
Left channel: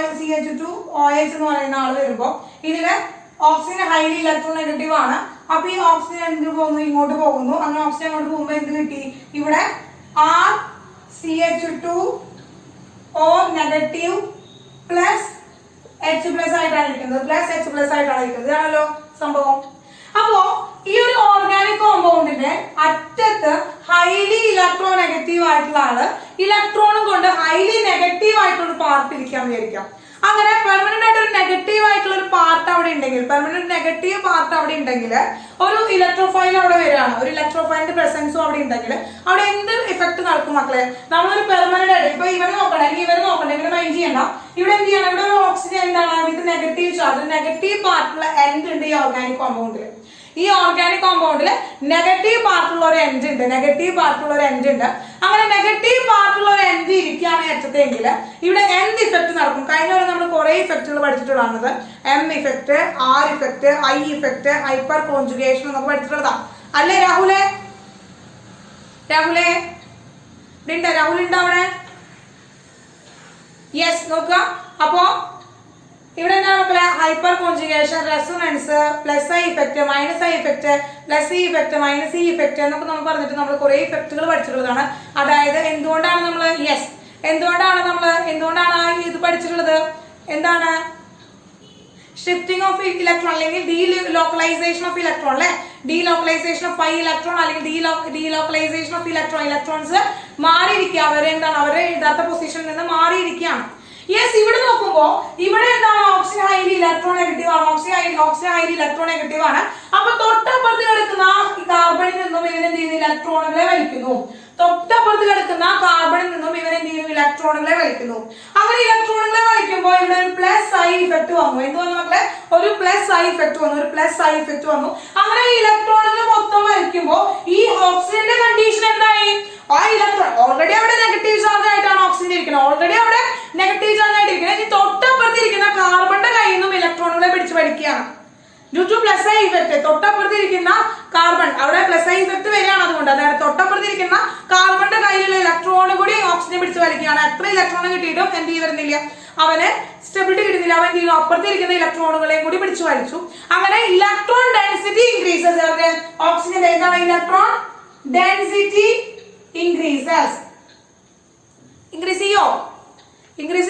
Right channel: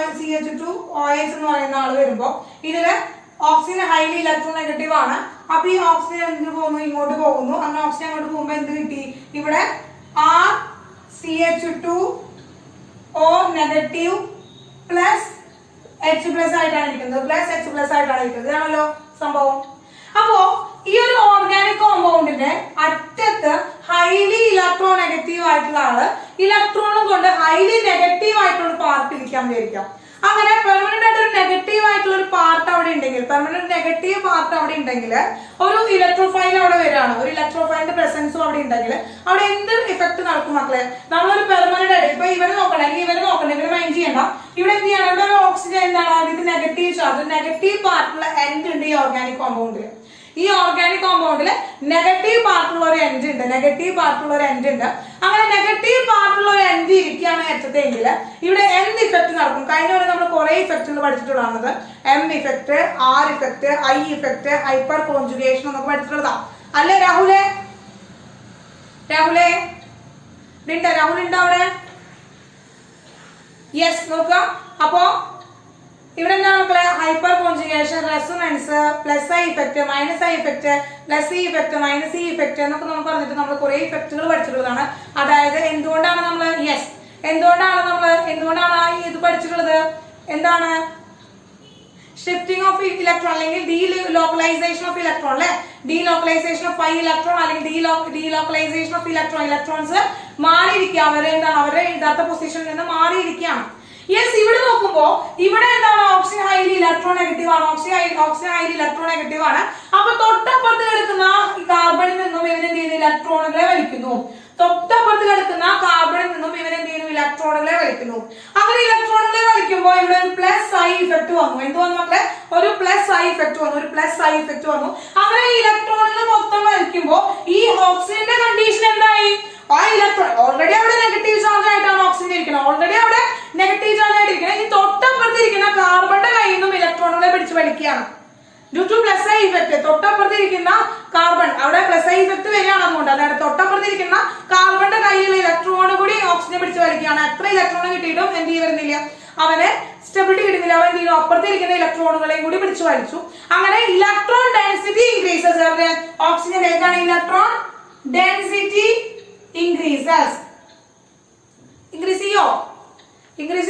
RCH2OH എന്ന് പറയുന്ന ആള് വരുമ്പോ ഇതില് ഓക്സിജൻ ഹൈലി ഇലക്ട്രോ നെഗറ്റീവ് ആണ്. അപ്പൊ ഈ ഓക്സിജൻ എന്ത് പോകുന്നു, ഇങ്ങോട്ട് പോകുന്നു. അങ്ങനെ ഓക്സിജൻ അങ്ങോട്ട് പോകുമ്പോ എന്ത് കിട്ടി, ഇവിടെ RCH2O negative plus H plus ആയിട്ടാണ് ഇരിക്കുന്നത്, ഇതാണല്ലോ സംഭവം. അപ്പോ ഈ ഒരു ഓർഗാനിക് കോമ്പൗണ്ടിന്റെ അറ്റത്ത് ഹൈലി ഇലക്ട്രോ നെഗറ്റീവ് ആയിട്ടുള്ള ആള് ഇലക്ട്രോണും കൊണ്ട് ഹൈലി നെഗറ്റീവ് ആയിട്ടുള്ള പാർട്ട് ഇരിക്കാൻ വിചാരിക്കാം. അങ്ങനെ പെർമനന്റ് ആയിട്ട് ഒരു നെഗറ്റീവ് ആയിട്ടുള്ള ഒരു പാർട്ട് അവിടെ ഉണ്ടെങ്കിൽ, ഒരു ഇലക്ട്രോഫൈൽ അവിടെ വരികയാണ്, ഒരു ഇലക്ട്രോഫൈലിന്റെ പ്രസൻസും അവിടെ ഉണ്ടെങ്കിൽ അവിടെ എന്ത് ഇഫക്ട് നടക്കും മക്കളെ, നമ്മളൊരു പെർമനന്റ് ആയിട്ട് ഇപ്പൊ ഇവരെ നോക്കണ്ട, ഇവരെ മൈൻഡ് ചെയ്യണ്ട. ഇവിടെ എന്ത് ചെയ്യണം, ഇവിടെ ഒരു ഓക്സിജൻ എന്താണ് വിത്ത് നെഗറ്റീവ് ചാർജ്, നെഗറ്റീവ് പാർട്ടുള്ള എൻഡ് ഉണ്ട് ഈ ഓർഗാനിക് കോമ്പൗണ്ടില്. ഈ ഓർഗാനിക് കോമ്പൗണ്ടില് നെഗറ്റീവ് പാർട്ടുള്ള ഒരു എൻഡ് ഉണ്ട്. അങ്ങനെ നെഗറ്റീവ് പാർട്ടുള്ള ഒരു എൻഡ് ഇരിക്കുകയാണ് അറ്റത്തെങ്കിൽ ഇവിടെ എന്ത് ഇഫക്ട് നടക്കും. കഴിഞ്ഞ വരെ നമ്മൾ കുറെ ഇഫക്റ്റുകൾ പഠിച്ചിട്ടുള്ളത്, M effect, R effect, I effect, hyper conjugation എന്നൊക്കെ പഠിച്ചിട്ടുള്ളതാ അല്ലെ രാഹുലെ? രാഹുൽ ഉണ്ടോ അവിടെ? യെസ്, നോക്കുക. അപ്പോ ഇവിടെ എന്താണ് മക്കളെ, hyper conjugation, resonance, plus I effect, minus I effect, plus E effect, minus E effect എന്നൊക്കെ നമ്മൾ പറഞ്ഞിട്ട് നമ്മൾ കുറെ ഇഫക്റ്റുകൾ പഠിച്ചിട്ടുള്ളതാണ്. അതായത് എന്തുകൊണ്ടാണ് നമ്മൾ ഇത് പഠിച്ചിട്ടുള്ളത്, എന്താണ് ഷിഫ്റ്റിംഗ് ഓഫ് ഇലക്ട്രോൺ അല്ലെങ്കിൽ ഡീലോക്കലൈസേഷൻ ഓഫ് ഇലക്ട്രോൺ അല്ലെ, ഡീലോക്കലൈസേഷൻ ഓഫ് പൈ ഇലക്ട്രോൺ അല്ലെങ്കിൽ ഡീലോക്കലൈസേഷൻ ഓഫ് ഇലക്ട്രോൺസ് മാറിയിരിക്കുക, അവരുടെ യഥാർത്ഥ പൊസിഷനിൽ നിന്ന് മാറിയിരിക്കുകയാണ്. യെസ്, ഇവിടെ നോക്കുമ്പോ ഇവിടെ എന്താണ് ഓക്സിജൻ ഹൈലി ഇലക്ട്രോ നെഗറ്റീവ് ആണ്. അപ്പൊ തൊട്ടപ്പുറത്ത് കിടക്കുന്ന കാർബണിൽ നിന്നും ഇവരെന്ത് ചെയ്യുന്നു, ഇലക്ട്രോണുകളെ വലിക്കുന്നു. അങ്ങനെ ഇലക്ട്രോണുകളെ വലിക്കുമ്പോൾ ഇവിടെ ഒരു പ്ലസ് I ഇഫക്ട് വന്നു. എന്ത് വന്നു മക്കളെ, ഒരു പ്ലസ് I ഇഫക്ട് വന്നു. അങ്ങനെ ഇലക്ട്രോണുകൾ മൊത്തം വലിക്കുമ്പോ ഈ ഓക്സിജന്റെ കണ്ടീഷൻ എന്തായി, ആ ഇലക്ട്രോൺ ഓൾറെഡി അവിടെ നെഗറ്റീവ് ചാർജ് ആയിട്ടാണ് ഓക്സിജൻ ഇരിക്കുന്നത്, ഓൾറെഡി അവിടെ നെഗറ്റീവ് ചാർജ് ആയിട്ടിരിക്കുന്നത്. ഈ തൊട്ടപ്പുറത്തിരിക്കുന്ന കാർബണിന്റെ കയ്യിൽ നിന്നും ഇലക്ട്രോണുകളെ പിടിച്ചു വലിക്കുകയാണ്. Due to plus I effect. തൊട്ടപ്പുറത്തിരിക്കുന്ന കാർബൺ, അവിടെ പ്ലസ് ഐ ഇഫക്ട് വരികയാണ്. അതുകൊണ്ട് അതായത് തൊട്ടപ്പുറത്തിരിക്കുന്ന കാർബണിന്റെ കയ്യിലുള്ള ഇലക്ട്രോൺ കൂടി ഓക്സിജനെ പിടിച്ചു വലിക്കുകയാണ്. എത്ര ഇലക്ട്രോൺ കിട്ടിയിട്ടും എന്ത് വരുന്നില്ല, അവന് സ്റ്റെബിലിറ്റി കിട്ടുന്നില്ല. അവൻ എന്ത് ചെയ്യും, അപ്പുറത്തിരിക്കുന്ന ഇലക്ട്രോണുകളെയും കൂടി പിടിച്ചു വലിച്ചു. അങ്ങനെ ഇലക്ട്രോൺ ഡെൻസിറ്റി ഇൻക്രീസസ്. ഓക്സിജൻ എന്താണ്, ഇലക്ട്രോൺ ഡെൻസിറ്റി ഇൻക്രീസസ്. ഇൻക്രീസ്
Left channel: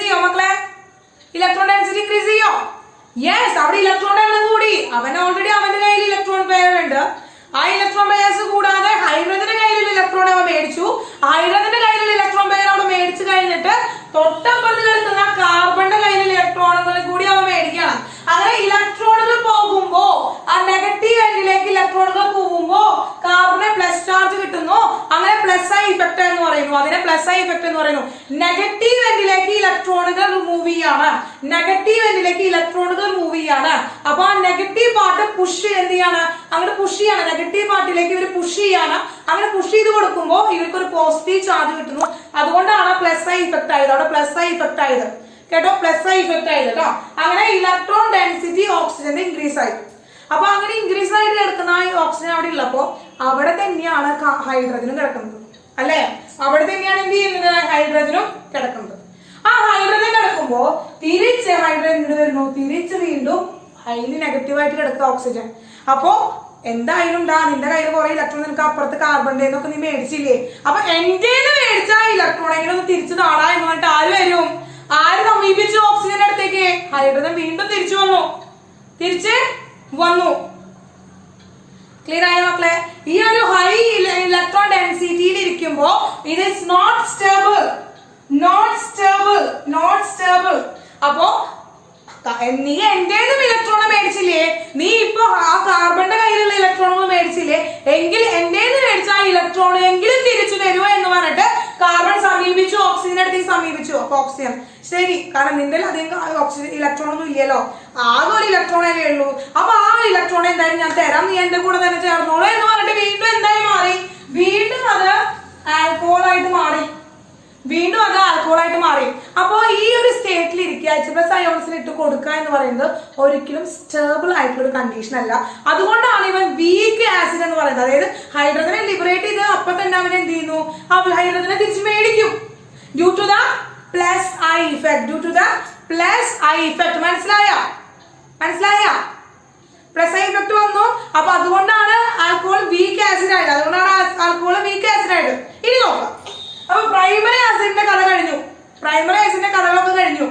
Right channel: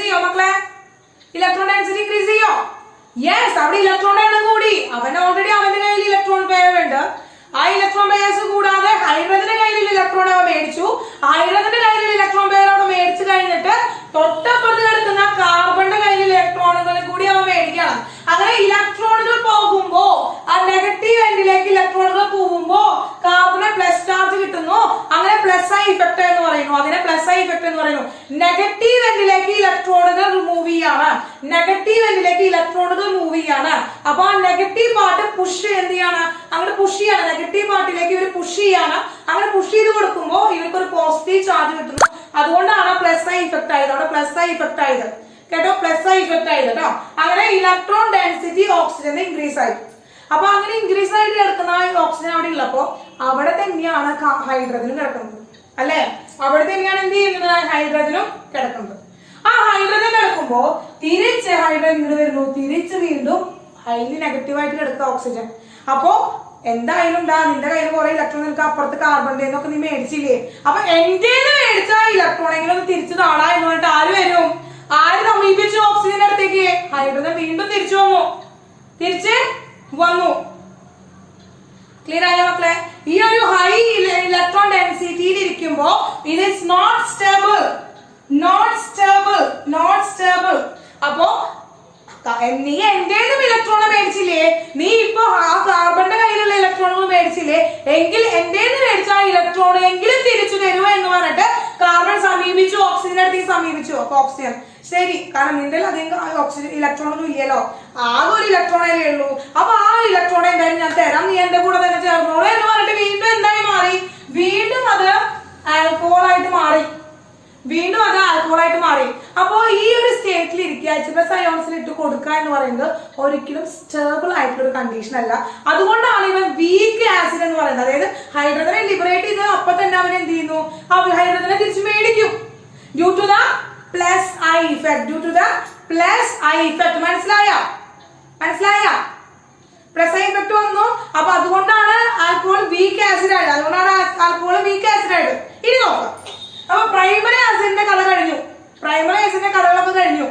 ചെയ്യോ മക്കളെ? ഇലക്ട്രോൺ ഡെൻസിറ്റി ഇൻക്രീസ് ചെയ്യോ? യെസ്. അവിടെ ഇലക്ട്രോൺ എണ്ണം കൂടി. അവൻ ഓൾറെഡി അവന്റെ കയ്യിൽ ഇലക്ട്രോൺ പെയർ ഉണ്ട്. ആ ഇലക്ട്രോൺ പെയർസ് കൂടാതെ ഹൈഡ്രജന്റെ കയ്യിലുള്ള ഇലക്ട്രോൺ അവൻ മേടിച്ചു. ഹൈഡ്രജന്റെ കയ്യിലുള്ള ഇലക്ട്രോൺ പെയർ അവിടെ മേടിച്ചു കഴിഞ്ഞിട്ട് തൊട്ടപ്പുറത്ത് കിടക്കുന്ന കാർബണിന്റെ കയ്യിലുള്ള ഇലക്ട്രോണുകളെ കൂടി അവൻ മേടിക്കണം. അങ്ങനെ ഇലക്ട്രോണുകൾ പോകുമ്പോ, ആ നെഗറ്റീവ് എൻഡിലേക്ക് ഇലക്ട്രോണുകൾ പോകുമ്പോ കാർബണിന് പ്ലസ് ചാർജ് കിട്ടുന്നു. അങ്ങനെ പ്ലസ് ഐ ഇഫക്ട് എന്ന് പറയുന്നു. അതിനെ പ്ലസ് ഐ ഇഫക്ട് എന്ന് പറയുന്നു. നെഗറ്റീവ് എൻഡിലേക്ക് ഇലക്ട്രോണുകൾ മൂവ് ചെയ്യാണ്. നെഗറ്റീവ് എൻഡിലേക്ക് ഇലക്ട്രോണുകൾ മൂവ് ചെയ്യാണ്. അപ്പൊ ആ നെഗറ്റീവ് പാർട്ട് പുഷ് എന്ത് ചെയ്യാണ്, അങ്ങനെ പുഷ് ചെയ്യാണ്. നെഗറ്റീവ് പാർട്ടിലേക്ക് ഇവർ പുഷ് ചെയ്യാണ്. അങ്ങനെ പുഷ് ചെയ്ത് കൊടുക്കുമ്പോൾ ഇവർക്ക് ഒരു പോസിറ്റീവ് ചാർജ് കിട്ടുന്നു. അതുകൊണ്ടാണ് പ്ലസ് ഐ ഇഫക്ട് ആയത്. അവിടെ പ്ലസ് ഐ ഇഫക്ട് ആയത് കേട്ടോ, പ്ലസ് ഐ ഇഫക്ട് ആയത് കേട്ടോ. അങ്ങനെ ഇലക്ട്രോൺ ഡെൻസിറ്റി ഓക്സിജന്റെ ഇൻക്രീസ് ആയി. അപ്പൊ അങ്ങനെ ഇൻക്രീസ് ആയിട്ട് കിടക്കുന്ന ഓക്സിജൻ അവിടെ ഉള്ളപ്പോ അവിടെ തന്നെയാണ് ഹൈഡ്രജനും കിടക്കുന്നത്, അല്ലെ? അവിടെ തന്നെയാണ് എന്ത് ചെയ്യുന്നത്, ഹൈഡ്രജനും കിടക്കുന്നത്. ആ ഹൈഡ്രജൻ കിടക്കുമ്പോ തിരിച്ച് ഹൈഡ്രജൻ ഇങ്ങോട്ട് വരുന്നു. തിരിച്ച് വീണ്ടും ഹൈലി നെഗറ്റീവായിട്ട് കിടക്കുക ഓക്സിജൻ. അപ്പോ എന്തായാലും നിന്റെ കയ്യിൽ കുറെ ഇലക്ട്രോൺ, നിനക്ക് അപ്പുറത്ത് കാർബണിന്റെ ഒക്കെ നീ മേടിച്ചില്ലേ? അപ്പൊ എന്റെ മേടിച്ച ഇലക്ട്രോൺ എങ്ങനെ ഒന്ന് തിരിച്ചു താടാ എന്ന് പറഞ്ഞിട്ട് ആര് വരും? ആര് സമീപിച്ചു ഓക്സിജന്റെ അടുത്തേക്ക്? ഹൈഡ്രജൻ വീണ്ടും തിരിച്ചു വന്നു. ക്ലിയർ ആയ മക്കളെ? ഈ ഒരു ഹൈ ഇലക്ട്രോൺ ഡെൻസിറ്റിയിൽ ഇരിക്കുമ്പോ ഇറ്റ് ഈസ് നോട്ട് സ്റ്റേബിൾ. അപ്പോ നീ എന്റേതും ഇലക്ട്രോൺ മേടിച്ചില്ലേ, നീ ഇപ്പൊ ആ കാർബണിന്റെ കയ്യിലുള്ള ഇലക്ട്രോണുകൾ മേടിച്ചില്ലേ, എങ്കിൽ എന്റേത് മേടിച്ച ആ ഇലക്ട്രോൺ എങ്കിലും തിരിച്ചു തരുമോ എന്ന് പറഞ്ഞിട്ട് കാർബൺ സമീപിച്ചു, ഓക്സിജന്റെ അടുത്തേക്ക് സമീപിച്ചു. അപ്പൊ ഓക്സിജൻ ശരി, കാരണം നിന്റെ അധികം ഓക്സിജൻ ഇലക്ട്രോൺ ഒന്നും ഇല്ലല്ലോ, ആകെ ഒരു ഇലക്ട്രോണേ ഉള്ളൂ. അപ്പൊ ആ ഇലക്ട്രോൺ എന്തായാലും ഞാൻ തരാം, നീ എന്റെ കൂടെ തന്നെ ചേർന്നോളൂ എന്ന് പറഞ്ഞിട്ട് വീണ്ടും എന്തായി മാറി? വീണ്ടും അത് ആൽക്കഹോളായിട്ട് മാറി. അപ്പോ ഈ ഒരു സ്റ്റേറ്റിൽ ഇരിക്കുക, H+ അയോൺസിൽ ഇട്ട് കൊടുക്കുക എന്ന് പറയുന്നത് ഒരിക്കലും സ്റ്റേബിൾ ആയിട്ടുള്ള ഒരു കണ്ടീഷൻ അല്ല. അതുകൊണ്ടാണ് ഇവൻ വീക്ക് ആസിഡ് എന്ന് പറയുന്നത്. അതായത് ഹൈഡ്രജനെ ലിബറേറ്റ് ചെയ്ത് അപ്പൊ തന്നെ അവൻ എന്ത് ചെയ്യുന്നു, ഹൈഡ്രജനെ തിരിച്ചു മേടിക്കും. Due to the plus I effect. മനസ്സിലായ പ്ലസ് ഐ ഇഫക്ട് വന്നു. അപ്പൊ അതുകൊണ്ടാണ് ആൽക്കഹോൾ വീക്ക് ആസിഡ് ആയത്. ഇനി നോക്കാം. അപ്പൊ പ്രൈമറി ആസിഡിന്റെ കഥകളൊക്കെ കഴിഞ്ഞു.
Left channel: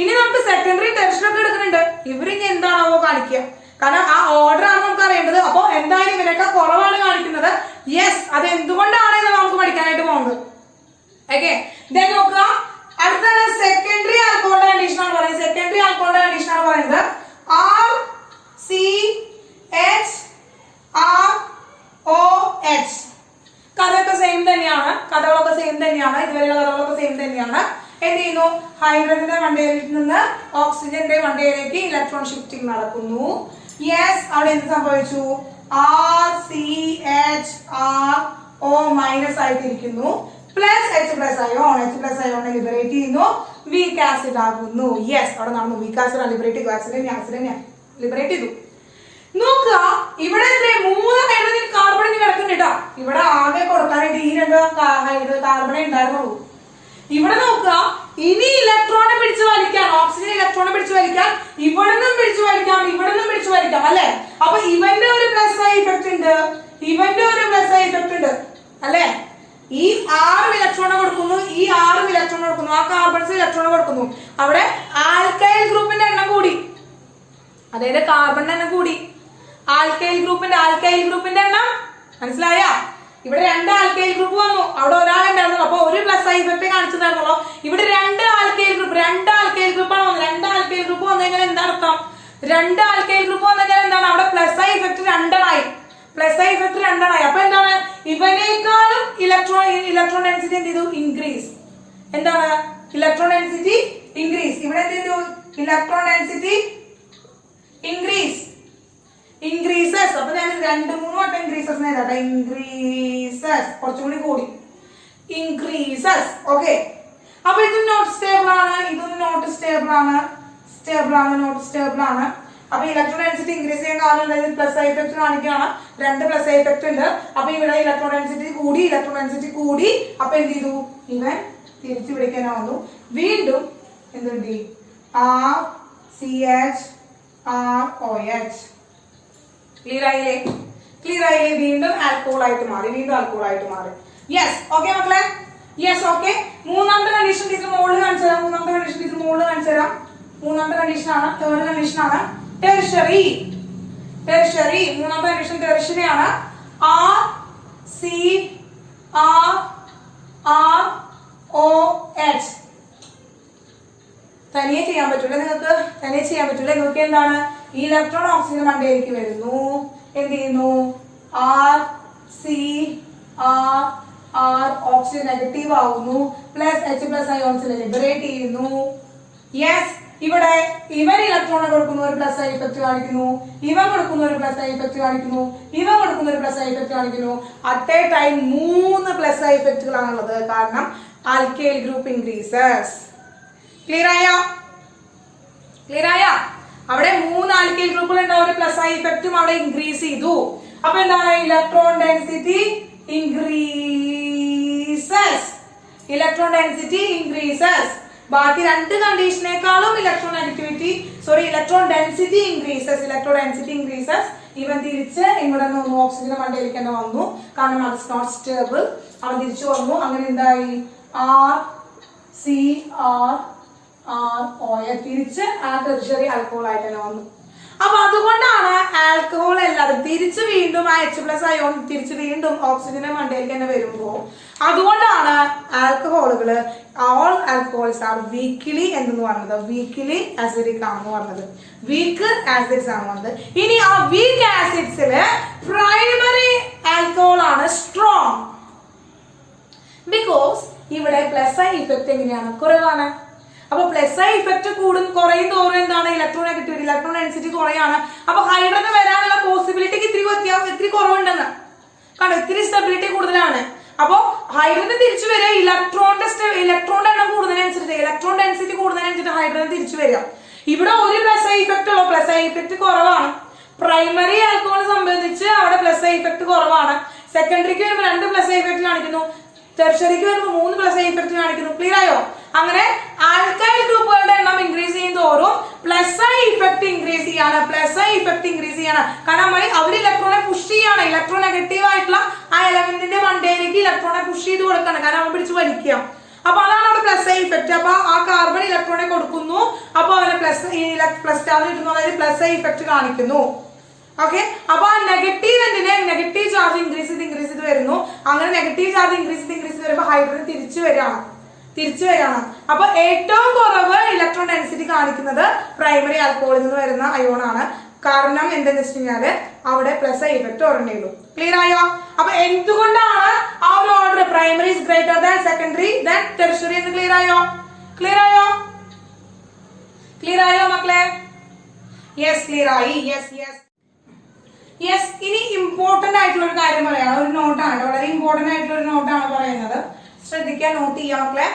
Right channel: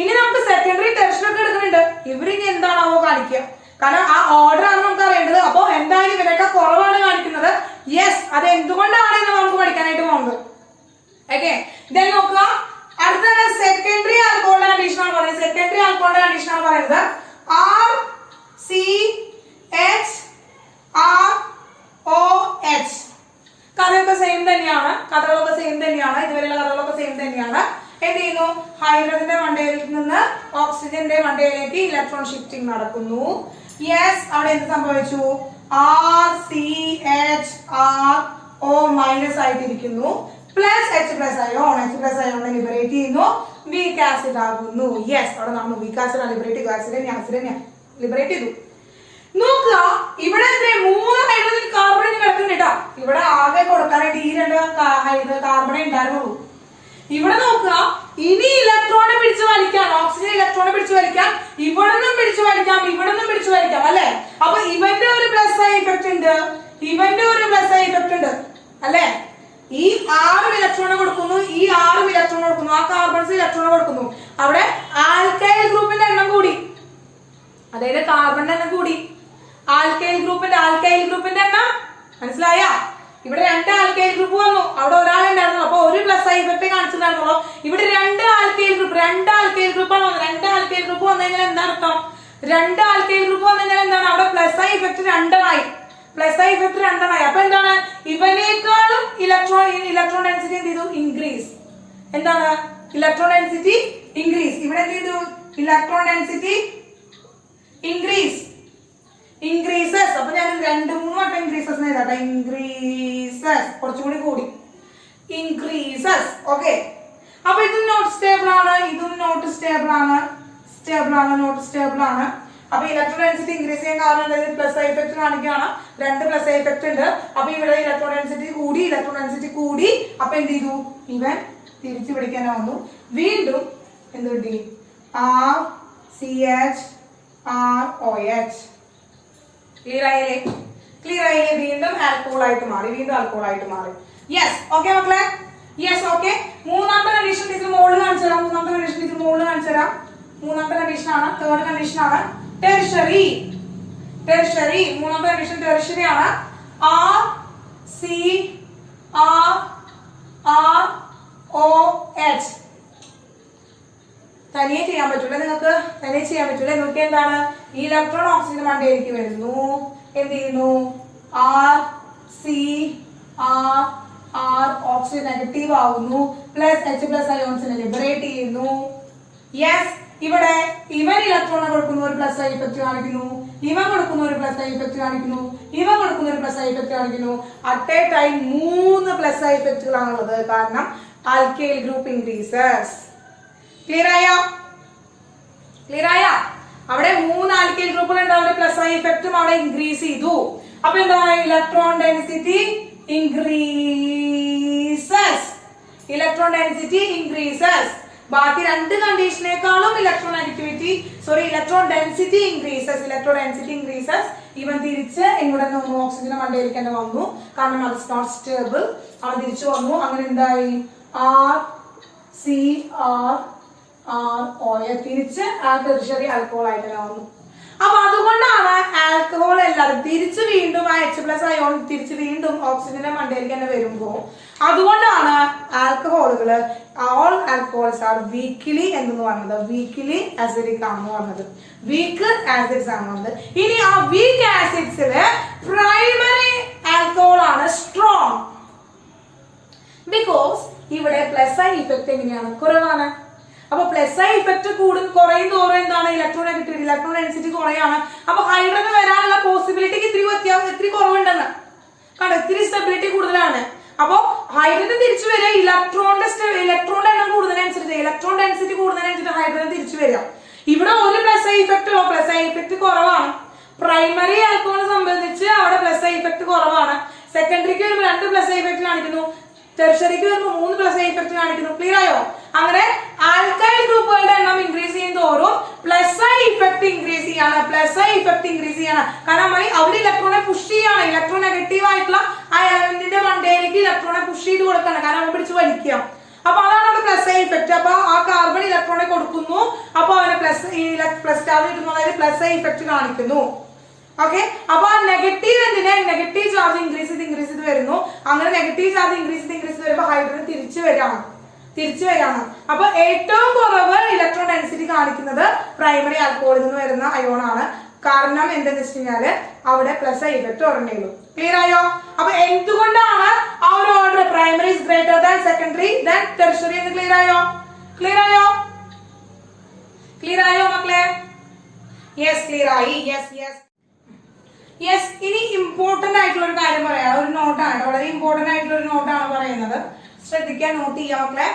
ഇനി നമുക്ക് സെക്കൻഡറി ടെർഷ്യറി ഒക്കെ എടുക്കുന്നുണ്ട്. ഇവരിനി എന്താണാവോ കാണിക്കുക, കാരണം ആ ഓർഡർ ആണ് നമുക്ക് അറിയേണ്ടത്. അപ്പൊ എന്തായാലും ഇവരൊക്കെ കുറവാണ് കാണിക്കുന്നത്. യെസ്, അത് എന്തുകൊണ്ടാണ് എന്ന് നമുക്ക് പഠിക്കാനായിട്ട് പോകുന്നത്. ഓക്കെ, ദെൻ നോക്കുക. അടുത്ത സെക്കൻഡറി ആൽക്കഹോളിന്റെ കണ്ടീഷൻ ആണ് പറയുന്നത്. RCHROH. കഥകളൊക്കെ സെയിം തന്നെയാണ്. ഇതുവരെയുള്ള കഥകളൊക്കെ സെയിം തന്നെയാണ്. എന്ത് ചെയ്യുന്നു? ഹൈഡ്രജന്റെ മണ്ടയിൽ നിന്ന് ഓക്സിജന്റെ മണ്ടയിലേക്ക് ഇലക്ട്രോൺ ഷിഫ്റ്റിംഗ് നടക്കുന്നു. യെസ്, അവിടെ എന്ത് സംഭവിച്ചു? RCHRO- ആയിട്ടിരിക്കുന്നു. പ്ലസ് H+ അയോൺ ലിബറേറ്റ് ചെയ്യുന്നു. വീക്ക് ആസിഡ് ആകുന്നു. യെസ്, അവിടെ നടന്നു. വീക്ക് ആസിഡ് ലിബറേറ്റ് ചെയ്തു. ആസിഡിനെ ലിബറേറ്റ് ചെയ്തു. നോക്കുക, ഇവിടെ 3 ഹൈഡ്രജൻ കാർബൺ കിടക്കുന്നുണ്ട്. ഇവിടെ ആകെ കൊടുക്കാനായിട്ട് ഈ 2 കാർബണേ ഉണ്ടായിരുന്നുള്ളൂ. ഇവിടെ നോക്കുക, ഇനി ഇലക്ട്രോണെ പിടിച്ചു വലിക്കാൻ, ഓക്സിജൻ ഇലക്ട്രോണെ പിടിച്ചു വലിക്കാൻ ഇവിടെ നിന്നും പിടിച്ചു വലിക്കാം, അല്ലെ? അപ്പൊ ഇവന്റെ ഒരു പ്ലസ് ഐ ഇഫക്ട് ഉണ്ട്, അല്ലെ? ഈ 6 ഇലക്ട്രോൺ കൊടുക്കുന്നു, ആ കാർബൺസ് ഇലക്ട്രോൺ കൊടുക്കുന്നു. അവിടെ ആൽക്കൈൽ ഗ്രൂപ്പിന്റെ എണ്ണം കൂടി, അതായത് കാർബണിന്റെ എണ്ണം കൂടി. ആൽക്കൈൽ ഗ്രൂപ്പിന്റെ എണ്ണം മനസ്സിലായ? ഇവിടെ 2 ആൽക്കൈൽ ഗ്രൂപ്പ് വന്നു, അവിടെ ഒരാളുണ്ടായിരുന്നു. അപ്പൊ ഒരു പ്ലസ് ഐ ഇഫക്ട് കാണിച്ചിട്ടുണ്ടായിരുന്നുള്ളൂ. ഇവിടെ 2 ആൽക്കൈൽ ഗ്രൂപ്പാണ് വന്നത്. 2 ആൽക്കൈൽ ഗ്രൂപ്പ് വന്നു കഴിഞ്ഞാൽ എന്താ അർത്ഥം? 2 ആൽക്കൈൽ ഗ്രൂപ്പ് വന്നു കഴിഞ്ഞാൽ എന്താണ്? അവിടെ പ്ലസ് ഐ ഇഫക്ട് 2 ആയി. അപ്പൊ എന്താണ്? ഇവനേക്കാളും ഇലക്ട്രോൺ ഡെൻസിറ്റി എന്ത് ചെയ്തു? ഇൻക്രീസ്. എന്താണ്? Electron density increase. ഇവിടെ എന്ത് ചെയ്തു? Electron density increases. അപ്പൊ ഞാൻ 2-3 വട്ടം ഇൻക്രീസസ് നേടാട്ടെ. ഇൻക്രീസസ് കുറച്ചും കൂടി ഇൻക്രീസസ്. ഓക്കെ, അപ്പൊ ഇത് നോട്ട് സ്റ്റേബിൾ ആണ്, ഇതും നോട്ട് സ്റ്റേബിൾ ആണ്, നോട്ട് സ്റ്റേബിൾ ആണ്. അപ്പൊ ഇലക്ട്രോൺ ഡെൻസിറ്റി ഇൻക്രീസ് ചെയ്യാൻ കാരണം പ്ലസ് ഐ എഫക്ട് കാണിക്കുകയാണ്. രണ്ട് പ്ലസ് ഐ എഫക്ട് ഉണ്ട്. അപ്പൊ ഇവിടെ ഇലക്ട്രോൺ ഡെൻസിറ്റി കൂടി. അപ്പൊ എന്ത് ചെയ്തു, ഇവൻ തിരിച്ചു പിടിക്കാൻ വന്നു. വീണ്ടും എന്ത് കിട്ടി, R C H R O H. Clear ആയില്ലേ? വീണ്ടും ആൽക്കഹോൾ ആയിട്ട് മാറി. യെസ്, ഓക്കെ മക്കളെ, യെസ്, ഓക്കെ. മൂന്നാമത്തെ കണ്ടീഷൻ ടീച്ചർ മുകളിൽ കാണിച്ചു തരാം. മൂന്നാമത്തെ കണ്ടീഷൻ ആണ്. തേർഡ് കണ്ടീഷൻ ആണ് ടെറിഷറി. മൂന്നാമത്തെ കണ്ടീഷൻ ടെറിഷറി ആണ്. R C R R O H. തനിയെ ചെയ്യാൻ പറ്റൂല നിങ്ങൾക്ക്. എന്താണ്, ഈ ഇലക്ട്രോൺ ഓക്സിജൻ മണ്ടയിലേക്ക് വരുന്നു. എന്ത് ചെയ്യുന്നു, R C R R oxygen negative ആവുന്നു. പ്ലസ് എച്ച് പ്ലസ് അയോൺസിനെ ലിബറേറ്റ് ചെയ്യുന്നു. യെസ്, ഇവിടെ ഇവൻ ഇലക്ട്രോൺ കൊടുക്കുന്ന ഒരു പ്ലസ് ഐ ഇഫക്ട് കാണിക്കുന്നു, ഇവൻ കൊടുക്കുന്ന ഒരു പ്ലസ് ഐ ഇഫക്ട് കാണിക്കുന്നു, ഇവൻ കൊടുക്കുന്ന ഒരു പ്ലസ് ഐ ഇഫക്ട് കാണിക്കുന്നു. At a time 3 plus I ഇഫക്റ്റുകളാണുള്ളത്. കാരണം ആൽക്കൈൽ ഗ്രൂപ്പ് ഇൻക്രീസസ്. ക്ലിയർ ആയ? അവിടെ 3 ആൽക്കൈൽ ഗ്രൂപ്പുകൾ ഉണ്ട്. അവിടെ പ്ലസ് ഐ ഇഫക്റ്റും അവിടെ ഇൻക്രീസ് ചെയ്തു. അപ്പൊ എന്താണ്, ഇലക്ട്രോൺ ഡെൻസിറ്റി ഇൻക്രീസസ്. ബാക്കി രണ്ട് കണ്ടീഷനേക്കാളും ഇലക്ട്രോൺ ഡെൻസിറ്റി ഇൻക്രീസസ്. ഇവൻ തിരിച്ച് ഇവിടെ നിന്ന് ഓക്സിജൻ മണ്ടയിലേക്ക് തന്നെ വന്നു. കാരണം അത് നോട്ട് സ്റ്റേബിൾ. അവൻ തിരിച്ചു വന്നു. അങ്ങനെ എന്തായി, R C R R O H തിരിച്ച് ആ ടെറിഷറി ആൽക്കഹോൾ ആയിട്ട് തന്നെ വന്നു. അപ്പൊ അതുകൊണ്ടാണ് ആൽക്കഹോൾ എല്ലാവരും തിരിച്ച് വീണ്ടും ആ എച്ച് പ്ലസ് അയോൺ തിരിച്ച് വീണ്ടും ഓക്സിജന്റെ മണ്ടയിലേക്ക് തന്നെ വരുമ്പോ അതുകൊണ്ടാണ് ആൽക്കഹോളുകള് ഓൾ ആൽക്കഹോൾസ് ആർ വീക്ക്ലി എന്ന് പറഞ്ഞത്, വീക്ക്ലി ആസിഡിക് ആണെന്ന് പറഞ്ഞത്, വീക്ക് ആസിഡ്സ് ആണ് പറഞ്ഞത്. ഇനി ആ വീക്ക് ആസിഡ്സില് പ്രൈമറി ആൽക്കഹോൾ ആണ് സ്ട്രോങ്. ബിക്കോസ് ഇവിടെ പ്ലസ് ഐ ഇഫക്ട് എങ്ങനെയാണ്, കുറവാണ്. അപ്പൊ പ്ലസ് ഐ ഇഫക്ട് കുറയും തോറും എന്താണ്, ഇലക്ട്രോൺ നെഗറ്റിവിറ്റി, ഇലക്ട്രോൺ ഡെൻസിറ്റി കുറയാണ്. അപ്പൊ ഹൈഡ്രജൻ വരാനുള്ള പോസിബിലിറ്റിക്ക് ഇത്തിരി കുറവുണ്ടെന്ന് കണ്ടോ, ഇത്തിരി സ്റ്റെബിലിറ്റി കൂടുതലാണ്. അപ്പൊ ഹൈഡ്രജൻ തിരിച്ചു വരിക ഇലക്ട്രോണിന്റെ എണ്ണം കൂടുന്നതിനനുസരിച്ച്, ഇലക്ട്രോൺ ഡെൻസിറ്റി കൂടുന്നതിനനുസരിച്ച് ഹൈഡ്രജൻ തിരിച്ചു വരിക. ഇവിടെ ഒരു പ്ലസ് ഐ ഇഫക്ട് ഉള്ളൂ, പ്ലസ് ഐ ഇഫക്ട് കുറവാണ്. പ്രൈമറി ആൽക്കഹോളിനെ സംബന്ധിച്ച് അവിടെ പ്ലസ് ഐ ഇഫക്ട് കുറവാണ്. സെക്കൻഡറിക്ക് വരുമ്പോൾ 2 പ്ലസ് ഐ ഇഫക്ട് കാണിക്കുന്നു, ടെർഷറിക്ക് വരുമ്പോൾ 3 പ്ലസ് ഐ ഇഫക്ട് കാണിക്കുന്നു. ക്ലിയർ ആയോ? അങ്ങനെ ആൽക്കൈൽ ഗ്രൂപ്പുകളുടെ എണ്ണം ഇൻക്രീസ് ചെയ്യുന്നതോറും പ്ലസ് ഐ ഇഫക്ട് ഇൻക്രീസ് ചെയ്യാണ്. കാരണം അവിടെ ഇലക്ട്രോണെ പുഷ് ചെയ്യാണ്. ഇലക്ട്രോൺ നെഗറ്റീവ് ആയിട്ടുള്ള ആ എലമെന്റിന്റെ മണ്ടയിലേക്ക് ഇലക്ട്രോണെ പുഷ് ചെയ്ത് കൊടുക്കണം. കാരണം അവൻ പിടിച്ച് വലിക്കാം. അപ്പൊ അതാണ് അവിടെ പ്ലസ് ഐ ഇഫക്ട്. അപ്പൊ ആ കാർബൺ ഇലക്ട്രോണെ കൊടുക്കുന്നു. അപ്പൊ അവനെ പ്ലസ് ചാർജ് കിട്ടുന്നു, അതായത് പ്ലസ് ഐ ഇഫക്ട് കാണിക്കുന്നു. ഓക്കെ, അപ്പൊ ആ നെഗറ്റീവ് ചാർജ് ഇൻക്രീസ് ചെയ്ത് വരുന്നു. അങ്ങനെ നെഗറ്റീവ് ചാർജ് ഇൻക്രീസ് ചെയ്ത് വരുമ്പോ ഹൈഡ്രജൻ തിരിച്ചു വരികയാണ്. അപ്പൊ ഏറ്റവും കുറവ് ഇലക്ട്രോൺ ഡെൻസിറ്റി കാണിക്കുന്നത് പ്രൈമറി ആൽക്കഹോളിൽ നിന്ന് വരുന്ന അയോൺ ആണ്. കാരണം എന്തെന്ന് വെച്ച് കഴിഞ്ഞാല് അവിടെ പ്ലസ് ഐ ഇഫക്ട് ഉറങ്ങിയുള്ളൂ. ക്ലിയർ ആയോ? അപ്പൊ എന്തുകൊണ്ടാണ് ആ ഒരു order primary is greater than secondary than tertiary എന്ന് ക്ലിയർ ആയോ മക്കളെ? യെസ്, ക്ലിയർ ആയി. യെസ്, ഇനി ഇമ്പോർട്ടന്റ് ആയിട്ടുള്ള ഒരു കാര്യം പറയാണ്. ഒരു നോട്ടാണ്, വളരെ ഇമ്പോർട്ടന്റ് ആയിട്ടുള്ള ഒരു നോട്ടാണ് പറയുന്നത്. ശ്രദ്ധിക്കാൻ, നോട്ട് ചെയ്യാം മക്കളെ.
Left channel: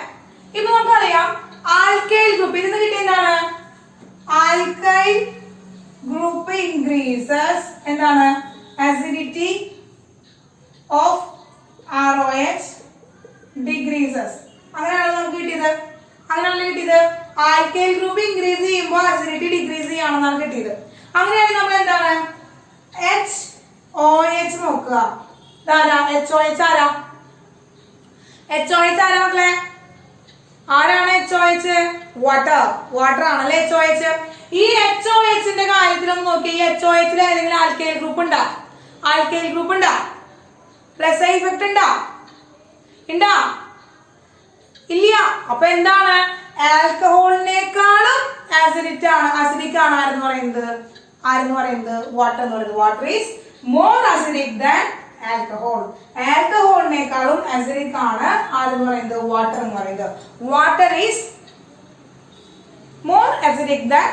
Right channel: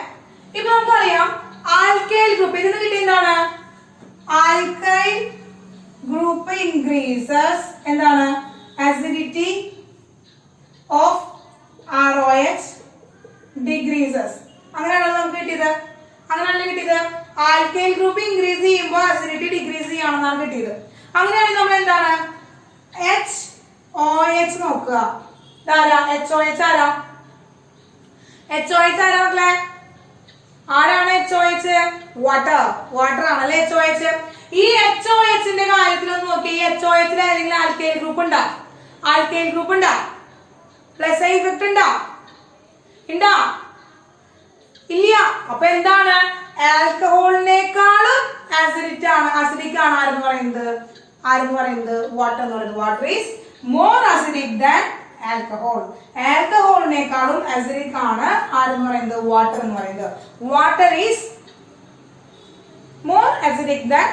ഇപ്പൊ നമുക്കറിയാം ആൽക്കൈൽ ഗ്രൂപ്പ്, ഇതിന് കിട്ടിയതാണ് ആൽക്കൈൽ ഗ്രൂപ്പ് ഇൻക്രീസസ് എന്താണ്, acidity of ROH ഡിക്രീസസ്. അങ്ങനെയാണല്ലോ നമുക്ക് കിട്ടിയത്. ആൽക്കൈൽ ഗ്രൂപ്പ് ഇൻക്രീസ് ചെയ്യുമ്പോൾ അസിഡിറ്റി ഡിക്രീസ് ചെയ്യാണെന്നാണ് കിട്ടിയത്. അങ്ങനെയാണെങ്കിൽ നമ്മൾ എന്താണ് HOH നോക്കുക. HOH ആരാ മക്കളെ? ആരാണ് HOH? വാട്ടർ ആണല്ലേ HOH. ഈ HOHന്റെ കാര്യത്തിലൊന്ന് നോക്കി. ഈ HOHൽ ഏതെങ്കിലും ആൽക്കൈൽ ഗ്രൂപ്പ് ഉണ്ടാ? പ്ലസ് ഐ ഇഫക്ട് ഉണ്ടാ? ഇല്ല. അപ്പൊ എന്താണ്, ആൽക്കഹോളിനേക്കാളും അസിഡിക് ആണ് ആരെന്ന് പറയുന്നത് വാട്ടർ എന്ന് പറയുന്നത്. Water is more acidic than alcohol. ആൽക്കഹോളിനേക്കാളും അസിഡിക് ആണ് ആരെന്ന് പറയുന്നത്, വാട്ടർ എന്ന് പറയുന്നത്. Water is more acidic than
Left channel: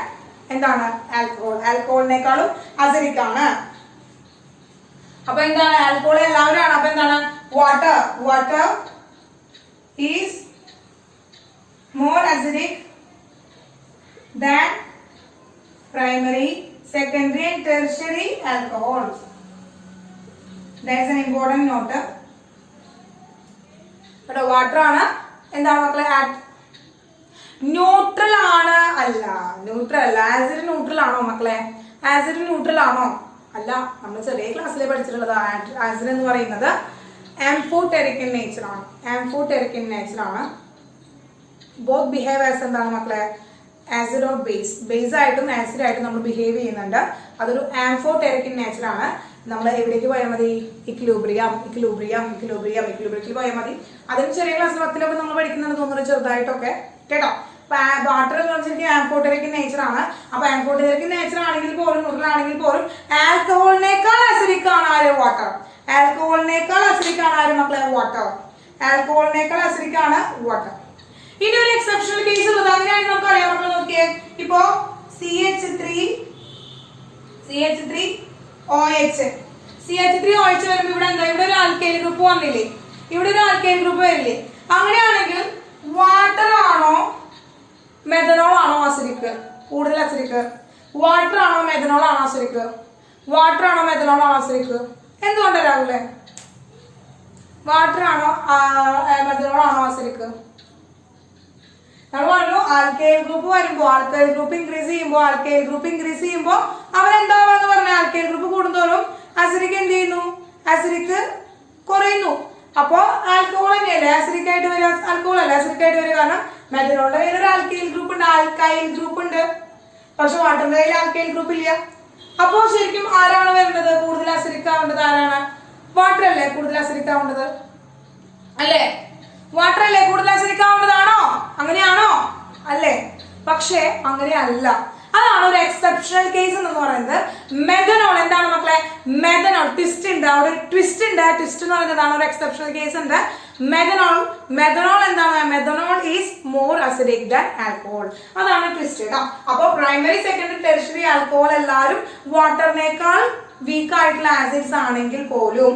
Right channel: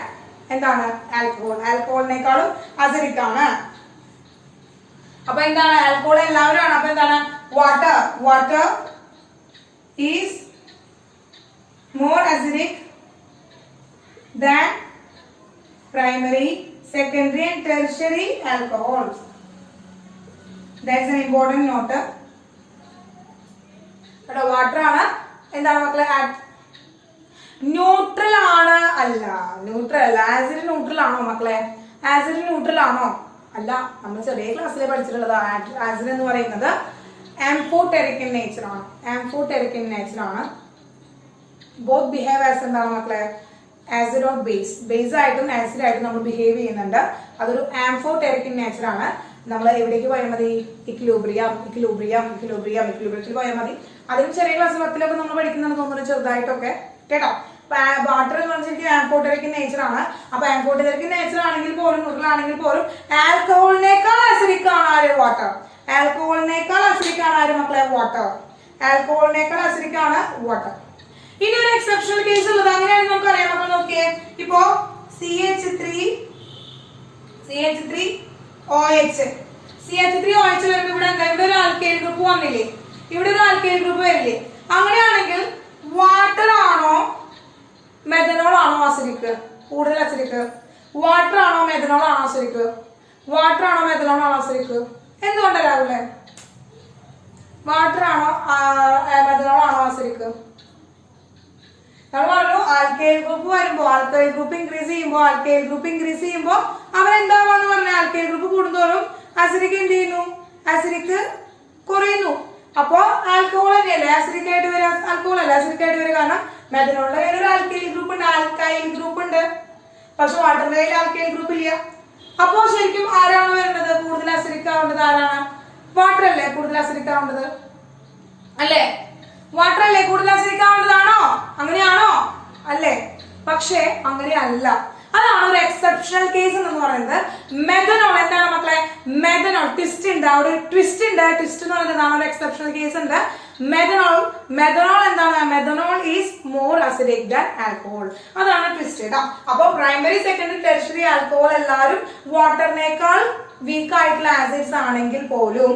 എന്താണ്, ആൽക്കഹോളിനേക്കാളും അസിഡിക് ആണ്. അപ്പൊ എന്താണ്, ആൽക്കഹോൾ എല്ലാവരും ആണ്. അപ്പൊ എന്താണ്, water is more acidic than primary, secondary and tertiary alcohols. That's an important note. But water ആണ് എന്താണ് മക്കളെ ന്യൂട്രൽ ആണ് അല്ല ന്യൂട്രൽ അല്ല ആസിഡ് ന്യൂട്രൽ ആണോ മക്കളെ ആസിഡ് ന്യൂട്രൽ ആണോ അല്ല നമ്മൾ ചെറിയ ക്ലാസ്സിൽ പഠിച്ചിട്ടുള്ളത് ആസിഡ് എന്ന് പറയുന്നത് ആംഫോടെറിക് ഇൻ നേച്ചർ ആണ് ആംഫോടെറിക് ഇൻ നേച്ചർ ആണ് ബോത്ത് ബിഹേവ് ആസ് എന്താണ് മക്കളെ ആസിഡ് ഓർ ബേസ് ആയിട്ടും ആസിഡ് ആയിട്ടും നമ്മൾ ബിഹേവ് ചെയ്യുന്നുണ്ട് അതൊരു ആംഫോടെറിക് ഇൻ നേച്ചർ ആണ് നമ്മൾ എവിടേക്ക് പോയാൽ മതി ഇക്വിലിബ്രിയത്തിൽ പോയാൽ മതി അതിന് ചെറിയ ക്ലാസ് 10 നമ്മൾ പഠിക്കുന്നുണ്ട് തോന്നുന്നു ചെറുതായിട്ടൊക്കെ കേട്ടോ വാട്ടർ എന്ന് പറഞ്ഞാൽ ആംഫോടെറിക് നേച്ചർ ആണ് അപ്പൊ ആംഫോടെറിക് നേച്ചർ ആണെങ്കിൽ പോലും ന്യൂട്രൽ ആണെങ്കിൽ പോലും ആൽക്കഹോളിനേക്കാൾ അസിഡിക് ആണ് ആര് വാട്ടർ ആൽക്കഹോളിനേക്കാൾ അസിഡിക് ആണ് ആര് മക്കളെ വാട്ടർ ആൽക്കഹോളിനേക്കാൾ അസിഡിക് ആണ് വാട്ടർ ഇനി ഒരു എക്സെപ്ഷണൽ കേസ് ഉള്ളത് അങ്ങനെയാണ് നമുക്ക് അറിയാം നമ്മൾ നോക്കിയേ ഇപ്പോ CH3OH വരുമ്പോ ഇവിടെ എന്താ ഇവിടെ ഒരു ആൽക്കൈൽ ഗ്രൂപ്പ് വന്നില്ലേ ഇവിടെ ഒരു ആൽക്കൈൽ ഗ്രൂപ്പ് വരില്ലേ അങ്ങനെയാണെങ്കിൽ വാട്ടർ ആണോ മെഥനോൾ ആണോ അസിഡിക് കൂടുതൽ അസിഡിക് വാട്ടർ ആണോ മെഥനോൾ ആണോ അസിഡിക് വാട്ടർ ആണോ മെഥനോൾ ആണോ അസിഡിക് എന്തുകൊണ്ടല്ലേ വാട്ടർ ആണോ മെഥനോൾ ആണോ അസിഡിക് നമ്മൾ പറഞ്ഞു ആൽക്കൈൽ ഗ്രൂപ്പ് വരുമ്പോ ആൽക്കൈൽ ഗ്രൂപ്പ് ഇൻക്രീസ് ചെയ്യുമ്പോ അവരെന്താവാന്ന് പറഞ്ഞ ആൽക്കൈൽ ഗ്രൂപ്പ് കൂടുന്തോറും അസിഡിക് എന്ത് ചെയ്യുന്നു അസിഡിക് കുറയുന്നു അപ്പോ ആൽക്കഹോൾ തന്നെയല്ലേ ആസിഡിക് ആയിട്ട് വരിക ആൽക്കഹോൾ അല്ലേ ആസിഡിക് ആയിട്ട് വരിക കാരണം മെഥനോളിന്റെ കയ്യിൽ ഒരു ആൽക്കൈൽ ഗ്രൂപ്പ് ഉണ്ട് പക്ഷെ വാട്ടറിന്റെ കയ്യിൽ ആൽക്കൈൽ ഗ്രൂപ്പ് ഇല്ല അപ്പോ ശരിക്കും ആരാണ് വരുന്നത് കൂടുതൽ അസിഡിക് ആവേണ്ടത് ആരാണ് വാട്ടർ അല്ലേ കൂടുതൽ അസിഡിക് ആവേണ്ടത് അല്ലേ വാട്ടർ അല്ലേ കൂടുതൽ അസിഡിക് ആവേണ്ടതാണോ അങ്ങനെയാണോ അല്ലേ പക്ഷെ അങ്ങനെയല്ല അതാണ് ഒരു എക്സെപ്ഷണൽ കേസ് എന്ന് പറയുന്നത് മെഥനോൾ എന്താണ് മക്കളെ മെഥനോൾ ട്വിസ്റ്റ് ഉണ്ട് അവിടെ ട്വിസ്റ്റ് എന്ന് പറയുന്നതാണ് ഒരു എക്സെപ്ഷണൽ കേസ് ഉണ്ട് മെഥനോൾ എന്താണ് methanol is more acidic than alcohol അതാണ് ട്വിസ്റ്റ് കേട്ടോ അപ്പൊ പ്രൈമറി സെക്കൻഡറി ടെർഷ്യറി ആൽക്കഹോൾ എല്ലാവരും വാട്ടറിനേക്കാൾ വീക്ക് ആയിട്ടുള്ള ആസിഡ്സ് ആണെങ്കിൽ പോലും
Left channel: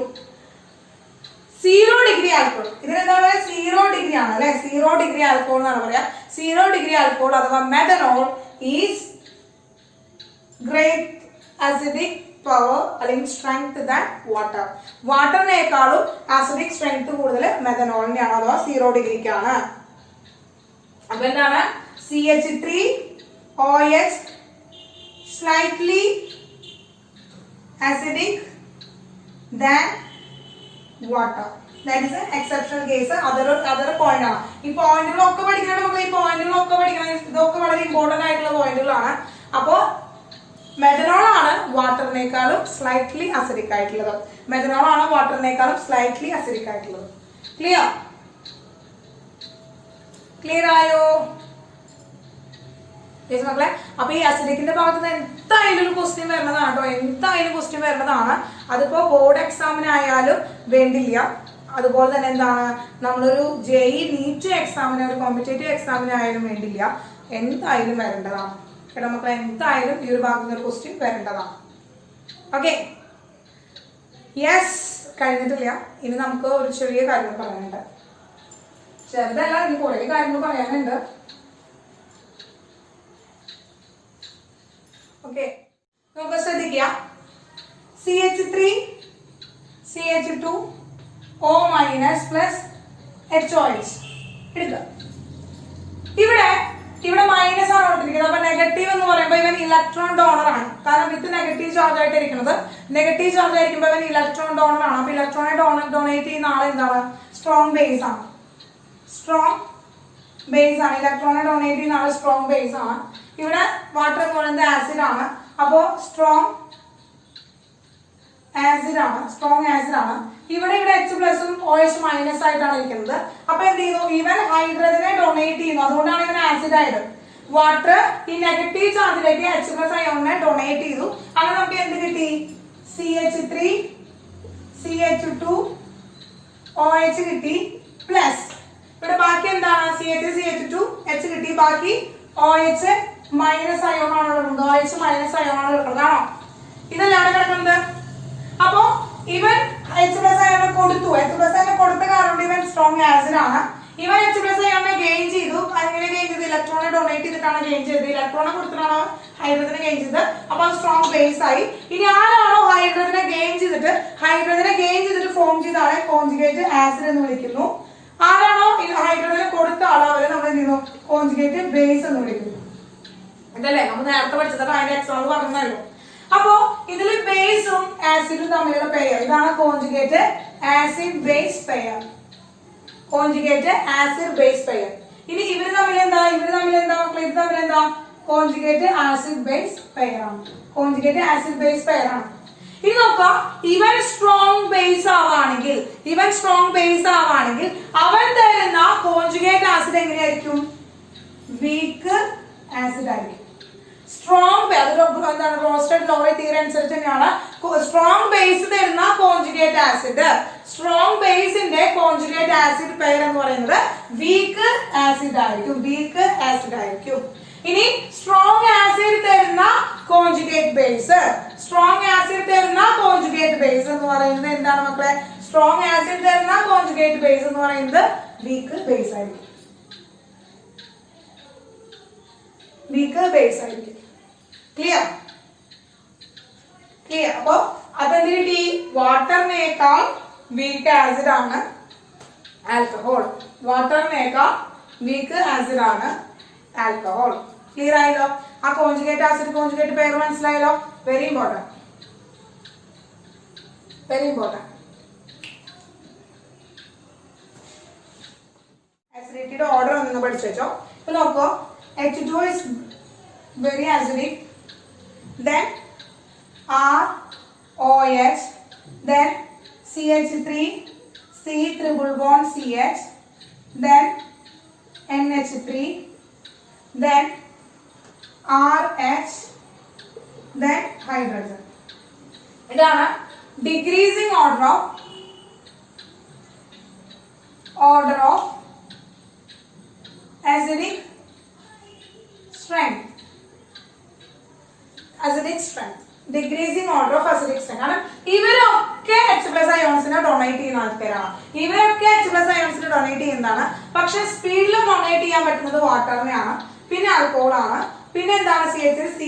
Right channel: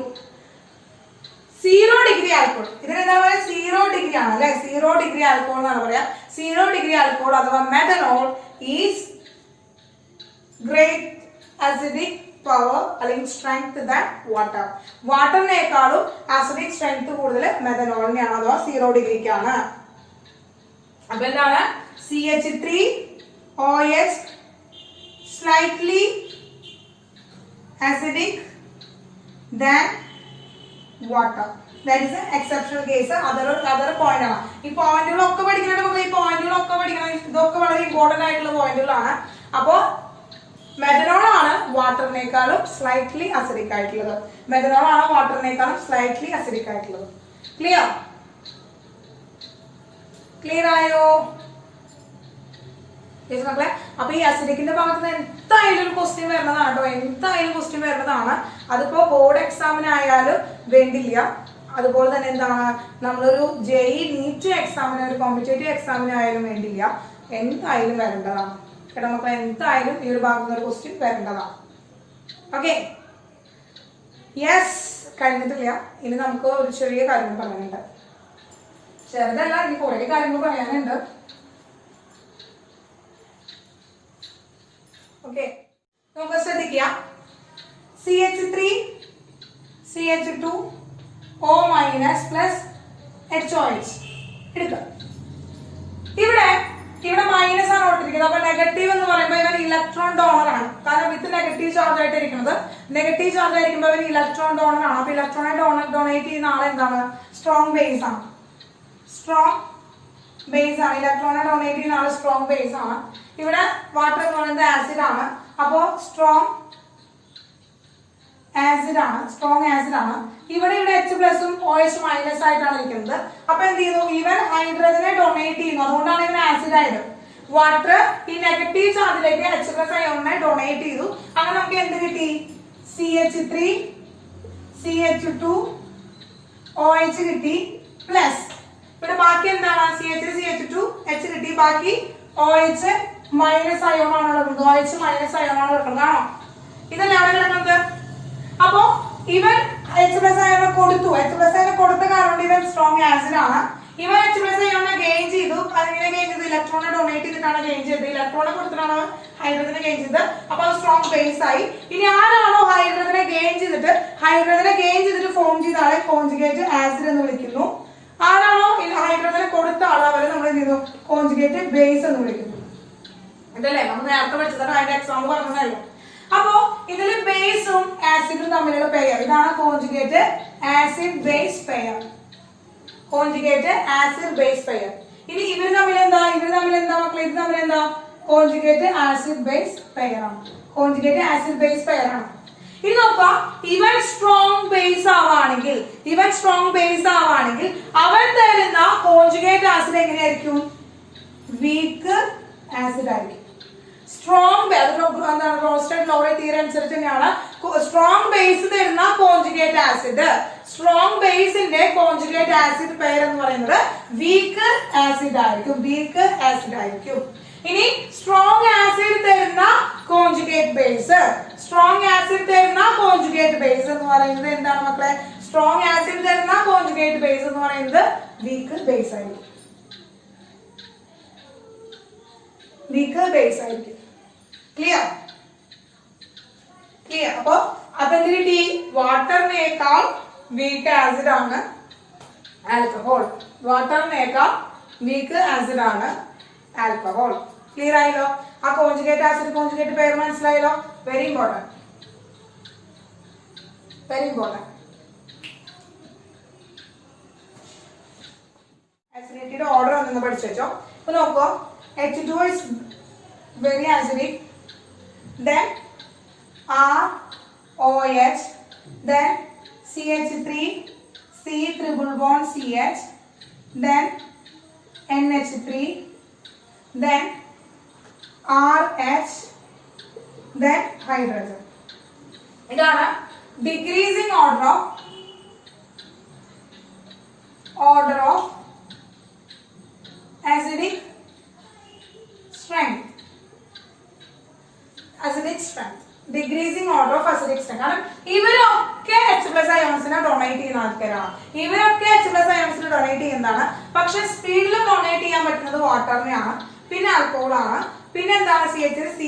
0 ഡിഗ്രി ആൽക്കഹോൾ ഇതിനെന്താ പറയുക 0 ഡിഗ്രി ആണ് അല്ലെ 0 ഡിഗ്രി ആൽക്കഹോൾ എന്നാണ് പറയാ 0 ഡിഗ്രി ആൽക്കഹോൾ അഥവാ methanol is great acidic power അല്ലെങ്കിൽ സ്ട്രെങ്ത് ദാൻ വാട്ടറിനേക്കാളും അസിഡിക് സ്ട്രെങ്ത് കൂടുതൽ മെഥനോളിനെയാണ് അഥവാ 0 ഡിഗ്രിക്കാണ് അപ്പൊ എന്താണ് CH3OH slightly acidic than water. That is an exceptional case. Other point ആണ്. ഈ പോയിന്റുകളൊക്കെ പഠിക്കണം നമുക്ക് ഈ പോയിന്റുകളൊക്കെ പഠിക്കണം ഇതൊക്കെ വളരെ ഇമ്പോർട്ടന്റ് ആയിട്ടുള്ള പോയിന്റുകളാണ് അപ്പോ മെഥനോൾ ആണ് വാട്ടറിനേക്കാളും സ്ലൈറ്റ്ലി അസിഡിക് ആയിട്ടുള്ളത് ക്ലിയർ ആയോ മക്കളെ അപ്പൊ ഈ അസിഡിക്കിന്റെ ഭാഗത്ത് എന്തായാലും ഒരു ക്വസ്റ്റ്യൻ വരുന്നതാണ് അതിപ്പോ ബോർഡ് എക്സാമിനായാലും വേണ്ടില്ല അതുപോലെ തന്നെ എന്താണ് നമ്മളൊരു JEE നീറ്റ് എക്സാമിന് ഒരു കോമ്പറ്റേറ്റീവ് എക്സാമിനായാലും വേണ്ടില്ല എന്തായാലും വരേണ്ടതാണ് കേട്ടോ മക്കളെ എന്തായാലും ഈ ഒരു ഭാഗത്ത് ഒരു ക്വസ്റ്റ്യൻ വരേണ്ടതാണ് ഓക്കെ യെസ് കഴിഞ്ഞിട്ടില്ല ഇനി നമുക്ക് ഒരു ചെറിയ കാര്യം പറയാനുണ്ട് ചെറുതല്ല ഇനി കുറെ കാര്യങ്ങൾ പറയാനുണ്ട് ഓക്കെ നമുക്ക് ശ്രദ്ധിക്കുക CH3 CH2 O minus plus HOH എടുക്കുക ഇവിടെ മൈനസ് ആണ് കൊടുത്തിരിക്കുന്നത് അപ്പൊ നെഗറ്റീവ് എന്ന് പറയുമ്പോൾ ഇവൻ ഇലക്ട്രോൺ ഡോണർ ആണ് കാരണം ഇത് നെഗറ്റീവ് ചാർജ് ആയിട്ട് ഇരിക്കുന്നത് നെഗറ്റീവ് ചാർജ് ആയിരിക്കുമ്പോൾ ഇവൻ ഇലക്ട്രോൺ ഡോണർ ആണ് അപ്പൊ ഇലക്ട്രോണെ ഡൊണേറ്റ് ചെയ്യുന്ന ആൾ എന്താണ് സ്ട്രോങ് ബേസ് ആണ് ഇലക്ട്രോണെ ഡൊണേറ്റ് ചെയ്യുന്ന ആൾ സ്ട്രോങ് ബേസ് ആണ് ഇവിടെ വാട്ടർ എന്ന് പറയുന്നത് ആസിഡ് ആണ് അപ്പോ സ്ട്രോങ് ആസിഡ് ആണ് ഇവിടെ H പ്ലസും OH മൈനസ് ആയിട്ടാണ് ഇരിക്കുന്നത് അപ്പൊ എന്ത് ചെയ്യുന്നു ഇവൻ ഹൈഡ്രജനെ ഡൊണേറ്റ് ചെയ്യുന്നു അതുകൊണ്ടാണ് ഇവൻ ആസിഡ് ആയത് വാട്ടർ ഈ നെഗറ്റീവ് ചാർജിലേക്ക് H പ്ലസ് അയോണിനെ ഡൊണേറ്റ് ചെയ്തു അങ്ങനെ നമുക്ക് എന്ത് കിട്ടി CH3 CH2 OH കിട്ടി പ്ലസ് ഇവിടെ ബാക്കി എന്താണ് CH3 CH2 H കിട്ടി ബാക്കി OH മൈനസ് അയോൺ ആണ് കിടക്കുന്നത് OH മൈനസ് അയോൺ ആണ് കിടക്കുന്നത് ആണോ ഇതല്ലാണ് കിടക്കുന്നത് അപ്പോ ഇവൻ H പ്ലസ് അയോൺ കൊടുത്ത കാരണം ഇവൻ സ്ട്രോങ് ആസിഡ് ആണ് ഇവൻ H പ്ലസ് അയോണിനെ ഗെയിൻ ചെയ്തു. അങ്ങനെ ഗെയിൻ ചെയ്ത് ഇലക്ട്രോണിനെ ഡൊണേറ്റ് ചെയ്തിട്ടാണ് ഗെയിൻ ചെയ്തത്. ഇലക്ട്രോണിനെ കൊടുത്തിട്ടാണോ ഹൈഡ്രജനെ ഗെയിൻ ചെയ്തത്. അപ്പൊ അത് സ്ട്രോങ് ബേസ് ആയി. ഇനി ആരാണോ ഹൈഡ്രജനെ ഗെയിൻ ചെയ്തിട്ട് ഫോം ചെയ്ത ആളെ കോൺജുഗേറ്റ് ആസിഡ് എന്ന് വിളിക്കുന്നു. ആരാണോ ഹൈഡ്രജനെ കൊടുത്ത ആളെ അവരെ നമ്മൾ എന്ത് ചെയ്യുന്നു, കോൺജുഗേറ്റ് ബേസ് എന്ന് വിളിക്കുന്നു. അതല്ലേ നമ്മൾ നേരത്തെ പഠിച്ചത്, അതിന്റെ എക്സാമ്പിൾ പറഞ്ഞല്ലോ. അപ്പോ ഇതിൽ ബേസും ആസിഡും തമ്മിലുള്ള പെയർ, ഇതാണ് conjugate acid base pair. Conjugate acid base pair. ഇനി ഇവര് തമ്മിൽ എന്താ മക്കളെ, ഇത് തമ്മിൽ എന്താ, കോൺജുഗേറ്റ് ആസിഡ് ബേസ് പെയർ ആണ്. കോൺജുഗേറ്റ് ആസിഡ് ബേസ് പെയർ ആണ്. ഇനി നോക്കാം, ഇവൻ സ്ട്രോങ് ബേസ് ആവാണെങ്കിൽ അവൻ തരുന്ന കോൺജുഗേറ്റ് ആസിഡ് എങ്ങനെയായിരിക്കും, വീക്ക് ആസിഡ് ആയിരിക്കും. സ്ട്രോങ് എന്താണ്, റോസ്റ്റഡ് ലോവേ തിയറി അനുസരിച്ച് തന്നെയാണ് സ്ട്രോങ് ബേസ് തരുന്ന കോൺജുഗേറ്റ് ആസിഡ്. സ്ട്രോങ് ബേസിന്റെ കോൺജുഗേറ്റ് ആസിഡ് പെയർ എന്ന് പറയുന്നത് വീക്ക് ആസിഡ് ആയിരിക്കും. ഇനി സ്ട്രോങ് ആസിഡ് തരുന്ന കോൺജുഗേറ്റ് ബേസ് എന്ന് പറയുന്നത് എന്താണ് മക്കളെ, സ്ട്രോങ് ആസിഡ് തരുന്ന കോൺജുഗേറ്റ് ബേസ് എന്ന് പറയുന്നത് വീക്ക് ബേസ് ആയിരിക്കും. ക്ലിയർ. അപ്പൊ അതെന്തിന്, വാട്ടറിനേക്കാൾ വീക്ക് ആസിഡ് ആണ് ആൽക്കഹോൾ. ക്ലിയർ ആയല്ലോ. ആ കോൺജുഗേറ്റ് ആസിഡ് കോൺജുഗേറ്റ് പെയർ മനസ്സിലായല്ലോ. Very important. അസിഡിറ്റിയുടെ ഓർഡർ ഒന്ന് പഠിച്ചു വെച്ചോ. ഇപ്പൊ നോക്കോ, H2 is very acidic, then ROH, then CH3, C triple bond CH, then NH3, then RH, then hydrogen. ഇതാണ് decreasing order of acidic strength. Decreasing order of acidic strength. കാരണം ഇവരൊക്കെ H plus അയോൺസിനെ donate ചെയ്യുന്ന ആൾക്കാരാണ്. പക്ഷെ സ്പീഡിൽ donate ചെയ്യാൻ പറ്റുന്നത് വാട്ടറിനെയാണ്, പിന്നെ ആൽക്കഹോൾ ആണ്, പിന്നെ എന്താണ് CH3, C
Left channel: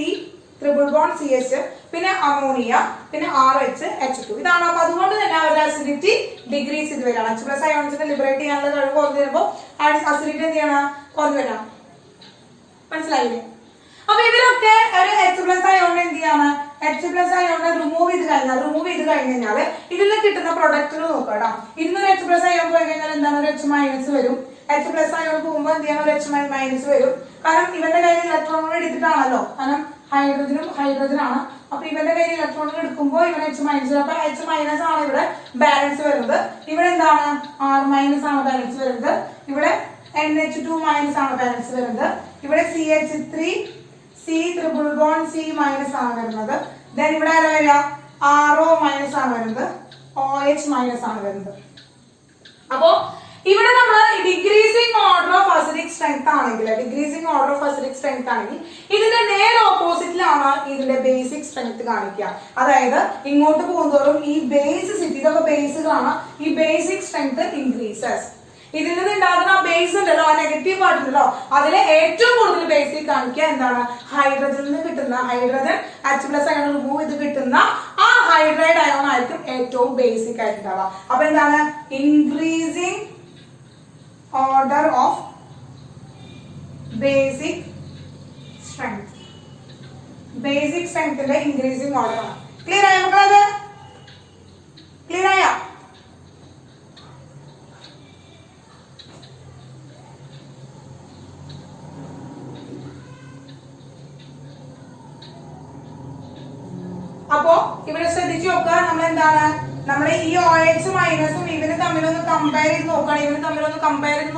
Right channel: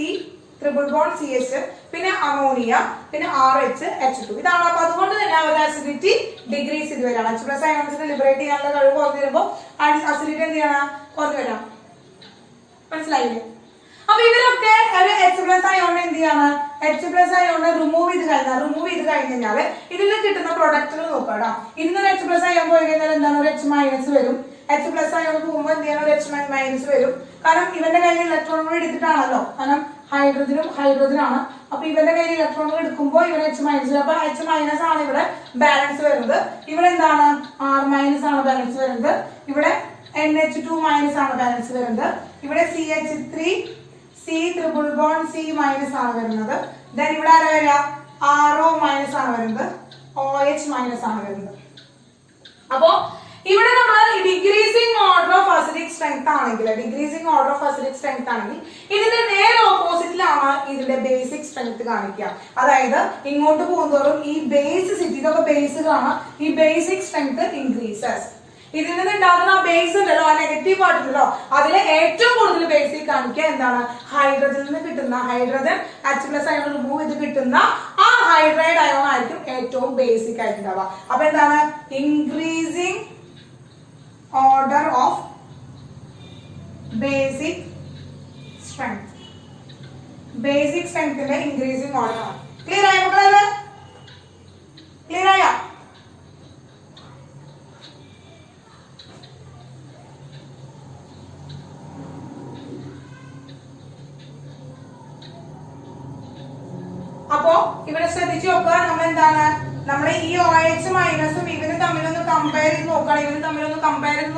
triple bond CH, പിന്നെ അമോണിയ, പിന്നെ RH, H2. ഇതാണ്. അപ്പൊ അതുകൊണ്ട് തന്നെ അവരുടെ അസിഡിറ്റി ഡിഗ്രീസ് ചെയ്ത് വരാണ്. H പ്ലസ് അയോൺസിനെ ലിബറേറ്റ് ചെയ്യാനുള്ള കഴിവ് കുറഞ്ഞു വരുമ്പോൾ അസിഡിറ്റി എന്ത് ചെയ്യണം, കുറഞ്ഞു വരാം. മനസ്സിലായില്ലേ? അപ്പൊ ഇവരൊക്കെ ഒരു H പ്ലസ് അയോണിനെ എന്ത് ചെയ്യാണ്, H പ്ലസ് അയോണിനെ റിമൂവ് ചെയ്ത് കഴിഞ്ഞാൽ ഇതിൽ കിട്ടുന്ന പ്രൊഡക്റ്റുകൾ നോക്കാം. ഇതിനൊരു H പ്ലസ് അയോൺ പോയി കഴിഞ്ഞാൽ എന്താണ്, ഒരു H മൈനസ് വരും. H പ്ലസ് അയോൺ പോകുമ്പോൾ എന്ത് ചെയ്യണം, ഒരു H മൈനസ് വരും. കാരണം ഇവന്റെ കയ്യിൽ ഇലക്ട്രോണുകൾ എടുത്തിട്ടാണല്ലോ, കാരണം ഹൈഡ്രജനാണ്. അപ്പൊ ഇവന്റെ കയ്യിൽ ഇലക്ട്രോണുകൾ എടുക്കുമ്പോൾ ഇവന് H മൈനസ് വരും. അപ്പൊ H മൈനസ് ആണ് ഇവിടെ ബാലൻസ് വരുന്നത്. ഇവിടെ എന്താണ്, R മൈനസ് ആണ് ബാലൻസ് വരുന്നത്. ഇവിടെ NH2 മൈനസ് ആണ് ബാലൻസ് വരുന്നത്. ഇവിടെ CH3, C triple bond C minus ആണ് വരുന്നത്. ദെൻ ഇവിടെ ആരാ വരിക, RO മൈനസ് ആണ് വരുന്നത്, OH മൈനസ് ആണ് വരുന്നത്. അപ്പോ ഇവിടെ നമ്മൾ decreasing order of acidic strength ആണെങ്കിൽ ഇതിന്റെ നേരെ ഓപ്പോസിറ്റിലാണ് ഇതിന്റെ ബേസിക് സ്ട്രെങ്ത് കാണിക്കുക. അതായത് ഇങ്ങോട്ട് പോകുന്നതോറും ഈ ബേസിസിറ്റി, ഇതൊക്കെ ബേസുകളാണ്, ഈ ബേസിക് സ്ട്രെങ്ത് ഇൻക്രീസസ്. ഇതിൽ നിന്ന് ഉണ്ടാകുന്ന ബേസ് ഉണ്ടല്ലോ, ആ നെഗറ്റീവ് പാർട്ട് ഉണ്ടല്ലോ, അതിലെ ഏറ്റവും കൂടുതൽ ബേസിക് കാണിക്കുക എന്താണ്, ഹൈഡ്രജനിൽ നിന്ന് കിട്ടുന്ന hydrogen H plus ion remove ചെയ്ത് കിട്ടുന്ന ആ ഹൈഡ്രൈഡ് അയോൺ ആയിരിക്കും ഏറ്റവും ബേസിക് ആയിട്ടുണ്ടാവുക. അപ്പൊ എന്താണ്, ഇൻക്രീസിംഗ് ഓർഡർ ഓഫ് ബേസിക് സ്ട്രെങ്ത്തിന്റെ ഇൻക്രീസിംഗ് ഓർഡർ ആണ്. ക്ലിയർ ആയ മക്കളത്? ക്ലിയർ ആയ? അപ്പോ ഇവിടെ ശ്രദ്ധിച്ചു നോക്കുക, നമ്മൾ എന്താണ്, നമ്മുടെ ഈ OH മൈനസും ഇവന് തമ്മിലൊന്ന് കമ്പയർ ചെയ്ത്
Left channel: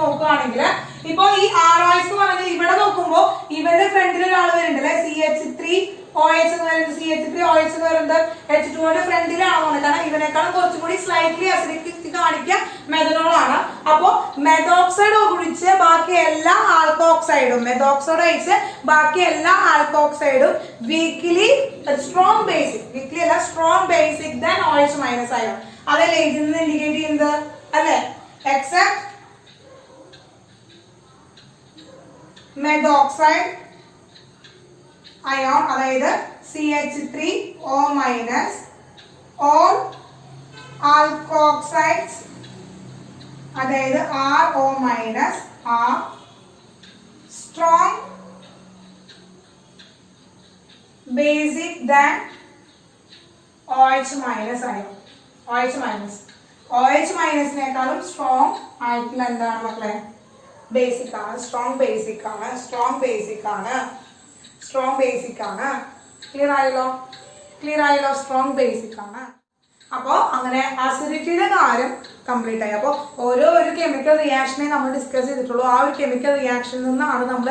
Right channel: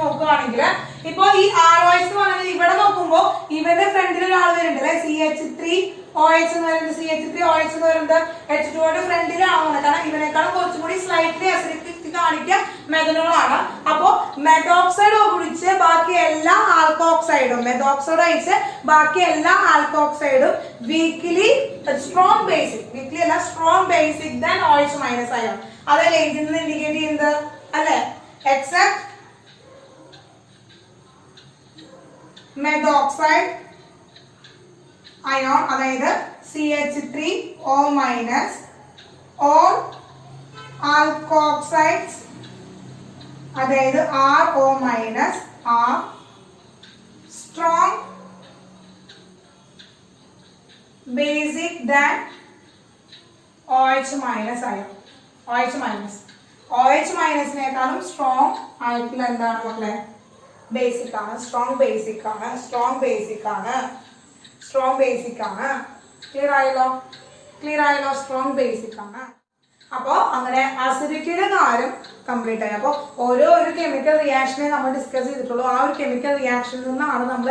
നോക്കുകയാണെങ്കിൽ ഇപ്പൊ ഈ ROH എന്ന് പറയുന്നത് ഇവിടെ നോക്കുമ്പോ ഇവന്റെ ഫ്രണ്ടിൽ ഒരാൾ വരുന്നുണ്ട്, CH3 OH എന്ന് പറയുന്നത്, CH3 OH എന്ന് പറയുന്നത് H2 ന്റെ ഫ്രണ്ടിലാണ്. കാരണം ഇവനേക്കാളും കുറച്ചും കൂടി സ്ലൈറ്റ്ലി അസിഡിറ്റി കാണിക്കുക മെഥനോൾ ആണ്. അപ്പോ മെത്തോക്സൈഡ് ഒഴിച്ച് ബാക്കി എല്ലാ ആൽക്കോക്സൈഡും weakly strong basic than OH minus ion. അതല്ലേ ഇതിൽ നിന്ന് ഇൻഡിക്കേറ്റ് ചെയ്യുന്നത്, അല്ലെ? എക്സെപ്റ്റ് മെഥോക്സൈഡ് അയോൺ, അതായത് CH3O മൈനസ്, ഓർ ആൽക്കോക്സൈഡ്സ്, അതായത് RO minus, are strong basic than OH minus ion. OH minus. OH minus നേക്കാളും സ്ട്രോങ് ആയിട്ടുള്ള എന്താണ് മക്കളെ? ബേസിക് ആണ്. സ്ട്രോങ് ബേസിക് ആണ്. സ്ട്രോങ് ബേസിക് ആണ്. സ്ട്രോങ് ബേസിക് ആണ്. ക്ലിയർ ആയല്ലോ? ക്ലിയർ ആയല്ലോ? സ്ട്രോങ് ബേസിക് ആണ്. അപ്പോൾ അങ്ങനെ അസിഡിറ്റിയുടെ കാര്യം കംപ്ലീറ്റ് ആയി. അപ്പോൾ ഓരോ ഒരു കെമിക്കൽ റിയാക്ഷനെ നമ്മൾ ഡിസ്കസ് ചെയ്തിട്ടുള്ളൂ. ആ ഒരു കെമിക്കൽ റിയാക്ഷനിൽ നിന്നാണ് നമ്മൾ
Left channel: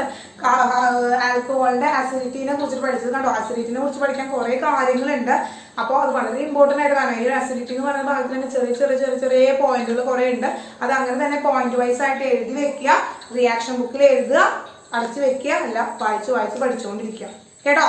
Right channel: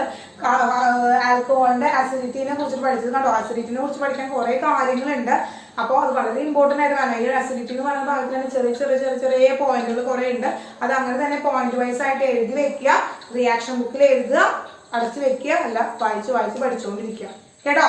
ആൽക്കഹോളിന്റെ അസിഡിറ്റിനെ കുറിച്ച് പഠിച്ചത്. കണ്ടോ, അസിഡിറ്റിനെ കുറിച്ച് പഠിക്കാൻ കുറെ കാര്യങ്ങളുണ്ട്. അപ്പോൾ അത് വളരെ ഇമ്പോർട്ടന്റ് ആയിട്ട് വേണം. ഈ അസിഡിറ്റി എന്ന് പറയുന്ന ഭാഗത്ത് തന്നെ ചെറിയ ചെറിയ ചെറിയ ചെറിയ പോയിന്റുകൾ കുറെ ഉണ്ട്. അത് അങ്ങനെ തന്നെ പോയിന്റ് വൈസ് ആയിട്ട് എഴുതി വെക്കുക, റിയാക്ഷൻ ബുക്കിൽ എഴുതുക, അടച്ചു വെക്കുക, അല്ല വായിച്ച് വായിച്ച് പഠിച്ചുകൊണ്ടിരിക്കുക. കേട്ടോ?